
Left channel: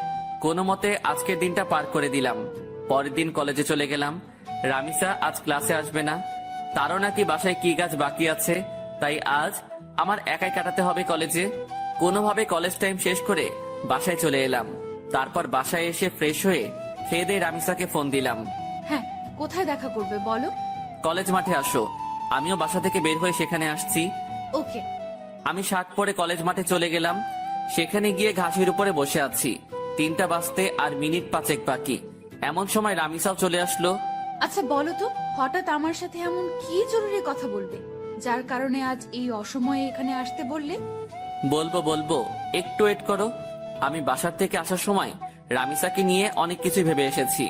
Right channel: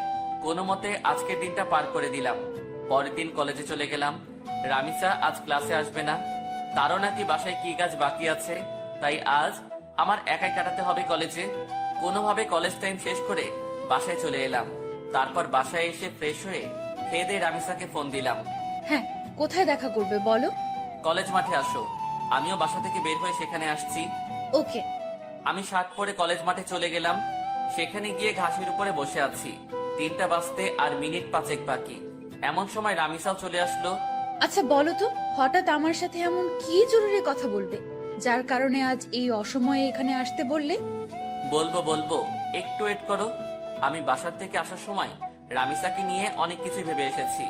কোনো মতে আজকের দিনটা পার করে দিলাম। পরের দিন কলেজে চলে গেলাম। রামিসা আজ ক্লাসে আসবে না, তারও নাকি বাসায় কি কাজ বাকি আছে, তাই আজ আমার একাই কাটাতে হবে কলেজে। কোনোভাবে কলেজ টাইম শেষ করে বাসায় চলে এলাম। তারপর বাসায় এসে ফ্রেশ হয়ে খেয়ে দিয়ে রামিসাকে ফোন দিলাম। হ্যাঁ, কোথায় দেখা করবে বলো? কলেজ মাঠে আসো। আমিও বাসা থেকে বের হয়ে সেখানে আসছি। ওকে। আমি শার্ট পরে কলেজ মাঠে চলে গেলাম। সেখানে গিয়ে ঘাসের উপরে বসে আছি। 3টা বাজতে আর মিনিট 5 বাকি। এমন সময় রামিসাও চলে আসলো। আচ্ছা বলো তো, হঠাৎ আমার সাথে এমন কি জরুরি কথা বলবে, যার কারণে আজ এই অসময়ে এখানে আসতে বললে? বলবো, একটু ওয়েট করো। আমি বাসার থেকে আসার সময় রামিসাকে নিয়ে অনেক কিছু ভেবে এসেছি।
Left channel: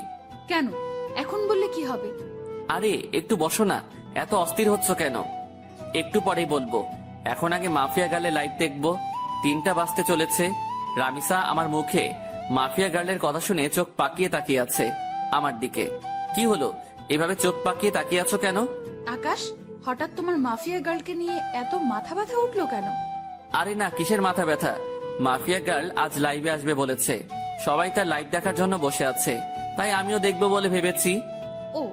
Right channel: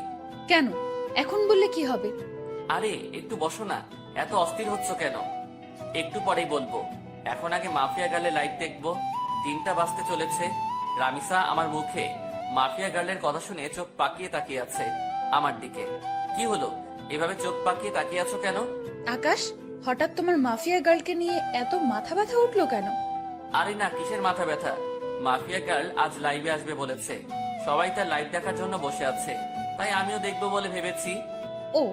কেন এখন বললে কি হবে? আরে একটু বসো না, এত অস্থির হচ্ছ কেন? একটু পরেই বলবো। এখন আগে মাফিয়া গার্লের লাইভ দেখবো। 3টা বাজতে চলেছে। রামিসা আমার মুখে মাফিয়া গার্লের কথা শুনে চোখ পাকিয়ে তাকিয়ে আছে আমার দিকে। কি হলো, এভাবে চোখ পাকিয়ে তাকিয়ে আছো কেন? আকাশ, হঠাৎ তোমার মাফিয়া গার্লকে নিয়ে এত মাথা ব্যথা উঠলো কেন? আরে না, কিসের মাথা ব্যথা? মাফিয়া গার্ল আজ লাইভে আসবে বলেছে। সবাই তার লাইভ দেখার জন্য বসে আছে, তাই আমিও দেখবো বলে ভেবেছি। ও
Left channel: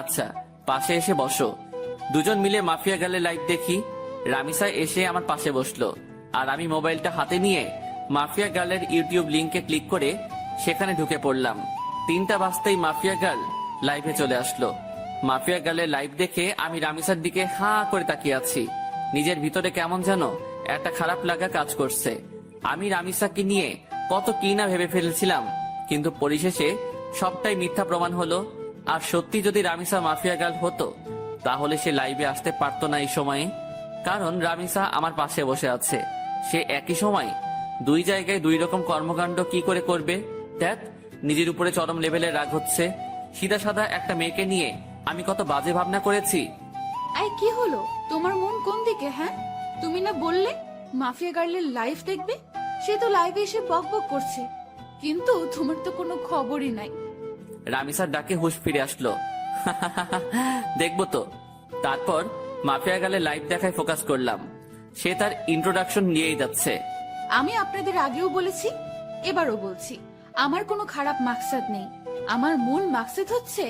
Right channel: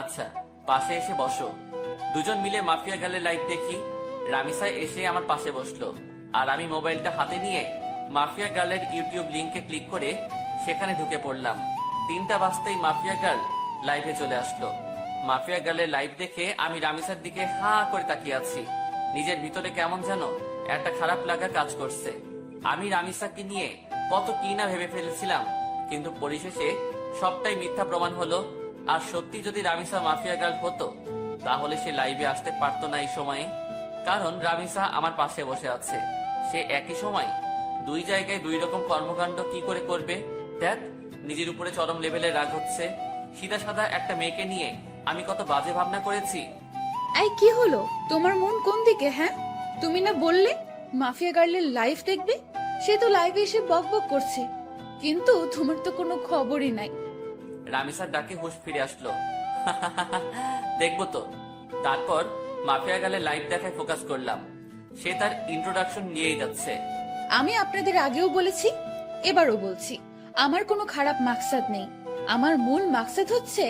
আচ্ছা পাশে এসে বসো, দুজন মিলে মাফিয়া গার্লের লাইভ দেখি। রামিসা এসে আমার পাশে বসলো, আর আমি মোবাইলটা হাতে নিয়ে মাফিয়া গার্লের ইউটিউব লিংকে ক্লিক করে সেখানে ঢুকে পড়লাম। 3টা বাজতেই মাফিয়া গার্ল লাইভে চলে আসলো। মাফিয়া গার্লের লাইভ দেখে আমি রামিসার দিকে হাঁ করে তাকিয়ে আছি। নিজের ভিতরে কেমন যেন একটা খারাপ লাগা কাজ করছে। আমি রামিসাকে নিয়ে কত কি না ভেবে ফেলেছিলাম, কিন্তু পরিশেষে সবটাই মিথ্যা প্রমাণ হলো। আর সত্যি যদি রামিসা মাফিয়া গার্ল হতো, তাহলে সে লাইভে আসতে পারতো না এই সময়ে। কারণ রামিসা আমার পাশে বসে আছে। সে একই সময় 2 জায়গায় 2 রকম কর্মকাণ্ড কি করে করবে? দেখ, নিজের উপরে চরম লেভেলের রাগ হচ্ছে। সিধা সাদা একটা মেয়েকে নিয়ে আমি কত বাজে ভাবনা করেছি। এই কি হলো, তোমার মন কোন দিকে? হ্যাঁ, তুমি না বললে মাফিয়া গার্লের লাইভ দেখবে? সে তো লাইভে এসে বকবক করছে, কিন্তু তোমার তো কোনো খবরই নাই। রামিসার ডাকে হুঁশ ফিরে আসলো। দেখবো তো। তারপর মাফিয়া গার্লের লাইভ দেখায় ফোকাস করলাম। সে তার ইন্ট্রোডাকশন নিয়েই যাচ্ছে। আমি আপনাদের আগেও বলেছি, এবারও বলছি, আমার কোনো খারাপ মাকসাদ নেই। আমার মূল মাকসাদ হচ্ছে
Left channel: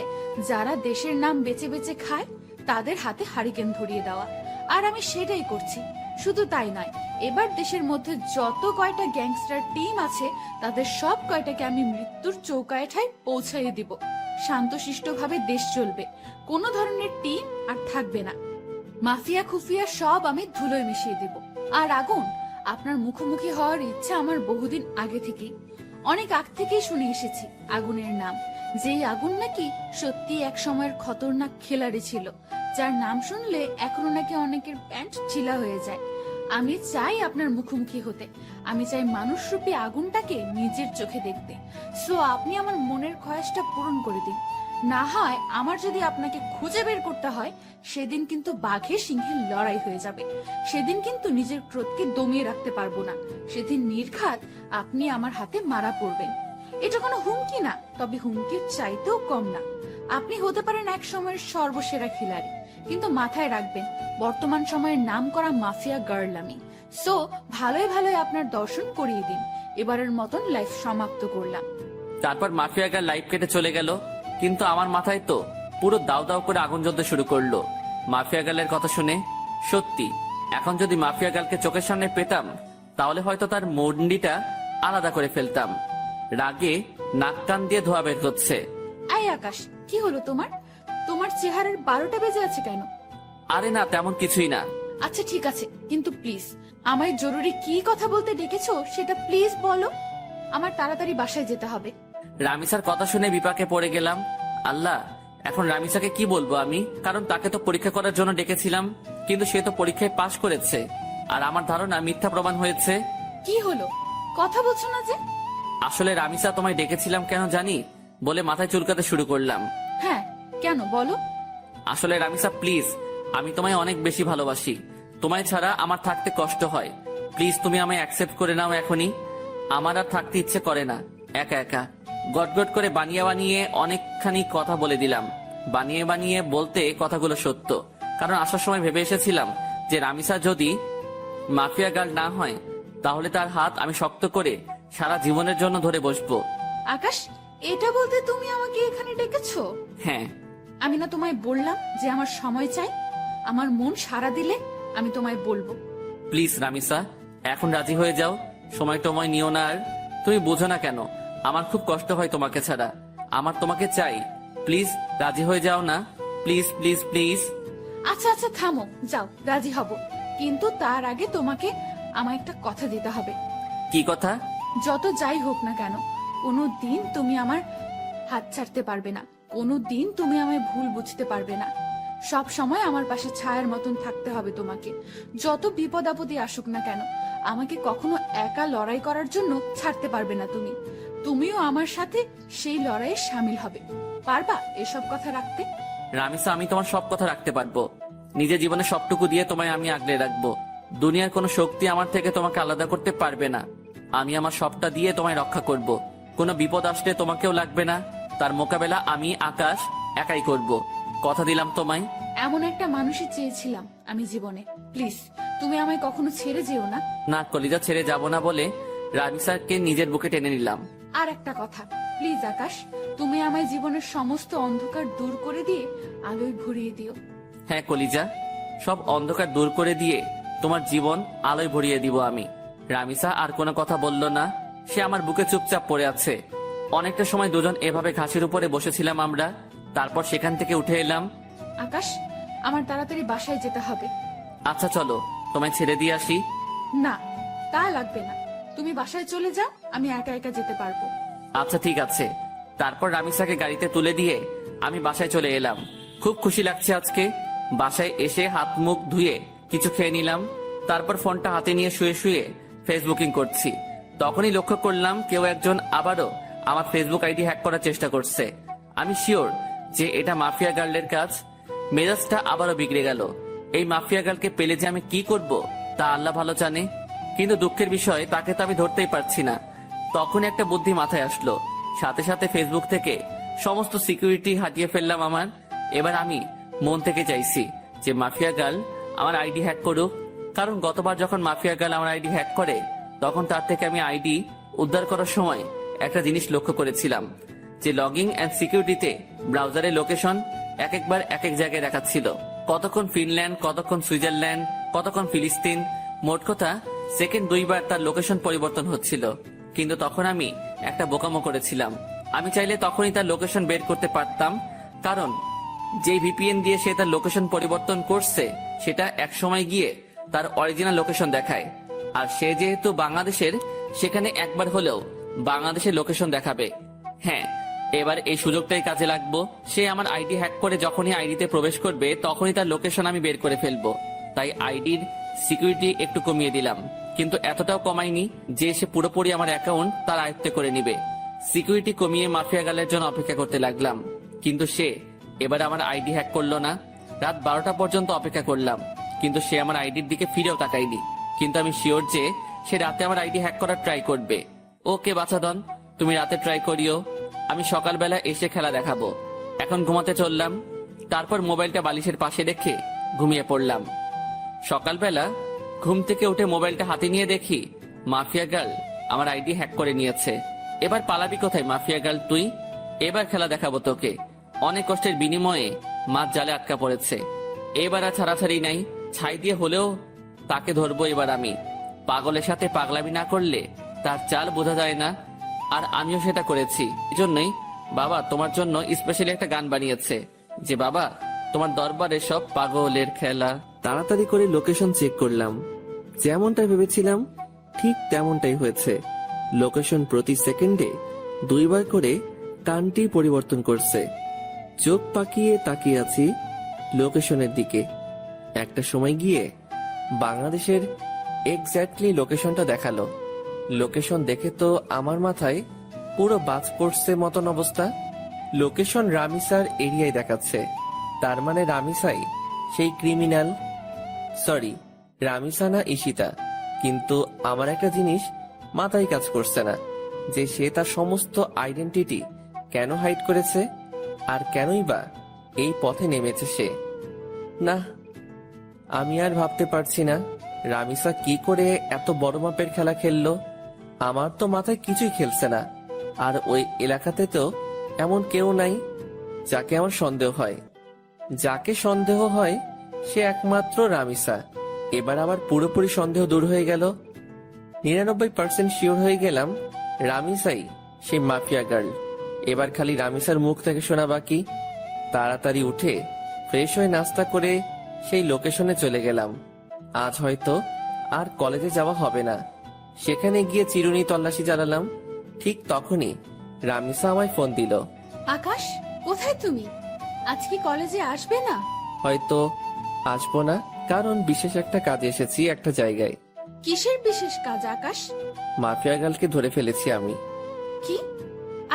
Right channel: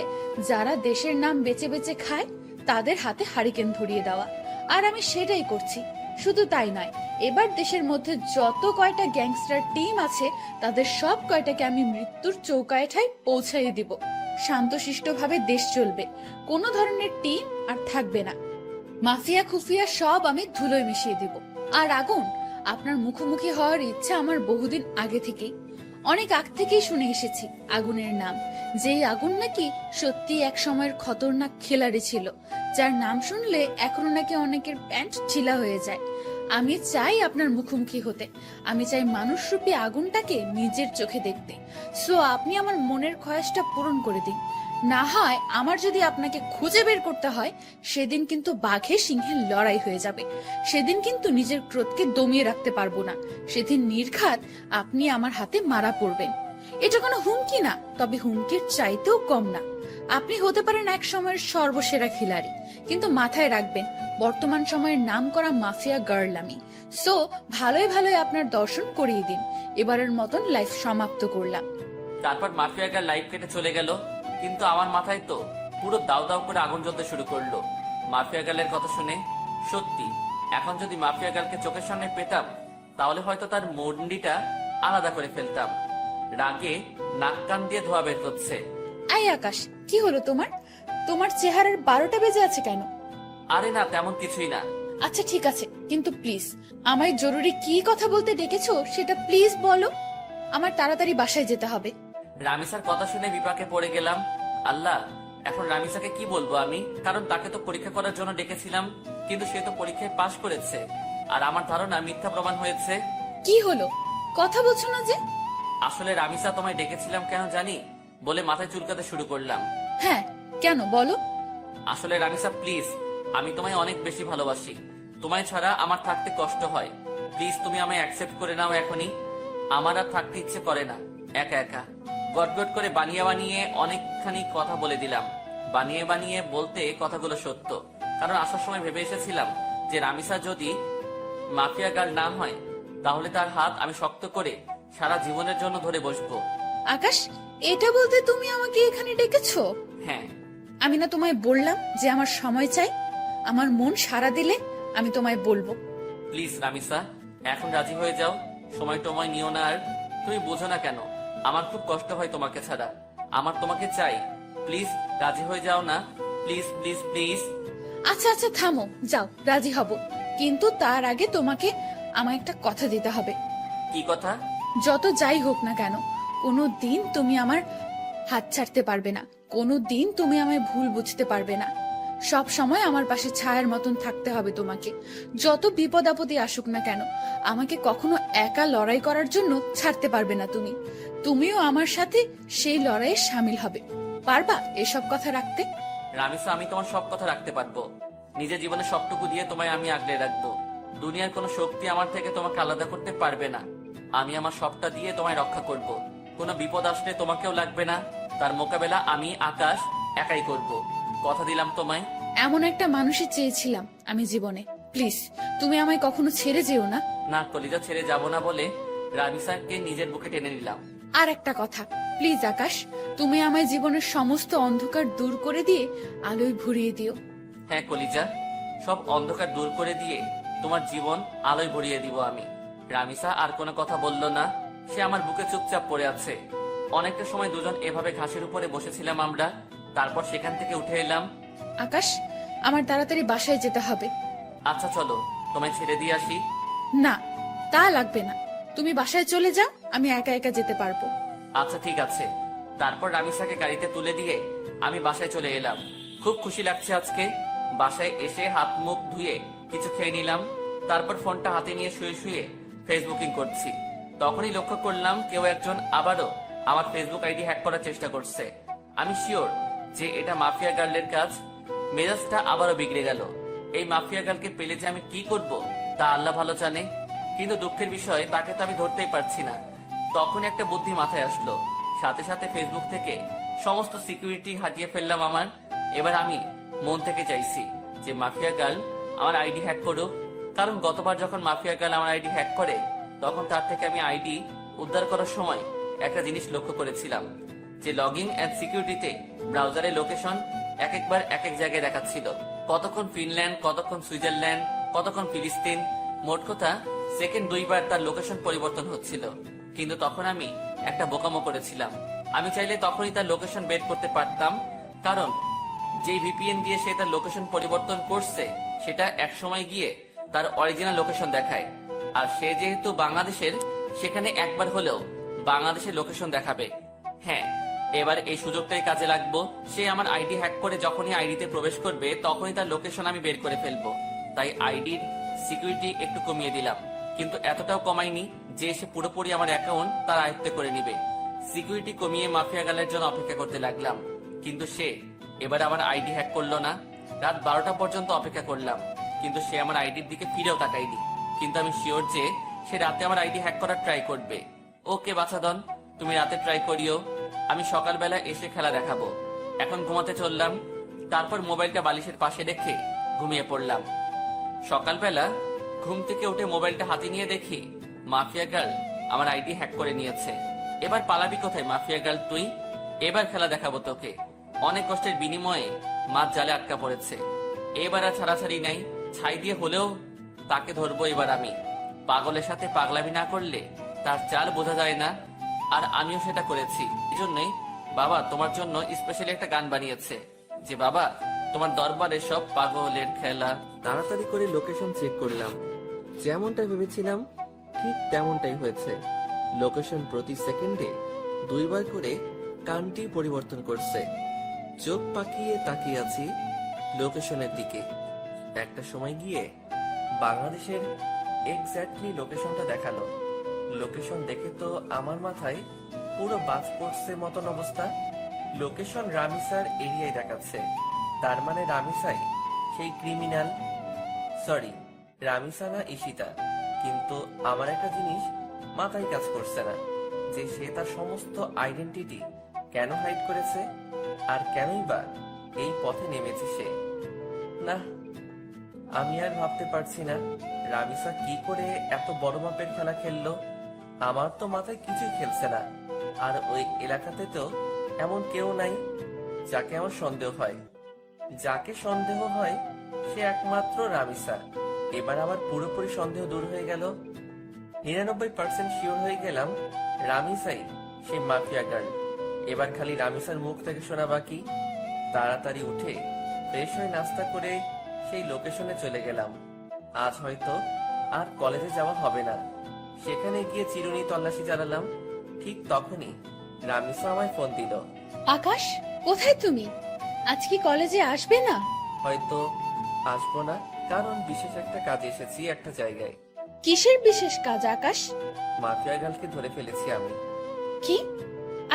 যারা দেশের নাম বেচে বেচে খায় তাদের হাতে হারিকেন ধরিয়ে দেওয়া, আর আমি সেটাই করছি। শুধু তাই নয়, এবার দেশের মধ্যে যত কয়টা গ্যাংস্টার টিম আছে তাদের সব কয়টাকে আমি মৃত্যুর চৌকাঠেয় পৌঁছাইয়ে দিব। শান্তশিষ্টভাবে দেশ চলবে, কোনো ধরনের টিম আর থাকবে না। মাফিয়া খুফিয়া সব আমি ধুলোয় মিশিয়ে দিব। আর আগুন, আপনার মুখোমুখি হওয়ার ইচ্ছা আমার বহুদিন আগে থেকেই, অনেক আগ থেকেই শুনে এসেছি আগুনের নাম। যেই আগুন নাকি সত্যি এক সময়ের খতরনাক খেলাড়ি ছিল, যার নাম শুনলে এখনো নাকি অনেকের প্যান্ট ঢিলা হয়ে যায়। আমি চাই আপনার মুখোমুখি হতে, আমি চাই মানুষরূপী আগুনটাকে নিজের চোখে দেখতে। সো আপনি আমার মনের খয়াসটা পূরণ করে দিন। না হয় আমার যদি আপনাকে খুঁজে বের করতে হয়, সেদিন কিন্তু বাঘে সিংহের লড়াই হয়ে যাবে। সেদিন কিন্তু নিজের ক্রোধকে দমিয়ে রাখতে পারবো না। সেদিন নির্ঘাত আপনি আমার হাতে মারা পড়বেন। এটা কোনো হুমকি না, তবে হুমকির চাইতেও কম না। আপনি হতে পারেন এক সময়ের সর্বসেরা খিলাড়ি, কিন্তু মাথায় রাখবেন বর্তমান সময়ের নামকরা মাফিয়া গার্ল আমি। সো ভালোই ভালোই আপনার দর্শন করিয়ে দিন। এবারের মতন লাইফ সমাপ্ত করলাম। তারপর মাফিয়া গার্ল লাইফ কেটে চলে গেল, কিন্তু আমার মাথায় তো পুরো দাউ দাউ করে আগুন জ্বলতে শুরু করলো মাফিয়া গার্লের কথা শুনে। সত্যি, এখন যদি মাফিয়া গার্লকে চোখের সামনে পেতাম, তাহলে হয়তো তার মন্ডিটা আলাদা করে ফেলতাম। রাগে নাক কান দিয়ে ধোয়া বের হচ্ছে। আই আকাশ, কি হলো তোমার? তোমার চেহারার 12টা বেজে আছে কেন? আরে না, তেমন কিছুই না। আচ্ছা ঠিক আছে, কিন্তু প্লিজ আমায় জরুরি কি কথা বলতে ডেকেছো সেটা প্লিজ বলো। আমার তাড়াতাড়ি বাসায় যেতে হবে। রামিসার কথা শুনে বিপাকে পড়ে গেলাম। আল্লাহ, এখন রামিসাকে কি বলবো আমি? কারণ তাকে তো পরীক্ষা করার জন্য ডেকেছিলাম, কিন্তু সে তো পরীক্ষায় পাশ করেছে, আর আমার ধারণা মিথ্যা প্রমাণ হয়েছে। কি হলো, কথা বলছো না যে? আসলে রামিসা, তোমায় ডেকেছিলাম কেন জানি বলে মাথায় চুলকাতে শুরু করলাম। হ্যাঁ, কেন বলো? আসলে রামিসা প্লিজ, আমি তোমায় অনেক বেশি ভালোবাসি। তোমায় ছাড়া আমার থাকতে কষ্ট হয়। প্লিজ তুমি আমায় অ্যাকসেপ্ট করে নাও এখনই। আমার আর থাকতে ইচ্ছে করে না একা একা। গটগট করে বানিয়ে বানিয়ে অনেকখানি কথা বলে দিলাম। বানিয়ে বানিয়ে বলতে কথাগুলো সত্য, কারণ আসার সময় ভেবে এসেছিলাম যে রামিসা যদি মাফিয়া গার্ল না হয়, তাহলে তার হাত আমি শক্ত করে সারা জীবনের জন্য ধরে বসবো। আকাশ, এটা বলতে তুমি আমাকে এখানে ডেকেছো? হ্যাঁ, আমি না তোমায় বললাম যে আমার সময় চাই? আমার মন সাড়া দিলে আমি তোমায় বলবো। প্লিজ রামিসা, এখন রাজি হয়ে যাও। সময় টময় নিও না আর। তুমি বোঝো না কেন আমার খুব কষ্ট হয় তোমাকে ছাড়া। আমার তোমাকে চাই। প্লিজ রাজি হয়ে যাও না। Please please please. আচ্ছা আচ্ছা থামো, যাও, রাজি হব, কিন্তু তার আগে তোমাকে আমায় একটা কথা দিতে হবে। কি কথা? যত যাই হোক না কেন, কোনো দিন তুমি আমার হাত ছাড়তে পারবে না। কোনো দিন তুমি আমায় ভুল বুঝতে পারবে না। সব সময় আমার পাশে ছায়ার মতন থাকতে হবে তোমাকে। যত বিপদ আপদে আসুক না কেন, আমাকে কখনো একা লড়াই করার জন্য ছাড়তে পারবে না তুমি। তুমিও আমার সাথে সেই লড়াইয়ে সামিল হবে। পারবা এসব কথা রাখতে? রামিসা, আমি তোমার সব কথা রাখতে পারবো। নিজের জীবনে সবটুকু দিয়ে তোমায় আমি আগলে রাখবো। দুনিয়ার কোনো শক্তি আমার থেকে তোমাকে আলাদা করতে পারবে না। আমি আমার সবটা দিয়ে তোমায় রক্ষা করব। কোনো বিপদ আসলে তোমাকেও লাগবে না। তার মোকাবেলা আমি আকাশ একাই করব। কথা দিলাম তোমায়। এমন একটা মানুষই চেয়েছিলাম আমি জীবনে। প্লিজ তুমি আমায় কখনো ছেড়ে যেও না। না, কলিজা ছেড়ে যাব না বলে রামিসাকে নিজের বুকে টেনে নিলাম। আর একটা কথা, প্লিজ আকাশ, তুমি আমায় জীবনের সমস্ত অন্ধকার দূর করে দিয়ে আলোয় ভরিয়ে দিও। হ্যাঁ কলিজা, সব অন্ধকার দূর করে দিয়ে তোমার জীবন আলোয় ভরিয়ে দিব আমি। রামিসা আর কোনো কথা বলল না। সে আমার বুকে চুপচাপ পড়ে আছে। অনেকটা সময় দুজন এভাবে ঘাসের উপরে বসেছিলাম আমরা। তারপর সেখান থেকে উঠে এলাম। আকাশ, আমার তাড়াতাড়ি বাসায় যেতে হবে। আচ্ছা চলো, তোমায় ছেড়ে দিয়ে আসি। না, তা লাগবে না, তুমি বাসায় চলে যাও, আমি একা একা যেতে পারবো। আচ্ছা ঠিক আছে। তারপর রামিসাকে গাড়িতে তুলে দিয়ে আমি বাসায় চলে এলাম। খুব খুশি লাগছে আজকে। বাসায় এসে হাত মুখ ধুয়ে কিছু খেয়ে নিলাম। তারপর ফোনটা হাতে নিয়ে শুয়ে শুয়ে ফেসবুকিং করছি। তখনই লক্ষ্য করলাম কেউ একজন আবারও আমার ফেসবুক আইডি হ্যাক করার চেষ্টা করছে। আমি শিওর যে এটা মাফিয়া গার্লের কাজ। মেজাজটা আবারও বিগড়ে গেল। এই মাফিয়া গার্লকে পেলে যে আমি কি করব তা আল্লাহ ভালো জানে। কিন্তু দুঃখের বিষয়, তাকে তো আমি ধরতেই পারছি না। তখন একটা বুদ্ধি মাথায় আসলো। সাথে সাথে ফেসবুক থেকে সমস্ত সিকিউরিটি হাটিয়ে ফেললাম আমার। এবার আমি মন থেকে চাইছি যে মাফিয়া গার্ল আমার আইডি হ্যাক করুক। কারণ গতবার যখন মাফিয়া গার্ল আমার আইডি হ্যাক করে, তখন তার থেকে আমি আইডি উদ্ধার করার সময় একটা জিনিস লক্ষ্য করেছিলাম, যে লগিং এন্ড সিকিউরিটিতে ব্রাউজারের লোকেশন এক একবার এক এক জায়গায় দেখাচ্ছিল। কতক্ষণ ফিনল্যান্ড, কতক্ষণ সুইজারল্যান্ড, কতক্ষণ ফিলিস্তিন। মোট কথা সেকেন্ড 2 বার তার লোকেশন পরিবর্তন হচ্ছিল। কিন্তু তখন আমি একটা বোকামো করেছিলাম। আমি চাইলে তখনই তার লোকেশন বের করতে পারতাম, কারণ যে ভিপিএন দিয়ে সে তার লোকেশন পরিবর্তন করছে সেটা এক সময় গিয়ে তার অরিজিনাল লোকেশন দেখায়। আর সে যেহেতু বাংলাদেশের, সেখানে একবার হলেও বাংলাদেশের লোকেশন দেখাবে। হ্যাঁ, এবার এই সুযোগটাই কাজে লাগবো। সে আমার আইডি হ্যাক করে যখনই আইডিতে প্রবেশ করবে, তখনই তার লোকেশন আমি বের করে ফেলবো। তাই আইডির সিকিউরিটি একটু কমিয়ে দিলাম, কিন্তু এতটাও কমাইনি যে সে পুরোপুরি আমার অ্যাকাউন্ট তার আয়ত্তে করে নিবে। সিকিউরিটি কমিয়ে মাফিয়া গালের জন্য অপেক্ষা করতে লাগলাম, কিন্তু সে এবার আমার আইডি হ্যাক করলো না। রাত 12টা পর্যন্ত অপেক্ষা করলাম, কিন্তু সে আমার আইডির দিকে ফিরেও তাকায়নি। কিন্তু আমি শিওর যে সে রাতে আমার আইডি হ্যাক করার ট্রাই করবে। ওকে বাছাধন, তুমি রাতে ট্রাই করিও, আমি সকালবেলা এসে খেলা দেখাবো। এখন ঘুমাতে চললাম, তারপর মোবাইলটা বালিশের পাশে রেখে ঘুমিয়ে পড়লাম। সকালবেলা ঘুম থেকে উঠে মোবাইলটা হাতে নিয়ে দেখি মাফিয়া গার্ল আমার আইডি হ্যাক করে নিয়েছে। এবার পালাবি কোথায় মাফিয়া গার্ল তুই? এবার খেলা দেখাবো তোকে। অনেক কষ্টের বিনিময়ে মাছ জালে আটকা পড়েছে, এবার আর ছাড়াছাড়ি নাই। ছাই দিয়ে হলেও তাকে ধরবো এবার আমি। পাগলের সাথে পাগলামি না করলে তার চাল বোঝা যায় না, আর আমিও সেটা করেছি। এজন্যই বাবা তোমার জন্য স্পেশালি একটা গান বানিয়েছে যে বাবা তোমার দরবারে সব পাগলের খেলা। তাড়াতাড়ি করে লোকেশন চেক করলাম, যেমনটা ভেবেছিলাম ঠিক তেমনটাই হয়েছে। লোকেশন প্রতি সেকেন্ডে 2 বার করে টানটি পরিবর্তন করছে। চোখ পাকিয়ে তাকিয়ে আছি লোকেশনের দিকে। একটা সময় গিয়ে বাংলাদেশের এক্স্যাক্টলি লোকেশনটা দেখালো। লোকেশন দেখে তো আমার মাথায় পুরো বাজ পড়ছে মতন অবস্থা। লোকেশন রামিসার এরিয়ায় দেখাচ্ছে, তার মানে রামিসাই সেই ক্রিমিনাল। সরি, রামিসা না ঈশিতা। কিন্তু আমার একটা জিনিস মাথায় কাজ করছে না, যে সে তার সমস্ত আইডেন্টিটি কেন হাইড করেছে, আর কেনই বা এই পথে নেমেছে সে। না, আমি আর ভাবতে পারছি না রামিসা কি করে এত বড় মাপের খেলা খেললো। আমার তো মাথায় কিছুই খেলছে না। আর ওই এলাকাতে তো এমন কেউ নাই যাকে আমার সন্দেহ হয়। যাকে সন্দেহ হয় সে একমাত্র রামিসা। এবার আবার পুরোপুরি সন্দেহ দূর হয়ে গেল। 99% শিওর হয়ে গেলাম রামিসাই সেই মাফিয়া গার্ল। এবার খালি রামিসার মুখ থেকে শোনা বাকি। তাড়াতাড়ি উঠে ফ্রেশ হয়ে নাস্তা করে সেই লোকেশনে চলে গেলাম। আজ হয়তো আর কলেজে যাওয়া হবে না। সেখানে গিয়ে চিরুনি তল্লাশি চালালাম। ঠিক তখনই রামিসা আমায় ফোন দিল। আকাশ, কোথায় তুমি? আজ কি কলেজে আসবে না? হয়তো আসবো না, কারণ বিশেষ একটা কাজে এসেছি একটা জায়গায়। কিসের বিশেষ কাজ আকাশ? মাফিয়া গার্লকে ধরে ফেলেছি আমি। কি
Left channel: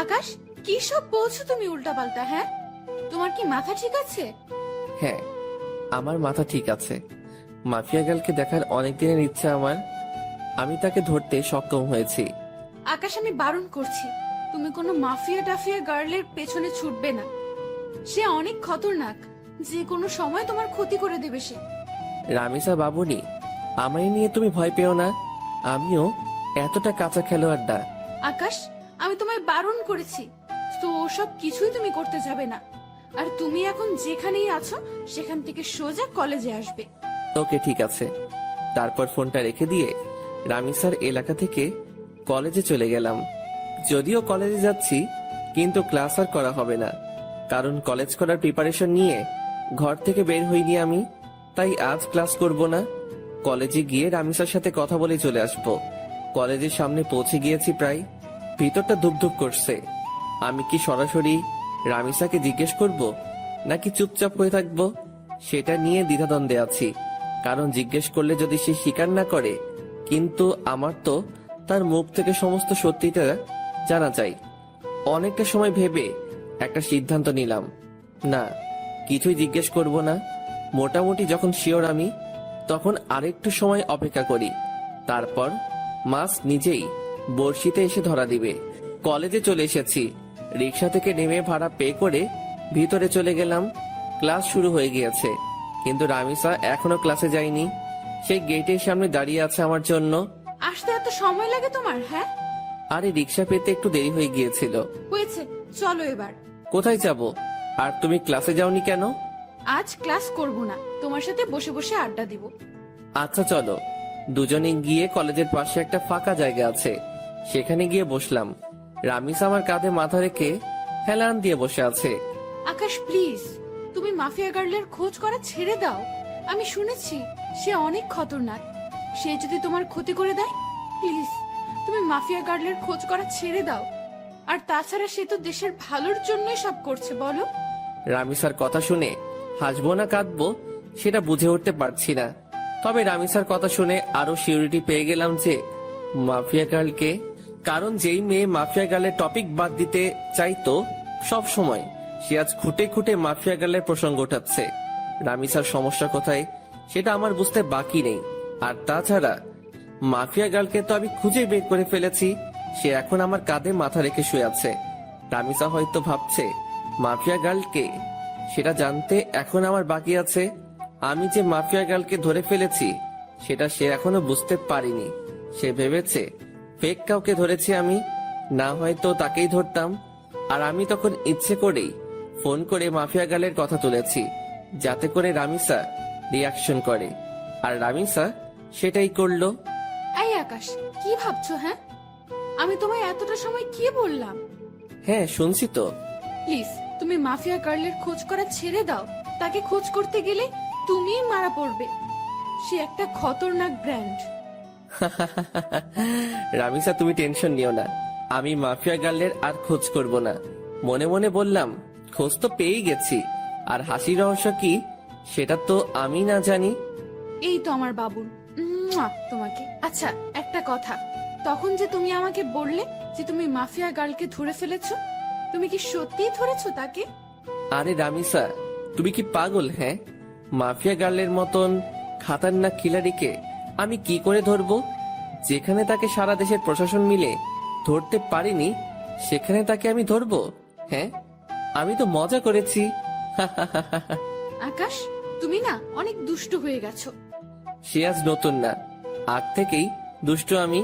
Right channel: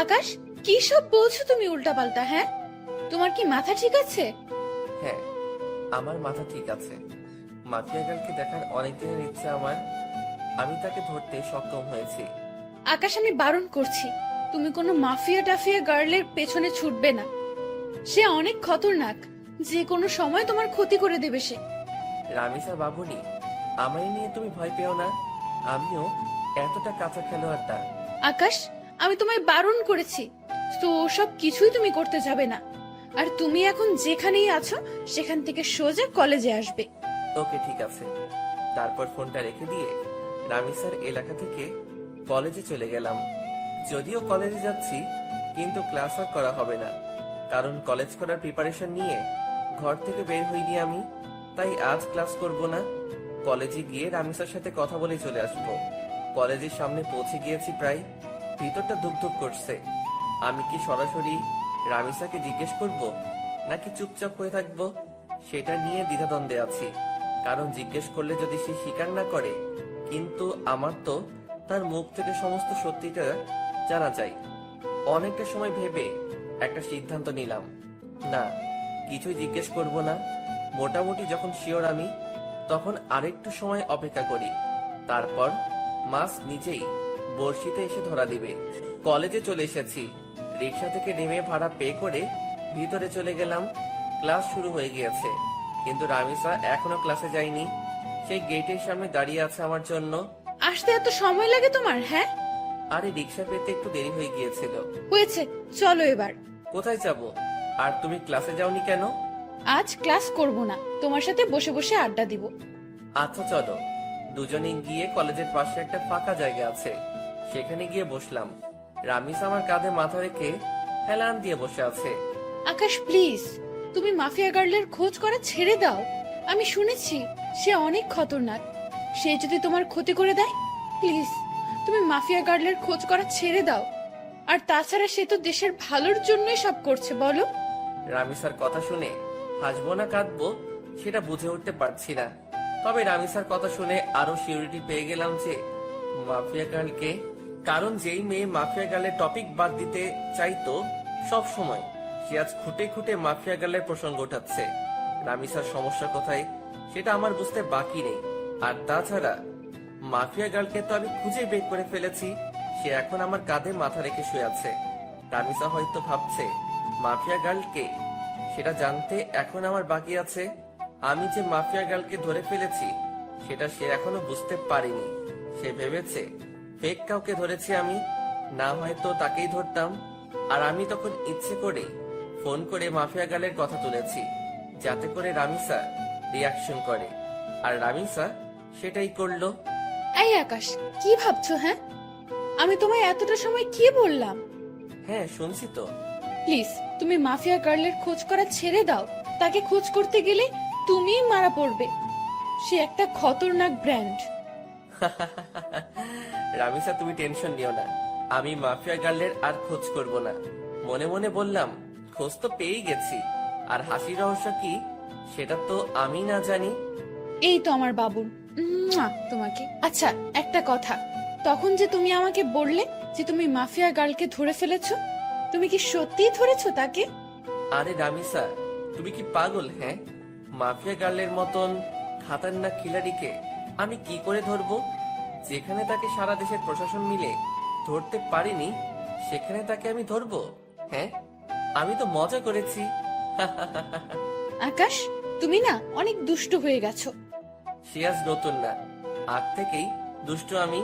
আকাশ, কি সব বলছো তুমি উল্টাপাল্টা? হ্যাঁ, তোমার কি মাথা ঠিক আছে? হ্যাঁ, আমার মাথা ঠিক আছে। মাফিয়া গার্লকে দেখার অনেক দিনের ইচ্ছা আমার। আমি তাকে ধরতে সক্ষম হয়েছি। আকাশ, আমি বারণ করছি, তুমি কোনো মাফিয়া টাফিয়া গার্লের পেছনে ছুটবে না। সে অনেক খতরনাক, যে কোনো সময় তোমার ক্ষতি করে দেবে সে। রামিসা বাবুনি, আমায় নিয়ে তুমি ভয় পেও না। আমিও এতটা কাঁচা খেলোয়াড় না। আকাশ, আমি তোমায় বারণ করেছি, তো সব কিছুই তুমি করতে যাবে না। আর তুমি এখন যেখানেই আছো সেখান থেকে সোজা কলেজে আসবে। ওকে, ঠিক আছে। তারপর ফোনটা রেখে দিয়ে রামিসার এলাকা থেকে কলেজে চলে গেলাম। যদিও কলেজে যাচ্ছি, কিন্তু ক্লাস আর করা হবে না, কারণ কলেজ করার প্রিপারেশন নিয়ে ঘর থেকে বের হইনি আমি। তাই আজ ক্লাস করব না। কলেজে গিয়ে রামিসার সাথে কথা বলে চলে আসব। কলেজের সামনে পৌঁছে গিয়েছি প্রায়। ভিতরটা ধুপধুপ করছে। আমি কি সরাসরি রামিসাকে জিজ্ঞেস করব নাকি চুপচাপ হয়ে থাকবো, সেটা নিয়ে দ্বিধাদ্বন্দ্বে আছি। কারণ জিজ্ঞেস করলে যদি সে স্বীকার না করে, কিন্তু আমার তো তার মুখ থেকে সমস্ত সত্যিটা জানা চাই। অনেকটা সময় ভেবে একটা সিদ্ধান্ত নিলাম, না, কিছুই জিজ্ঞেস করব না। মোটামুটি যখন শিওর আমি, তখন আরেকটু সময় অপেক্ষা করি। তারপর মাস নিজেই বড়শিতে এসে ধরা দিবে। কলেজে চলে এসেছি। রিক্সা থেকে নেমে ভাড়া পে করে ভিতরে চলে গেলাম। ক্লাস শুরু হয়ে গিয়েছে, কিন্তু রামিসা এখনো ক্লাসে যায়নি। সেই গেটের সামনে দাঁড়িয়ে আছে আমার জন্য। আসতে এত সময় লাগে তোমার? হ্যাঁ, আরে রিক্সা পেতে একটু দেরি হয়ে গিয়েছিল। হয়েছে, চলো এবার। কোথায় যাব? আর তুমি ক্লাসে যাওনি কেন? আজ ক্লাস করব না, তোমার সাথে বসে বসে আড্ডা দিব। আচ্ছা চলো, দুজনে গিয়ে কলেজের পাশে একটা ফাঁকা জায়গা আছে, সেখানে গিয়ে বসলাম। রামিস আমার কাঁধে মাথা রেখে হেলান দিয়ে বসে আছে। আকাশ প্লিজ, তুমি মাফিয়া গার্লের খোঁজ করা ছেড়ে দাও। আমি শুনেছি সে অনেক খতরনাক। সে যদি তোমার ক্ষতি করে দেয়, প্লিজ তুমি মাফিয়া গার্লের খোঁজ করা ছেড়ে দাও। আর তাছাড়া সে তো দেশের ভালোর জন্যই সব করছে, বলো। রামিসার কথা শুনে হাসবো না কাঁদবো সেটা বুঝে উঠতে পারছি না। তবে রামিসার কথা শুনে আরো সিউরিটি পেয়ে গেলাম যে মাফিয়া গার্লকে, কারণ যেই মেয়ে মাফিয়া গার্লের টপিক বাদ দিতে চাইতো সব সময়, সে আজ খুঁটে খুঁটে মাফিয়া গার্লের প্রসঙ্গ ওঠাচ্ছে। রামিসার সমস্যা কোথায় সেটা আমার বুঝতে বাকি নেই। আর তাছাড়া মাফিয়া গার্লকে তো আমি খুঁজে বের করে ফেলেছি, সে এখন আমার কাঁধে মাথা রেখে শুয়ে আছে। রামিসা হয়তো ভাবছে মাফিয়া গার্লকে, সেটা জানতে এখন আমার বাকি আছে। আমি যে মাফিয়া গার্লকে ধরে ফেলেছি সেটা সে এখনো বুঝতে পারিনি। সে ভেবেছে ফেক কাউকে ধরেছি আমি, না হয়তো তাকেই ধরতাম। আর আমি তখন ইচ্ছে করেই ফোন করে মাফিয়া গার্লের কথা তুলেছি, যাতে করে রামিসা রিয়াকশন করে। আর রামিসা সেটাই করলো। এই আকাশ, কি ভাবছো? হ্যাঁ, আমি তোমায় এতটা সময় কি বললাম? হ্যাঁ শুনছি তো। প্লিজ তুমি মাফিয়া গার্লের খোঁজ করা ছেড়ে দাও। তাকে খোঁজ করতে গেলে তুমিই মারা পড়বে। সে একটা খতরনাক ব্র্যান্ড। রামিসা তুমি টেনশন নিও না, আমি মাফিয়া গার্লের আর খোঁজ করব না। মনে মনে বললাম খোঁজ তো পেয়েই গেছি, আর হাসির রহস্য কি সেটা তো আমি না জানি। এই তো আমার বাবুল, তোমাকে। আচ্ছা একটা কথা, তখন যে তুমি আমাকে বললে যে তুমি মাফিয়া গার্লকে ধরে ফেলেছো, তুমি কি সত্যিই ধরেছো তাকে? আরে রামিসা তুমি কি পাগল? হ্যাঁ, মাফিয়া গার্লের মতন খাতারনাক খিলাড়িকে আমি কি করে ধরবো? যেখানে তাকে সারা দেশের প্রশাসন মিলে ধরতে পারিনি, সেখানে তাকে আমি ধরবো? হ্যাঁ, আমি তো মজা করেছি। আকাশ, তুমি না অনেক দুষ্টু হয়ে গেছো। সে আজ নতুন না, আজ থেকেই দুষ্টু আমি।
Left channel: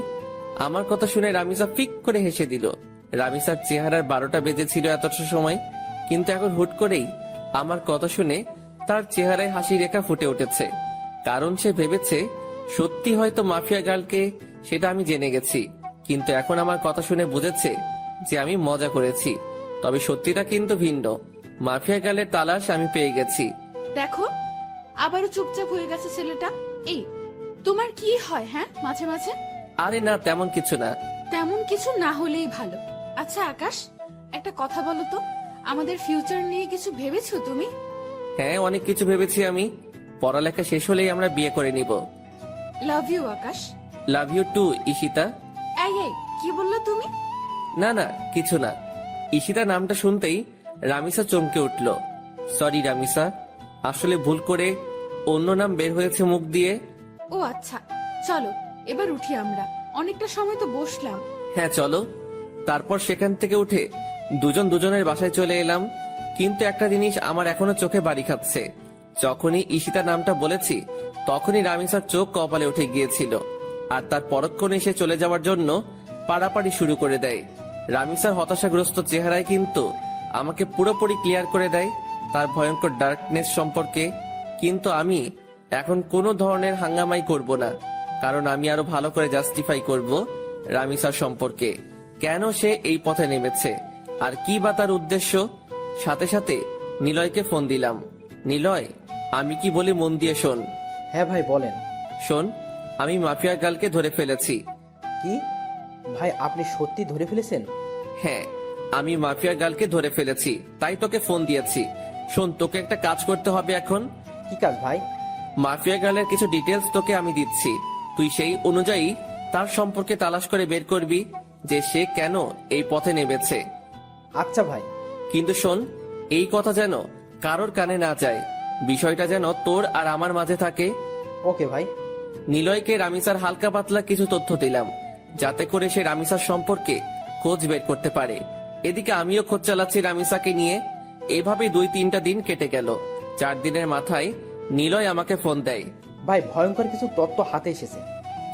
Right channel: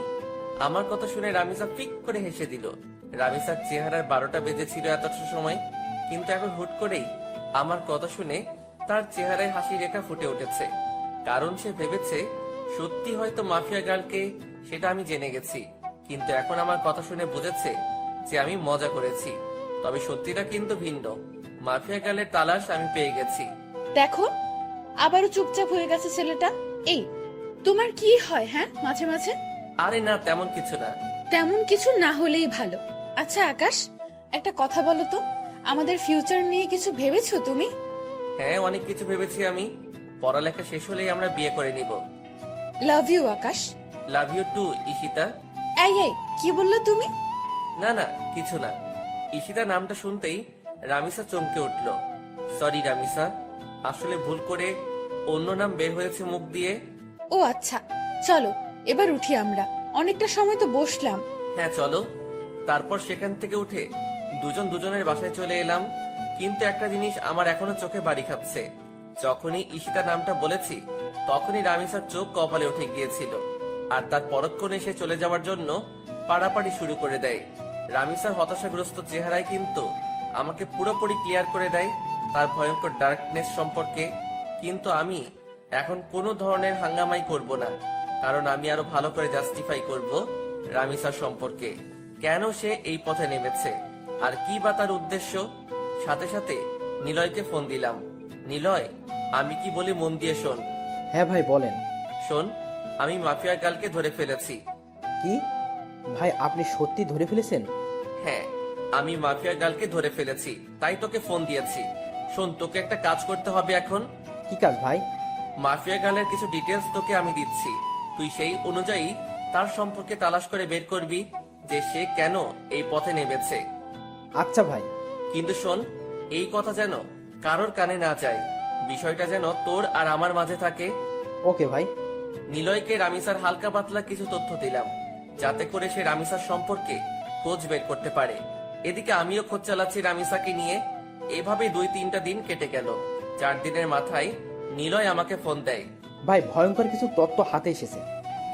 আমার কথা শুনে রামিসা ফিক করে হেসে দিল। রামিসার চেহারার 12টা বেজেছিল এতটা সময়, কিন্তু এখন হুট করেই আমার কথা শুনে তার চেহারায় হাসি রেখা ফুটে উঠেছে। কারণ সে ভেবেছে সত্যি হয়তো মাফিয়া গার্লকে, সেটা আমি জেনে গেছি। কিন্তু এখন আমার কথা শুনে বুঝেছে যে আমি মজা করেছি। তবে সত্যিটা কিন্তু ভিন্ন, মাফিয়া গার্লের তালাশ আমি পেয়ে গেছি। দেখো, আবারও চুপচাপ হয়ে গেছে ছেলেটা। এই, তোমার কি হয় হ্যাঁ মাঝে মাঝে? আরে না, তেমন কিছু না। তেমন কিছু না হলেই ভালো। আচ্ছা আকাশ, একটা কথা বলো তো, আমাদের ফিউচার নিয়ে কিছু ভেবেছো তুমি? হ্যাঁ, অনেক কিছু ভেবেছি আমি। পড়ালেখা শেষ হলেই আমরা বিয়ে করে নিব। Love you Akash. Love you too Ishita. এই কি বললো তুমি? না না, কিছু না। ঈশিতা নামটা শুনতেই রামিসা চমকে উঠল। সরি রামিসা, আসলে ভুল করে অন্য নাম বের হয়েছে মুখ দিয়ে। ও আচ্ছা, চলো এবার উঠি আমরা, অনেকটা সময় তো বসলাম। হ্যাঁ চলো। তারপর সেখান থেকে উঠে দুজন দুজনের বাসায় চলে এলাম। কিন্তু একটা জিনিস আমার এখনো চোখে বাড়ি খাচ্ছে। যখনই ঈশিতা নামটা বলেছি, তখনই রামিসার চোখ কপালে উঠে গিয়েছিল, আর তার পরক্ষণে সে চলে যাওয়ার জন্য পাড়াপাড়ি শুরু করে দেয়। রামিসার হতাশাগ্রস্ত চেহারায় কিন্তু আমাকে পুরোপুরি ক্লিয়ার করে দেয় তার ভয়ঙ্কর ডার্কনেস সম্পর্কে। কিন্তু আমি এখন কোনো ধরনের হাঙ্গামাই করব না, কারণ আমি আরো ভালো করে জাস্টিফাই করব রামিসার সম্পর্কে, কেন সে এই পথে নেমেছে আর কি বা তার উদ্দেশ্য। সাথে সাথে নিলয়কে ফোন দিলাম। নিলয়, আমি কি বলি মন দিয়ে শোন। হ্যাঁ ভাই বলেন। শোন, আমি মাফিয়া গার্লকে ধরে ফেলেছি। কি ভাই, আপনি সত্যি ধরে ফেলেছেন? হ্যাঁ, আমি মাফিয়া গার্লকে ধরে ফেলেছি, তাই তোকে ফোন দিয়েছি। শোন, তোকে একটা কাজ করতে হবে এখন। কি কাজ ভাই? মাফিয়া গার্লের কিছু ডিটেলস তোকে আমি দিচ্ছি, তুই সেই অনুযায়ী তার সম্পর্কে তালাশ করে বের করবি যে সে কেন এই পথে নেমেছে। আচ্ছা ভাই। কিন্তু শোন, এই কথা যেন কারোর কানে না যায়, বিষয়টা যেন তোর আর আমার মাঝে থাকে। ওকে ভাই। নিলয়কে রামিসার হালকা পাতলা কিছু তথ্য দিলাম, যাতে করে সে রামিসার সম্পর্কে খোঁজ বের করতে পারে। এদিকে আমিও খোঁজ চালাচ্ছি রামিসাকে নিয়ে। এভাবে 2-3টা দিন কেটে গেল। 4 দিনের মাথায় নিলয় আমাকে ফোন দেয়। ভাই ভয়ঙ্কর কিছু তথ্য হাতে এসেছে।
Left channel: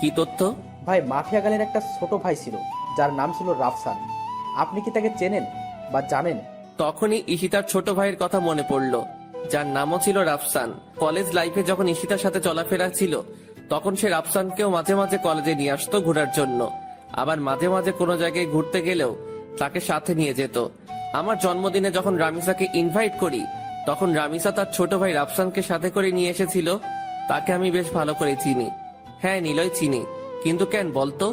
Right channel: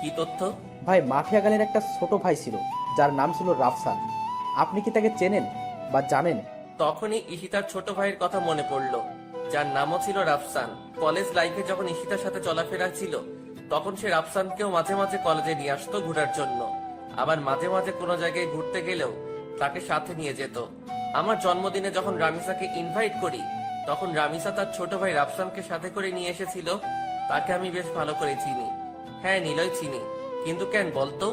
কি তথ্য? ভাই মাফিয়া গালের একটা ছোট ভাই ছিল, যার নাম ছিল রাফসান। আপনি কি তাকে চেনেন বা জানেন? তখনই ঈশিতার ছোট ভাইয়ের কথা মনে পড়লো, যার নামও ছিল রাফসান। কলেজ লাইফে যখন ঈশিতার সাথে চলাফেরা ছিল, তখন সে রাফসানকেও মাঝে মাঝে কলেজে নিয়ে আসতো ঘোরার জন্য। আবার মাঝে মাঝে কোনো জায়গায় ঘুরতে গেলেও তাকে সাথে নিয়ে যেত। আমার জন্মদিনে যখন রামিসাকে ইনভাইট করি, তখন রামিসা তার ছোট ভাই রাফসানকে সাথে করে নিয়ে এসেছিল। তাকে আমি বেশ ভালো করে চিনি। হ্যাঁ নিলয়, চিনি। কিন্তু কেন বলতো?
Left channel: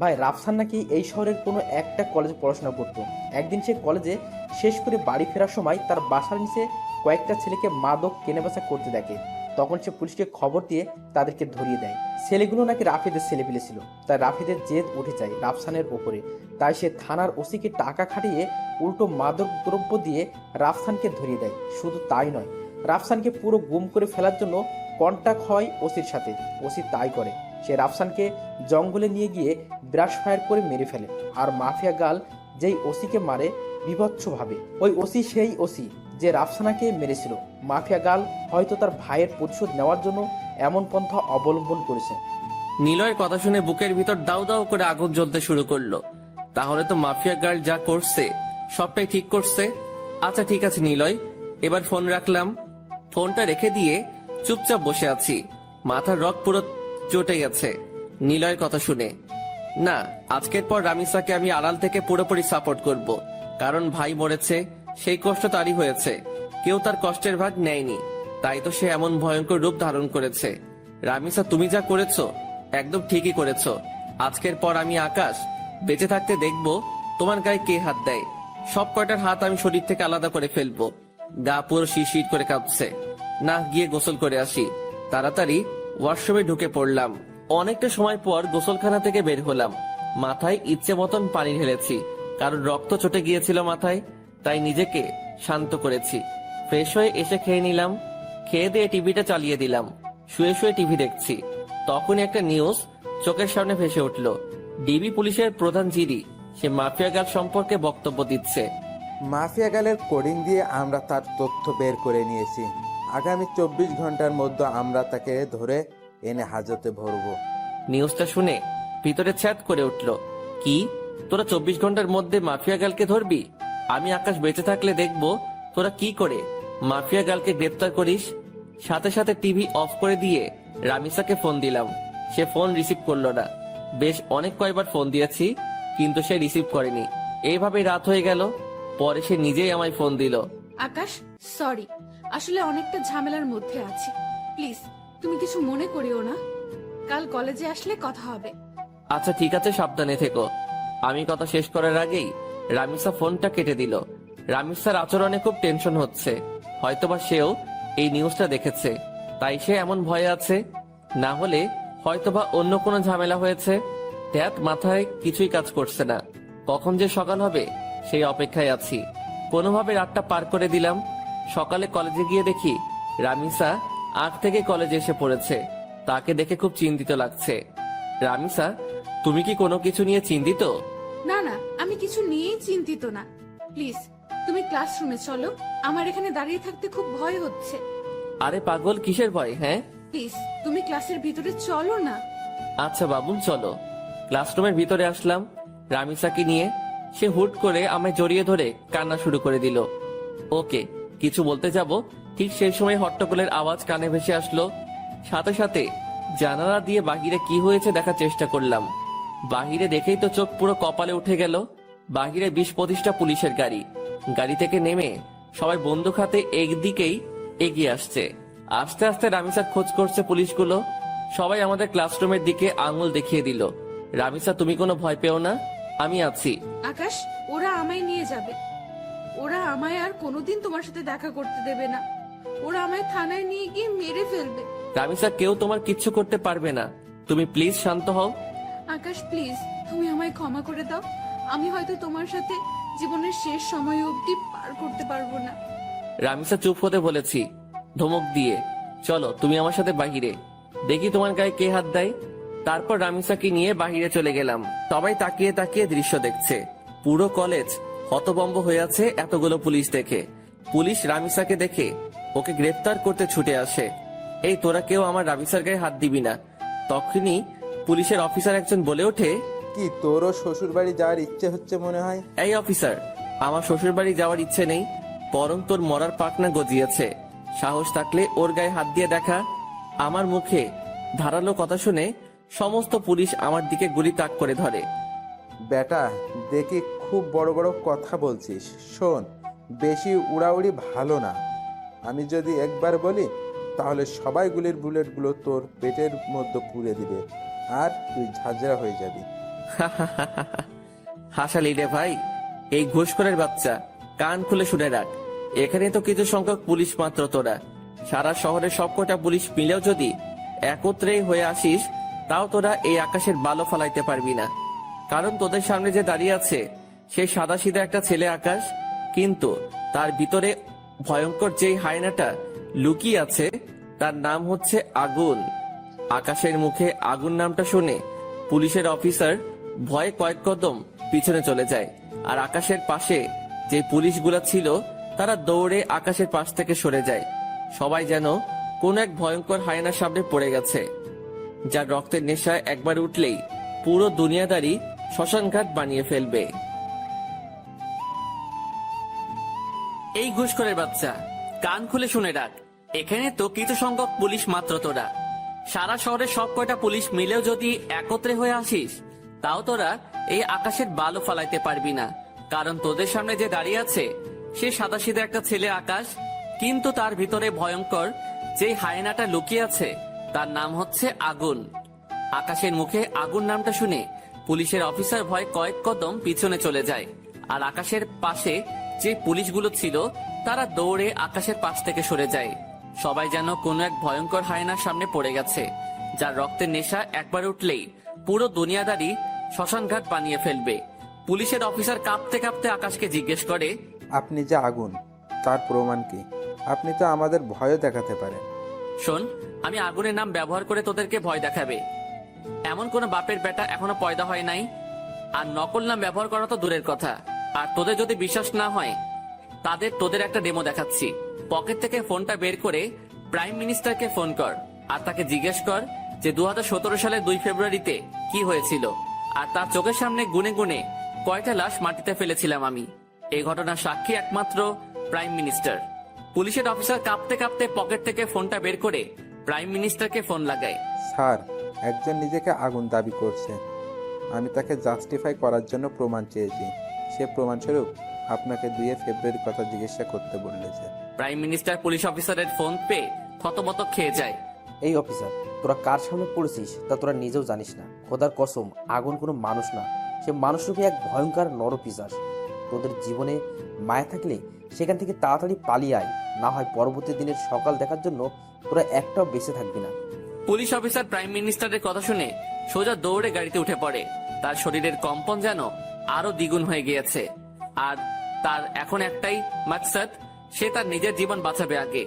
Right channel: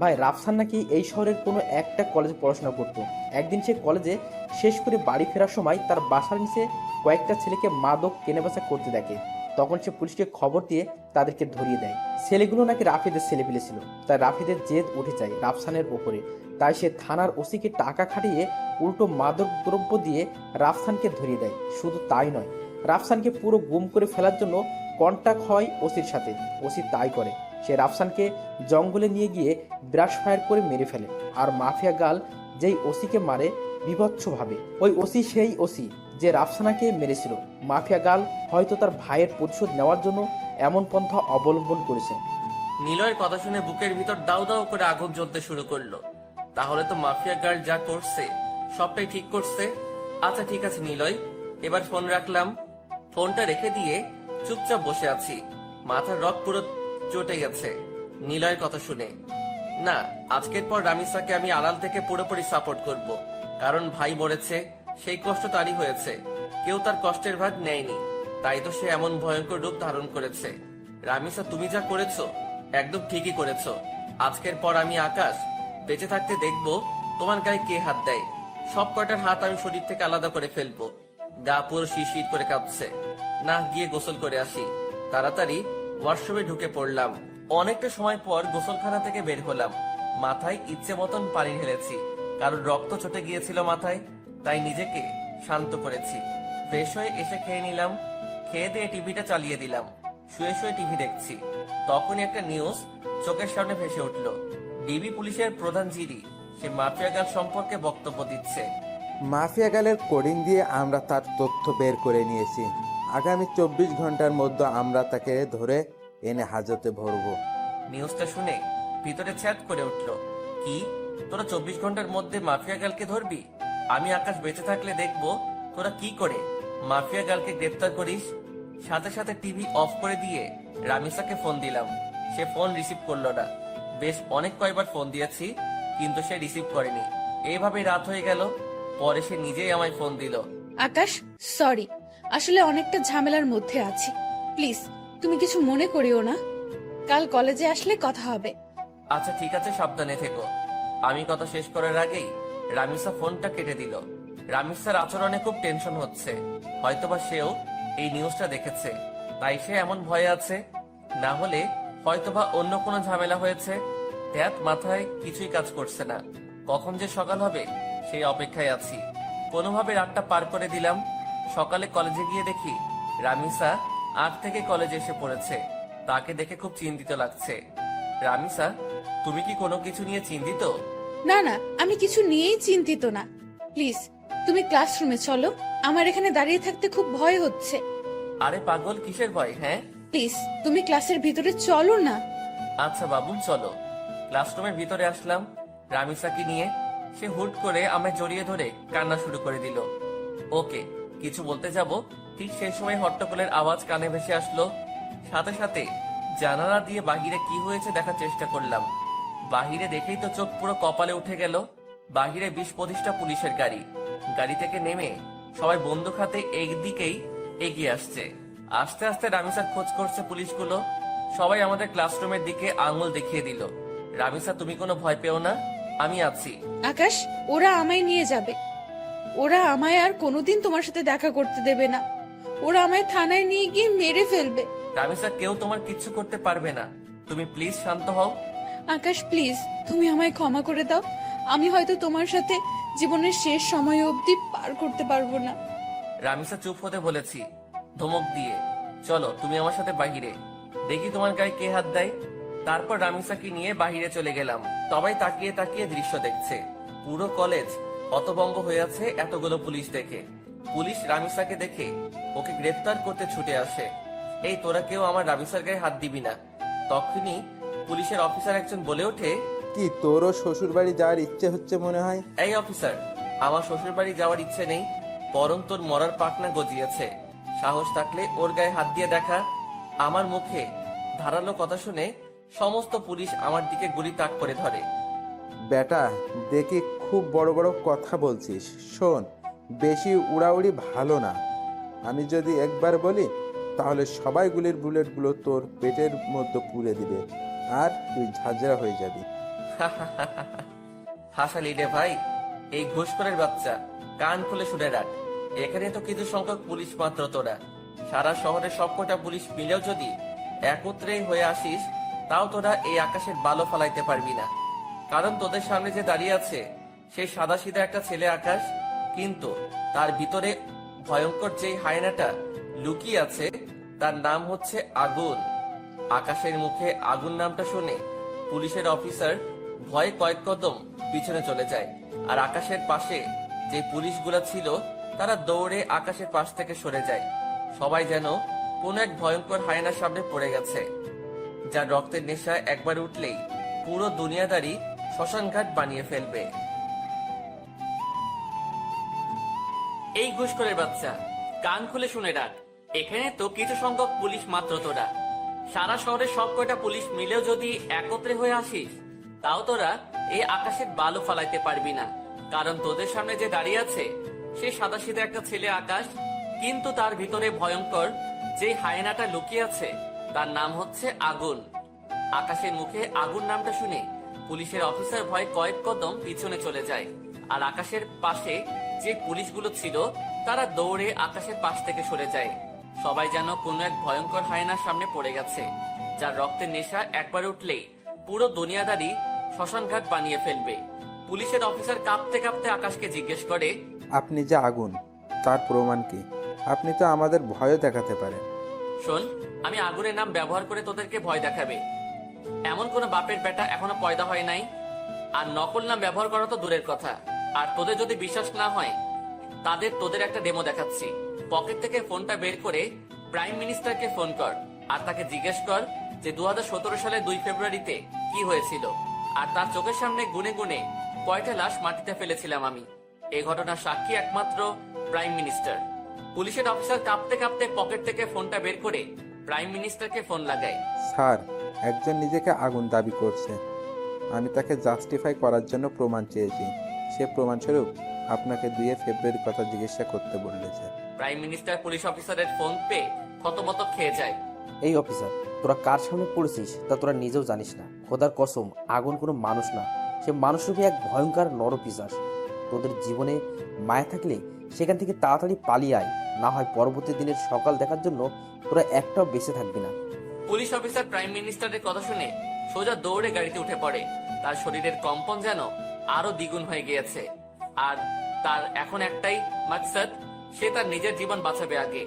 ভাই রাফসান নাকি এই শহরের কোনো একটা কলেজে পড়াশোনা করত। একদিন সে কলেজে শেষ করে বাড়ি ফেরার সময় তার বাসার নিচে কয়েকটা ছেলেকে মাদক কেনাবেচা করতে দেখে। তখন সে পুলিশকে খবর দিয়ে তাদেরকে ধরিয়ে দেয়। ছেলেগুলো নাকি রাফিদের ছেলে ছিল, তাই রাফিদের জেদ উঠে যায় রাফসানের ওপরে। তাই সে থানার ওসিকে টাকা খাটিয়ে উল্টো মাদক দ্রব্য দিয়ে রাফসানকে ধরিয়ে দেয়। শুধু তাই নয়, রাফসানকে পুরো গুম করে ফেলার জন্য কন্টাক্ট হয় ওসির সাথে। ওসি তাই করে, সে রাফসানকে জঙ্গলে নিয়ে গিয়ে ব্রাশ ফায়ার করে মেরে ফেলে। আর মাফিয়া গাল যেই ওসিকে মারে বিভৎসভাবে, ওই ওসি সেই ওসি যে রাফসানাকে মেরেছিল। মাফিয়া গাল হয়তো তার ভাইয়ের প্রতিশোধ নেওয়ার জন্য এমন পন্থা অবলম্বন করেছে। নিলয়ের কথা শুনে বুকের ভিতর দাউ দাউ করে আগুন জ্বলতে শুরু করলো। তাহলে তো মাফিয়া গার্ল যা করছে সবটাই ঠিক করছে। আচ্ছা ঠিক আছে নিলয়, এবার ফোন রাখলাম। ফোনটা রেখে দিয়ে চুপচাপ বসে আছি। মাথার রক পুরো চটে গেছে নিলয়ের কথা শুনে। না, আজকের পর রামিসাকে আমি আড়াল থেকে পুরোপুরি সাপোর্ট করব, কারণ ভাই মরেছে, সেই কষ্ট তারই হয়েছে, কেউ তার কষ্টের ভাগ নেয়নি, তাই তো সে এমন ভয়ঙ্কর রূপ ধারণ করেছে। রামিসা, তুমি যা করেছো একদম ঠিকই করেছো। আজকের পর আমি আকাশ বেঁচে থাকতে দেখবো তোমার গায়ে কে হাত দেয়। সব কয়টার হাত আমি শরীর থেকে আলাদা করে ফেলবো। গা পুরো শিরশির করে কাঁপছে। না, গিয়ে গোসল করে আসি। তাড়াতাড়ি ওয়াশরুমে ঢুকে পড়লাম। অনেকটা সময় পর গোসলখানা থেকে বের হলাম। মাথায় ইচ্ছে মতন পানি ঢেলেছি, কারণ রক্ত চটে গিয়েছিল মাথায়, তাই নিজেকে শান্ত করেছি। ফ্রেশ হয়ে এসে খেয়ে নিলাম। খেয়ে দিয়ে টিভিটা চালিয়ে দিলাম। শুয়ে শুয়ে টিভি দেখছি, তখনই একটা নিউজ চোখের সামনে ভেসে উঠল। ডিবি পুলিশের প্রধান জিডি সে মাফিয়া গাল সম্পর্কে বক্তব্য দিচ্ছে। মাফিয়া গালের কোডিং দিয়ে আমরা তার তথ্য বের করে নিয়েছি। আগামী 24 ঘন্টার মধ্যে আমরা তাকে ধরে এনে হাজতে ভরবো। নিউজটা শুনে ভিতরে ছ্যাদ করে উঠল। কি, তোরা 24 ঘন্টার মধ্যে মাফিয়া গালকে ধরবি? আমি আকাশ বেঁচে থাকলে দেখবো তোরা কি করে মাফিয়া গালকে গ্রেপ্তার করিস। সাথে সাথে টিভি অফ করে দিয়ে রামিসাকে ফোন দিলাম। সে ফোন রিসিভ করলো না। বেশ অনেক কয়বার ফোন দিয়েছি, কিন্তু সে রিসিভ করেনি। এইভাবে রাত হয়ে গেল। পরে সে নিজেই আমায় ফোন দিল। আকাশ, সরি, আসলে অনেকটা ঝামেলার মধ্যে আছি। প্লিজ তুমি কিছু মনে করিও না, কাল কলেজে আসলে কথা হবে। আচ্ছা ঠিক আছে, সাবধানে থেকো। আমি কথা শেষ করার আগেই রামিসা ফোনটা কেটে দিল। রামিসার আচরণে খুব টেনশন হচ্ছে। হয়তোবা সেও এই নিউজটা দেখেছে, তাই সে এমন ভয়ে আছে। না হলে হয়তোবা অন্য কোনো ঝামেলা হয়েছে। ট্যাট মাথায় কিছুই কাজ করছে না। কখন যে সকাল হবে সেই অপেক্ষায় আছি। কোনোভাবে রাতটা পার করে দিলাম। সকালে কলেজে গিয়ে দেখি রামিসা আগ থেকে কলেজে এসে পড়েছে। তাকে দেখে খুব চিন্তিত লাগছে। রামিসা, তুমি কি কোনো কিছু নিয়ে চিন্তিত? না না, আমি কিছু নিয়েই চিন্তিত না। প্লিজ তুমি ক্লাসরুমে চলো, আমার এখানে দাঁড়িয়ে থাকতে খুব ভয় হচ্ছে। আরে পাগল, কিসের ভয়? হ্যাঁ প্লিজ তুমি ক্লাসের ভিতরে চলো না। আচ্ছা বাবু, চলো। ক্লাসরুমের ভিতরে আসলাম রামিসাকে নিয়ে। সে হুট করে আমায় জড়িয়ে ধরে কান্না শুরু করে দিল। ওকে কিছু বলতে যাব, ঠিক সেই সময় হট্টগোলের আওয়াজ কানে ভেসে আসলো। সাথে সাথে জানালা দিয়ে বাহিরে কি হয়েছে দেখার চেষ্টা করলাম। বাহিরে দেখেই তো চোখ পুরো কপালে উঠে গেল। বাহিরে 20-25টা পুলিশের গাড়ি। গাড়ি থেকে নেমে সবাই বন্দুক হাতে একদিকেই এগিয়ে আসছে। আস্তে আস্তে রামিসার খোঁজ করছে পুলিশগুলো। সবাই আমাদের ক্লাসরুমের দিকে আঙুল দেখিয়ে দিল। রামিসা, তুমি কোনো ভয় পেও না, আমি আছি। আকাশ, ওরা আমায় নিয়ে যাবে। ওরা আমায় আর কোনোদিন তোমার সাথে দেখা করতে দেবে না। ওরা আমায় থানায় নিয়ে গিয়ে মেরে ফেলবে। রামিসা, কেউ তোমার কিচ্ছু করতে পারবে না। তুমি প্লিজ শান্ত হও। আকাশ প্লিজ, তুমি আমায় ক্ষমা করে দাও। আমি হয়তো তোমার সাথে জীবনের শেষ সময় অবধি পার করতে পারবো না। রামিসা চুপ হতে বলেছি ধমক দিয়ে। চলো তুমি আমার সাথে বাহিরে, দেখি তোমার গায়ে কে হাত দেয়। তারপর রামিসাকে নিয়ে বাহিরে চলে গেলাম। সবাই তাকিয়ে তাকিয়ে দৃশ্য দেখছে। পুরো কলেজ হতভম্ব হয়ে আছে এতগুলো পুলিশ দেখে। পুলিশ রামিসাকে দেখে ওকে গ্রেফতার করতে ছুটে আসে। এই তোরা কেউ আমার রামিসার গায়ে হাত দিবি না। তখনই পুলিশের অফিসার একজন বলে ওঠে, কি তোরও শ্বশুর বাড়ি যাওয়ার ইচ্ছে হচ্ছে মনে হয়? এই অফিসার, আমার শ্বশুর বাড়ি যাওয়ার ইচ্ছে নেই, বরং তোর মরার পাকনা গজিয়েছে। সাহস থাকলে ওর গায়ে হাত দিয়ে দেখা। আমার মুখে ধারালো কথা শুনে সমস্ত পুলিশ আমার দিকে গুলি তাক করে ধরে। বেটা, দেখি খুব বড় বড় কথা বলছিস। শোন, বেশি উড়াউড়ি ভালো না। আমি যদি একবার বলি তাহলে সবাই গুলির বুলেটগুলো তোর পেটের মধ্যে পুড়ে দিবে আর তুই ঝাঁঝরা হয়ে যাবি। হাসালি রে ভাই, এই ঘুষখোরের বাচ্চা, কান খুলে শুনে রাখ। এখানে তো কিছু সংখ্যক পুলিশ মাত্র তোরা, সারা শহরের সবকটা পুলিশ মিলেও যদি একত্রে হয়ে আসিস, তাও তোরা এই আকাশের বালো ফালাইতে পারবি না। কারণ তোদের সামনে যে দাঁড়িয়ে আছে সেই সাদাসিধা একটা ছেলে আকাশ, কিন্তু তার ভিতরে ভয়ঙ্কর যেই হায়নাটা লুকিয়ে আছে তার নাম হচ্ছে আগুন। আকাশের মুখে আগুন নামটা শুনে পুলিশের অফিসার ভয়ে কয়েক কদম পিছনে চলে যায়, আর আকাশের পাশে যে পুলিশগুলো ছিল তারা দৌড়ে আকাশের পাশ থেকে সরে যায়। সবাই যেন কোন এক ভয়ঙ্কর হায়নার সামনে পড়ে গেছে, যার রক্তের নেশায় একবার উঠলেই পুরো দুনিয়াদারি শ্মশানঘাট বানিয়ে ফেলবে। এই ঘুষখোরের বাচ্চা, কান খুলে শুনে রাখ, এখানে তো কিছু সংখ্যক পুলিশ মাত্র তোরা। সারা শহরের সব কয়টা পুলিশ মিলেও যদি একত্রে হয়ে আসিস, তাও তোরা এই আকাশের বালু ফালাইতে পারবি না। কারণ তোদের সামনে যে দাঁড়িয়ে আছে সে সাদাসিধা একটা ছেলে আকাশ, কিন্তু তার ভিতরে ভয়ঙ্কর যে হায়নাটা লুকিয়ে আছে তার নাম হচ্ছে আগুন। আকাশের মুখে আগুন নামটা শুনে পুলিশের অফিসার ভয় কয়েক কদম পিছনে চলে যায়, আর আকাশের পাশে যে পুলিশগুলো ছিল তারা দৌড়ে আকাশের পাশ থেকে সরে যায়। সবাই যেন কোনো এক ভয়ঙ্কর হায়নার সামনে পড়ে গেছে, যার রক্তের নেশা একবার উঠলেই পুরো দুনিয়াদারি শ্মশানঘাট বানিয়ে ফেলবে। পুলিশের অফিসার কাঁপতে কাঁপতে আকাশকে জিজ্ঞেস করে, আপনি যে আগুন, তার প্রমাণ কি? আপনি তো আমাদের ভয়ও দেখাতে পারেন। শোন, আমি আগুনের নাম ব্যবহার করে তোদেরকে ভয় দেখাবে এমন কোন বাপের বেটা এখনো পয়দা হয় নাই। আর নকল নাম ব্যবহার করা তো দূরের কথা। আর তোদের যদি বিশ্বাস না হয় তোদের একটা ডেমো দেখাচ্ছি। পকেট থেকে ফোনটা বের করে প্রাইম মিনিস্টারকে ফোন কর, আর তাকে জিজ্ঞেস কর যে 2017 সালের 2 ফেব্রুয়ারিতে কি হয়েছিল, আর তার চোখের সামনে গুনে গুনে কয়টা লাশ মাটিতে ফেলেছিলাম আমি। এই ঘটনার সাক্ষী একমাত্র প্রাইম মিনিস্টার। পুলিশের অফিসার কাঁপতে কাঁপতে পকেট থেকে ফোনটা বের করে প্রাইম মিনিস্টারকে ফোন লাগায়। স্যার, একজন নিজেকে আগুন দাবি করছে। আমি তাকে জাস্টিফাই করার জন্য প্রমাণ চেয়েছি। সে প্রমাণস্বরূপ আপনাকে 2 ফেব্রুয়ারির কথা জিজ্ঞাসা করতে বলেছে। প্রাইম মিনিস্টার পুলিশ অফিসারের ফোন পেয়ে থতমত খেয়ে যায়। এই অফিসার, তোরা কার সামনে পড়েছিস তা তোরা নিজেও জানিস না। খোদার কসম, আগুন কোনো মানুষ না, সে মানুষরূপী এক ভয়ঙ্কর নরপিশাচ। তোদের জীবনে মায়া থাকলে সেখান থেকে তাড়াতাড়ি পালিয়ে আয়, না হয় পরবর্তী দিনের সকাল দেখার জন্য তোরা একটাও বেঁচে থাকবি না। পুলিশ অফিসার প্রাইম মিনিস্টারের কথা শুনে সোজা দৌড়ে গাড়িতে উঠে পড়ে। তার শরীরের কম্পন যেন আরো দ্বিগুণ হয়ে গিয়েছে, আর তার এখন একটাই মাকসাদ, সে তার নিজের জীবন বাঁচাবে আগে।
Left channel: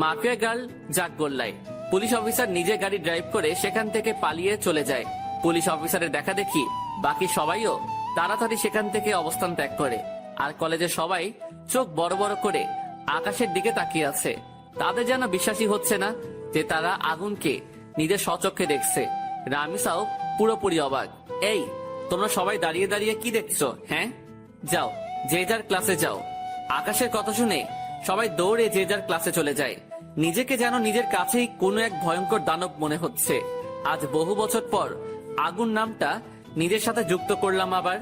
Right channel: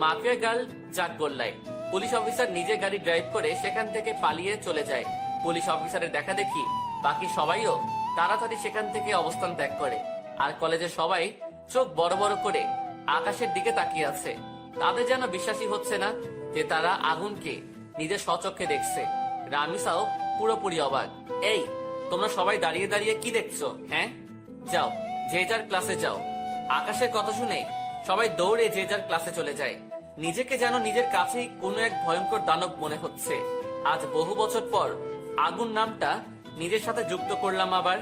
মাফিয়া গার্ল জাগ গোল্লায় পুলিশ অফিসার নিজে গাড়ি ড্রাইভ করে সেখান থেকে পালিয়ে চলে যায়। পুলিশ অফিসারের দেখা দেখি বাকি সবাইও তাড়াতাড়ি সেখান থেকে অবস্থান ত্যাগ করে, আর কলেজের সবাই চোখ বড় বড় করে আকাশের দিকে তাকিয়ে আছে। তাদের যেন বিশ্বাসই হচ্ছে না যে তারা আগুনকে নিজের স্বচক্ষে দেখছে। রামিসাও পুরোপুরি অবাক। এই, তোমরা সবাই দাঁড়িয়ে দাঁড়িয়ে কি দেখছো? হ্যাঁ, যাও যে যার ক্লাসে যাও। আকাশের কথা শুনে সবাই দৌড়ে যে যার ক্লাসে চলে যায়। নিজেকে যেন নিজের কাছেই কোনো এক ভয়ঙ্কর দানব মনে হচ্ছে। আজ বহু বছর পর আগুন নামটা নিজের সাথে যুক্ত করলাম আবার।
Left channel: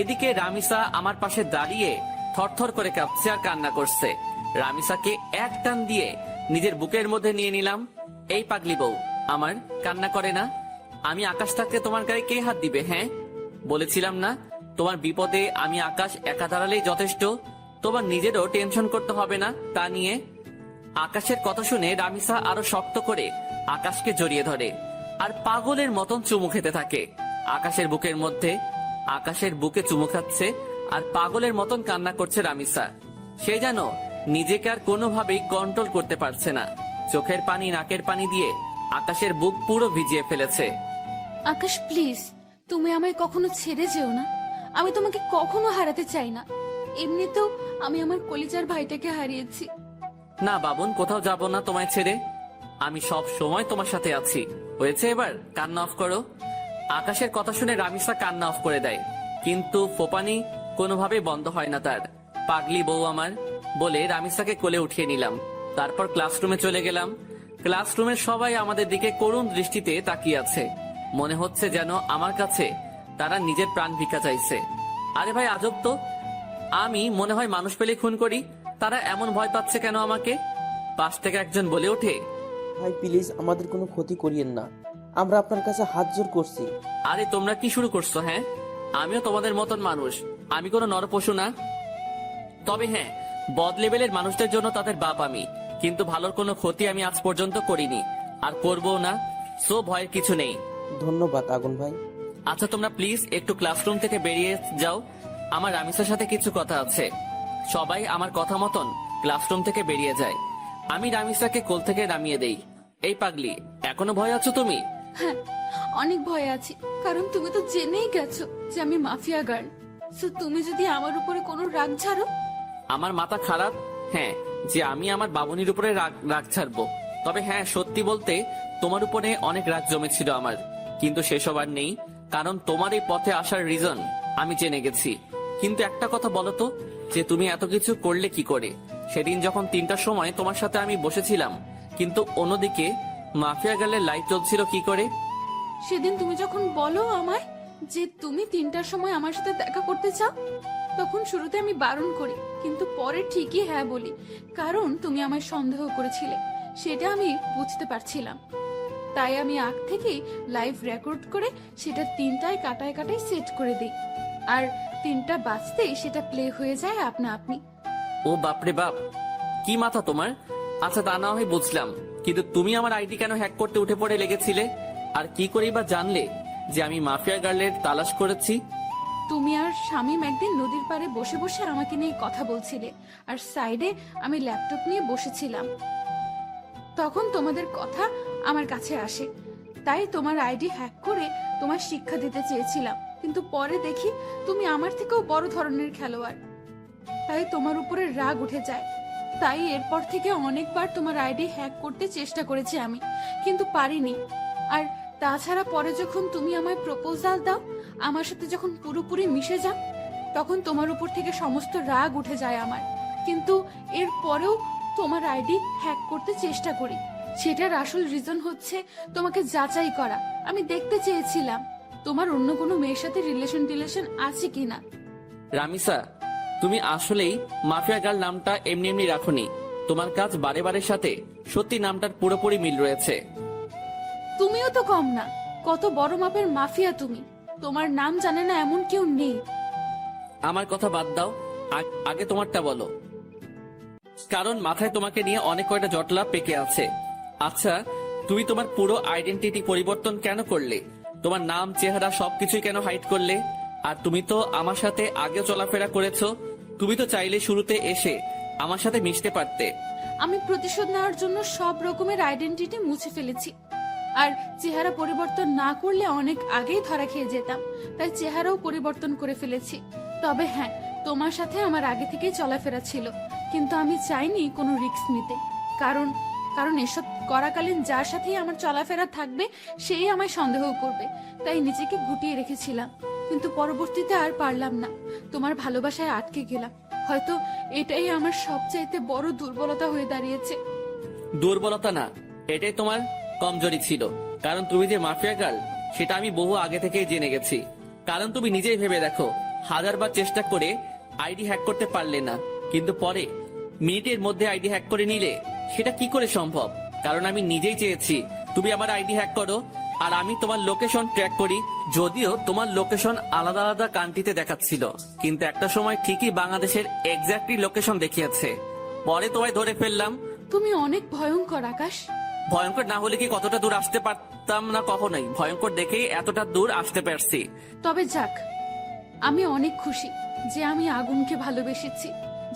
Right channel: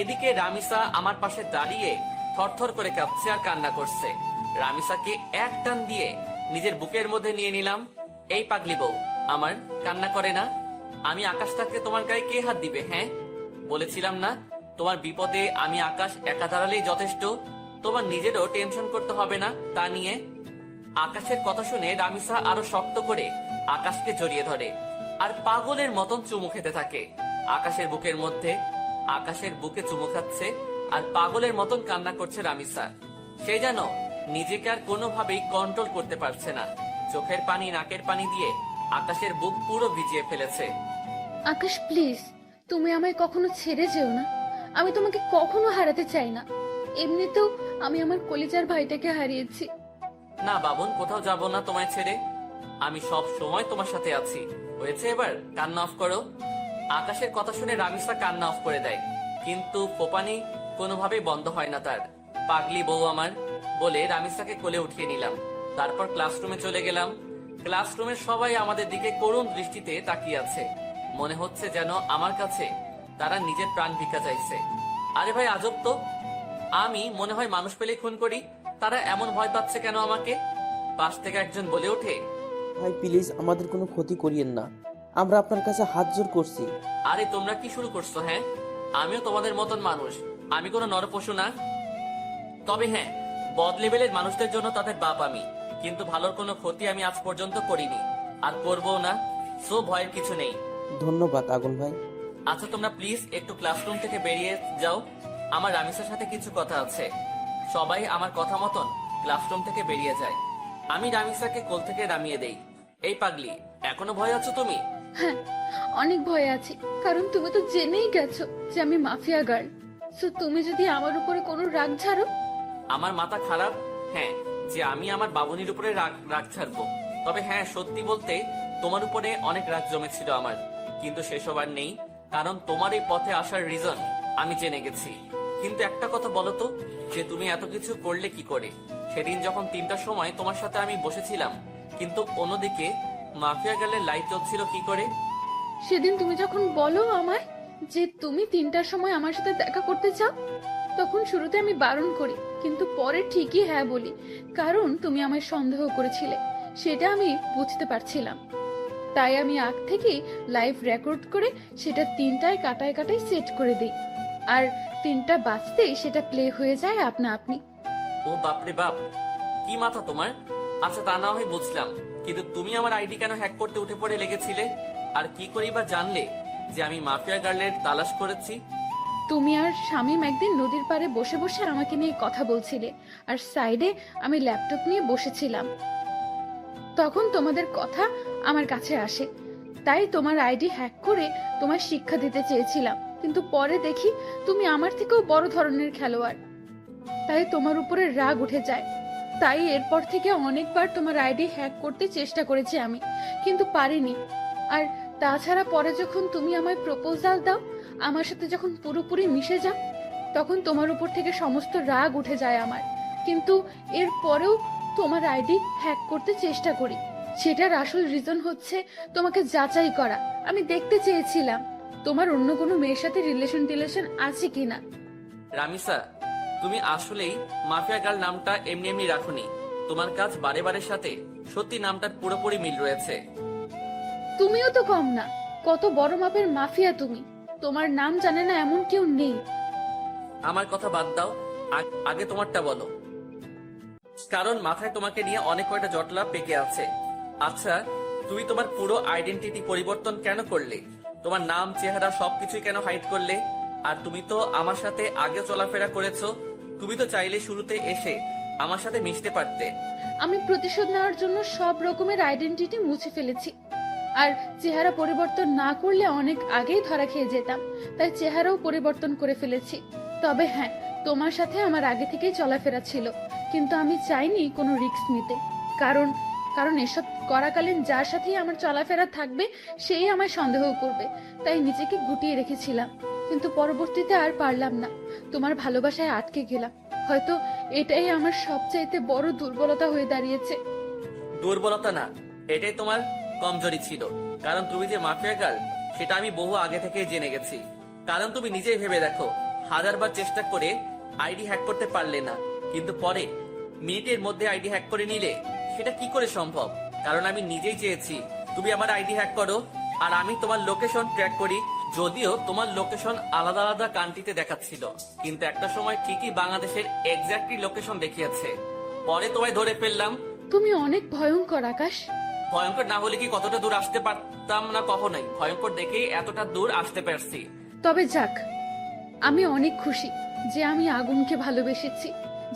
এদিকে রামিসা আমার পাশে দাঁড়িয়ে থরথর করে কাঁপছে আর কান্না করছে। রামিসাকে এক টান দিয়ে নিজের বুকের মধ্যে নিয়ে নিলাম। এই পাগলি বউ আমার, কান্না করে না। আমি আকাশ থাকতে তোমার গায়ে কে হাত দিবে? হ্যাঁ, বলেছিলাম না তোমার বিপদে আমি আকাশ একা দাঁড়ালেই যথেষ্ট, তোমার নিজেরও টেনশন করতে হবে না তা নিয়ে। আকাশের কথা শুনে রামিসা আরো শক্ত করে আকাশকে জড়িয়ে ধরে আর পাগলের মতন চুমু খেতে থাকে আকাশের বুকের মধ্যে। আকাশের বুকে চুমু খাচ্ছে আর পাগলের মতন কান্না করছে রামিসা। সে যেন নিজেকে আর কোনোভাবেই কন্ট্রোল করতে পারছে না। চোখের পানি নাকের পানি দিয়ে আকাশের বুক পুরো ভিজিয়ে ফেলেছে। আকাশ প্লিজ, তুমি আমায় কখনো ছেড়ে যেও না। আমি তোমাকে কখনো হারাতে চাই না। এমনিতেও আমি আমার কলিজার ভাইটাকে হারিয়েছি। না বাবুন, কোথাও যাব না তোমায় ছেড়ে। আমি সব সময় তোমার সাথে আছি। হয়েছে, এবার কান্না অফ করো। আকাশের কথা শুনে রামিসা কান্না অফ করে দেয়, কিন্তু ফোপানি কোনোভাবেই বন্ধ হয় না তার। পাগলি বউ আমার বলে রামিসাকে কোলে উঠিয়ে নিলাম। তারপর ক্লাসরুমে চলে গেলাম। ক্লাসরুমের সবাই আমাদের দিকে করুণ দৃষ্টিতে তাকিয়ে আছে। মনে হচ্ছে যেন আমার কাছে তারা নিজের প্রাণ ভিক্ষা চাইছে। আরে ভাই, আজব তো, আমি মনে হয় মানুষ পেলে খুন করি, তারা এমন ভয় পাচ্ছে কেন আমাকে? পাশ থেকে একজন বলে ওঠে, ভাই প্লিজ আমাদের কোনো ক্ষতি করিয়েন না, আমরা আপনার কাছে হাত জোর করছি। আরে তোমরা কি শুরু করছো? হ্যাঁ, আমিও তোমাদের মতন মানুষ, আমি কোনো নরপশু না। তবে হ্যাঁ, বদ লেভেলের মানুষদের জন্য তাদের বাপ আমি। কিন্তু ভালোর কোনো ক্ষতি আমি আজ পর্যন্ত করিনি, আর করবো না। সো ভয়ের কিছু নেই। ধন্যবাদ আগুন ভাই। আচ্ছা তোমরা প্লিজ একটু ক্লাসরুম থেকে বেরিয়ে যাও, আমার রামিসার সাথে কিছু কথা আছে। সবাই আমার কথা মতন ক্লাসরুম থেকে বেরিয়ে যায়। আমি রামিসাকে কোল থেকে নামিয়ে দেই। এই পাগলি, এখনো ভয় আছো তুমি? হ্যাঁ, অনেক ভয় আছি, কারণ তুমি তো জেনেই গেছো যে আমি মাফিয়া গার্ল। সো তুমি যদি আমার উপরে কোনো রাগ ছাড়ো। আমার মাথা খারাপ? হ্যাঁ, যে আমি আমার বাবুনির উপরে রাগ ছাড়বো। তবে হ্যাঁ, সত্যি বলতে তোমার উপরে অনেক রাগ জমেছিল আমার, কিন্তু সেসব আর নেই, কারণ তোমার এই পথে আসার রিজন আমি জেনে গেছি। কিন্তু একটা কথা বলো তো, যে তুমি এত কিছু করলে কি করে? সেদিন যখন 3টার সময় তোমার সাথে আমি বসেছিলাম, কিন্তু অন্যদিকে মাফিয়া গার্লের লাইফ চলছিল কি করে? সেদিন তুমি যখন বলো আমায় যে তুমি 3টার সময় আমার সাথে দেখা করতে চাও, তখন শুরুতে আমি বারণ করি, কিন্তু পরে ঠিকই হ্যাঁ বলি, কারণ তুমি আমায় সন্দেহ করেছিলে, সেটা আমি বুঝতে পারছিলাম। তাই আমি আগ থেকেই লাইভ রেকর্ড করে সেটা 3টায় কাটায় কাটায় সেট করে দিই, আর 3টা বাজতেই সেটা প্লে হয়ে যায় আপনা আপনি। ও বাপরে বাপ, কি মাথা তোমার! আচ্ছা তা না হয় বুঝলাম, কিন্তু তুমি আমার আইডি কেন হ্যাক করতে উঠে পড়ে লেগেছিলে? আর কি করেই বা জানলে যে আমি মাফিয়া গার্লের তালাশ করেছি? তুমি আর শামীম একদিন নদীর পাড়ে বসে বসে আমাকে নিয়ে কথা বলছিলে, আর সাইডে আমি ল্যাপটপ নিয়ে বসেছিলাম। তখন তোমাদের কথা আমার কাছে আসে, তাই তোমার আইডি হ্যাক করে তোমার শিক্ষা দিতে চেয়েছিলাম, কিন্তু পরে দেখি তুমি আমার থেকেও বড় ধরনের খেলোয়াড়, তাই তোমার উপরে রাগ উঠে যায়। তাই এরপর থেকে অনেকবার তোমার আইডি হ্যাক করতে চেষ্টা করেছি আমি, কিন্তু পারিনি। আর তাছাড়া পরে যখন তুমি আমায় প্রপোজাল দাও, আমার সাথে যখন পুরোপুরি মিশে যাও, তখন তোমার উপর থেকে সমস্ত রাগ উঠে যায় আমার, কিন্তু এর পরেও তোমার আইডি হ্যাক করতে চেষ্টা করি। সেটার আসল রিজন হচ্ছে তোমাকে যাচাই করা। আমি দেখতে চেয়েছিলাম তোমার অন্য কোনো মেয়ের সাথে রিলেশন আছে কিনা। রামিসা, তুমি আসলেই মাফিয়া গার্ল নামটা এমনি এমনি রাখোনি। তোমার কাজ বারে বারের সাথে সত্যি নামটার পুরোপুরি মিল রয়েছে। তুমিও তো কম না, কত বড় মাপের মাফিয়া তুমি, তোমার নাম জানে না এমন কেউ নেই। আমার কথা বাদ দাও, আগে তোমারটা বলো, কারণ মাথায় তোমাকে নিয়ে অনেক কয়টা জটলা পেকে আছে। আচ্ছা, তুমি তোমার পুরো আইডেন্টিটি পরিবর্তন কেন করলে? তোমার নাম, চেহারা সবকিছুই কেন হাইড করলে? আর তুমি তো আমার সাথে আগে চলাফেরা করেছো, তুমি তো চাইলে শুরুতে এসে আমার সাথে মিশতে পারতে। আমি প্রতিশোধ নেওয়ার জন্য সব রকমের আইডেন্টিটি মুছে ফেলেছি, আর চেহারা পরিবর্তন না করলে অনেক আগেই ধরা খেয়ে যেতাম, তাই চেহারাও পরিবর্তন করে ফেলেছি। তবে হ্যাঁ, তোমার সাথে আমার আগে থেকেই চলাফেরা ছিল, কিন্তু আমি চাইনি কোনো রিস্ক নিতে, কারণ এসব করাকালীন যার সাথেই আমার চলাফেরা থাকবে সেই আমায় সন্দেহ করবে, তাই নিজেকে গুটিয়ে রেখেছিলাম। কিন্তু পরবর্তীতে আর পারলাম না, তোমার ভালোবাসায় আটকে গেলাম। হয়তো এটাই আমার সবচাইতে বড় দুর্বলতা হয়ে দাঁড়িয়েছে। দুর্বলতা না, এটাই তোমার কমজোরি ছিল, কারণ তুমি যে মাফিয়া গার্ল সেটা আমি বহু আগে থেকেই জেনে গেছি। কারণ তুমি নিজেই ভেবে দেখো, 1000বার চেষ্টা করে আইডি হ্যাক করতে পারলে না, কিন্তু পরে মিনিটের মধ্যে আইডি হ্যাক করে নিলে, সেটা কি করে সম্ভব? কারণ আমি নিজেই চেয়েছি তুমি আমার আইডি হ্যাক করো, আর আমি তোমার লোকেশন ট্র্যাক করি। যদিও তোমার লোকেশন আলাদা আলাদা কান্ট্রিতে দেখাচ্ছিল, কিন্তু একটা সময় ঠিকই বাংলাদেশের এক্স্যাক্টলি লোকেশন দেখিয়েছে। পরে তোমায় ধরে ফেললাম। তুমি অনেক ভয়ঙ্কর আকাশ। ভয়ঙ্কর না হলে কি কতটা দূর আসতে পারতাম না? কখনোই। ভয়ঙ্কর দেখেই এতটা দূর আসতে পারছি। তবে যাক, আমি অনেক খুশি যে আমি আগুনকে ভালোবেসেছি,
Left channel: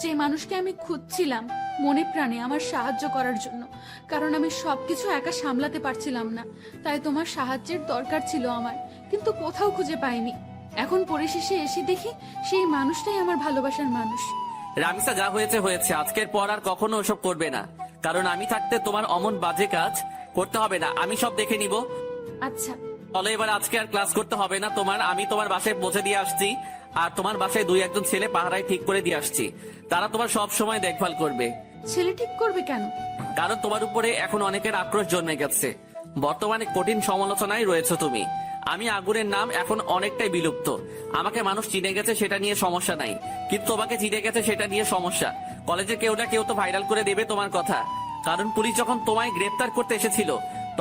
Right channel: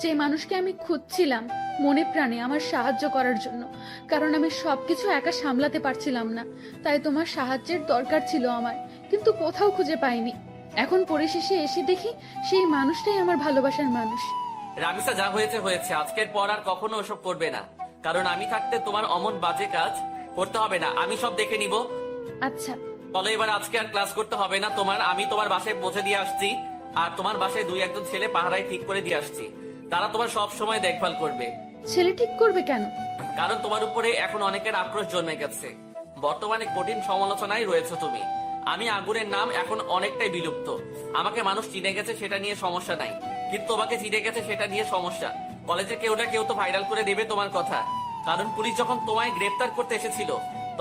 যে মানুষকে আমি খুঁজছিলাম মনে প্রাণে আমার সাহায্য করার জন্য, কারণ আমি সবকিছু একা সামলাতে পারছিলাম না, তাই তোমার সাহায্যের দরকার ছিল আমার, কিন্তু কোথাও খুঁজে পাইনি। এখন পরিশেষে এসে দেখি সেই মানুষটাই আমার ভালোবাসার মানুষ। রামিসা, যা হয়েছে হয়েছে, আজকের পর আর কখনো ওসব করবে না, কারণ আমি থাকতে তোমার অমন বাজে কাজ করতে হবে না, আমি সব দেখে নিব। আচ্ছা, ফলে এবার আজকে আর ক্লাস করতে হবে না তোমার। আমি তোমার বাসায় পৌঁছে দিয়ে আসছি, আর তোমার বাসায় 2-1 ছেলে পাহারায় ঠিক করে দিয়ে আসছি, তারা তোমার সব সময় দেখভাল করবে। ছেলে ঠিক করবে কেন? কারণ তোমার উপরে এখন অনেকের আক্রোশ জন্মে গেছে, বর্তমানে কঠিন সমালোচনায় রয়েছে তুমি। আমি আগুনের নাম এখন অনেকটাই বিলুপ্ত, আমাকে মানুষ চিনে গেছে সেটা নিয়ে সমস্যা নাই, কিন্তু তোমাকে চিনে গেছে সেটা নিয়ে সমস্যা। কলেজে কেউ না কেউ তো ভাইরাল করে দেবে তোমার কথা, কারণ পুলিশ যখন তোমায় গ্রেফতার করতে এসেছিল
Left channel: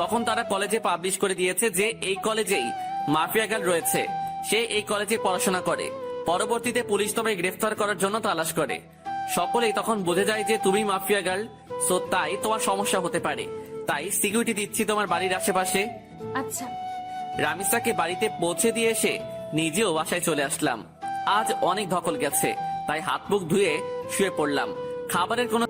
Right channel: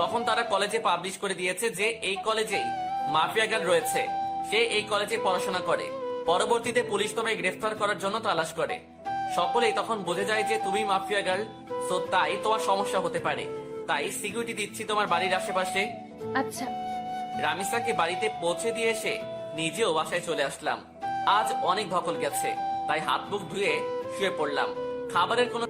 তখন তারা কলেজে পাবলিশ করে দিয়েছে যে এই কলেজেই মাফিয়া গার্ল রয়েছে, সে এই কলেজে পড়াশোনা করে। পরবর্তীতে পুলিশ তোমায় গ্রেফতার করার জন্য তালাশ করে, সকলেই তখন বুঝে যায় যে তুমি মাফিয়া গার্ল। সো তাই তোমার সমস্যা হতে পারে, তাই সিকিউরিটি দিচ্ছি তোমার বাড়ির আশেপাশে। আচ্ছা। রামিসাকে বাড়িতে পৌঁছে দিয়ে এসে নিজেও বাসায় চলে আসলাম। আজ অনেক ধকল গেছে, তাই হাত মুখ ধুয়ে শুয়ে পড়লাম। খাবারের কোনো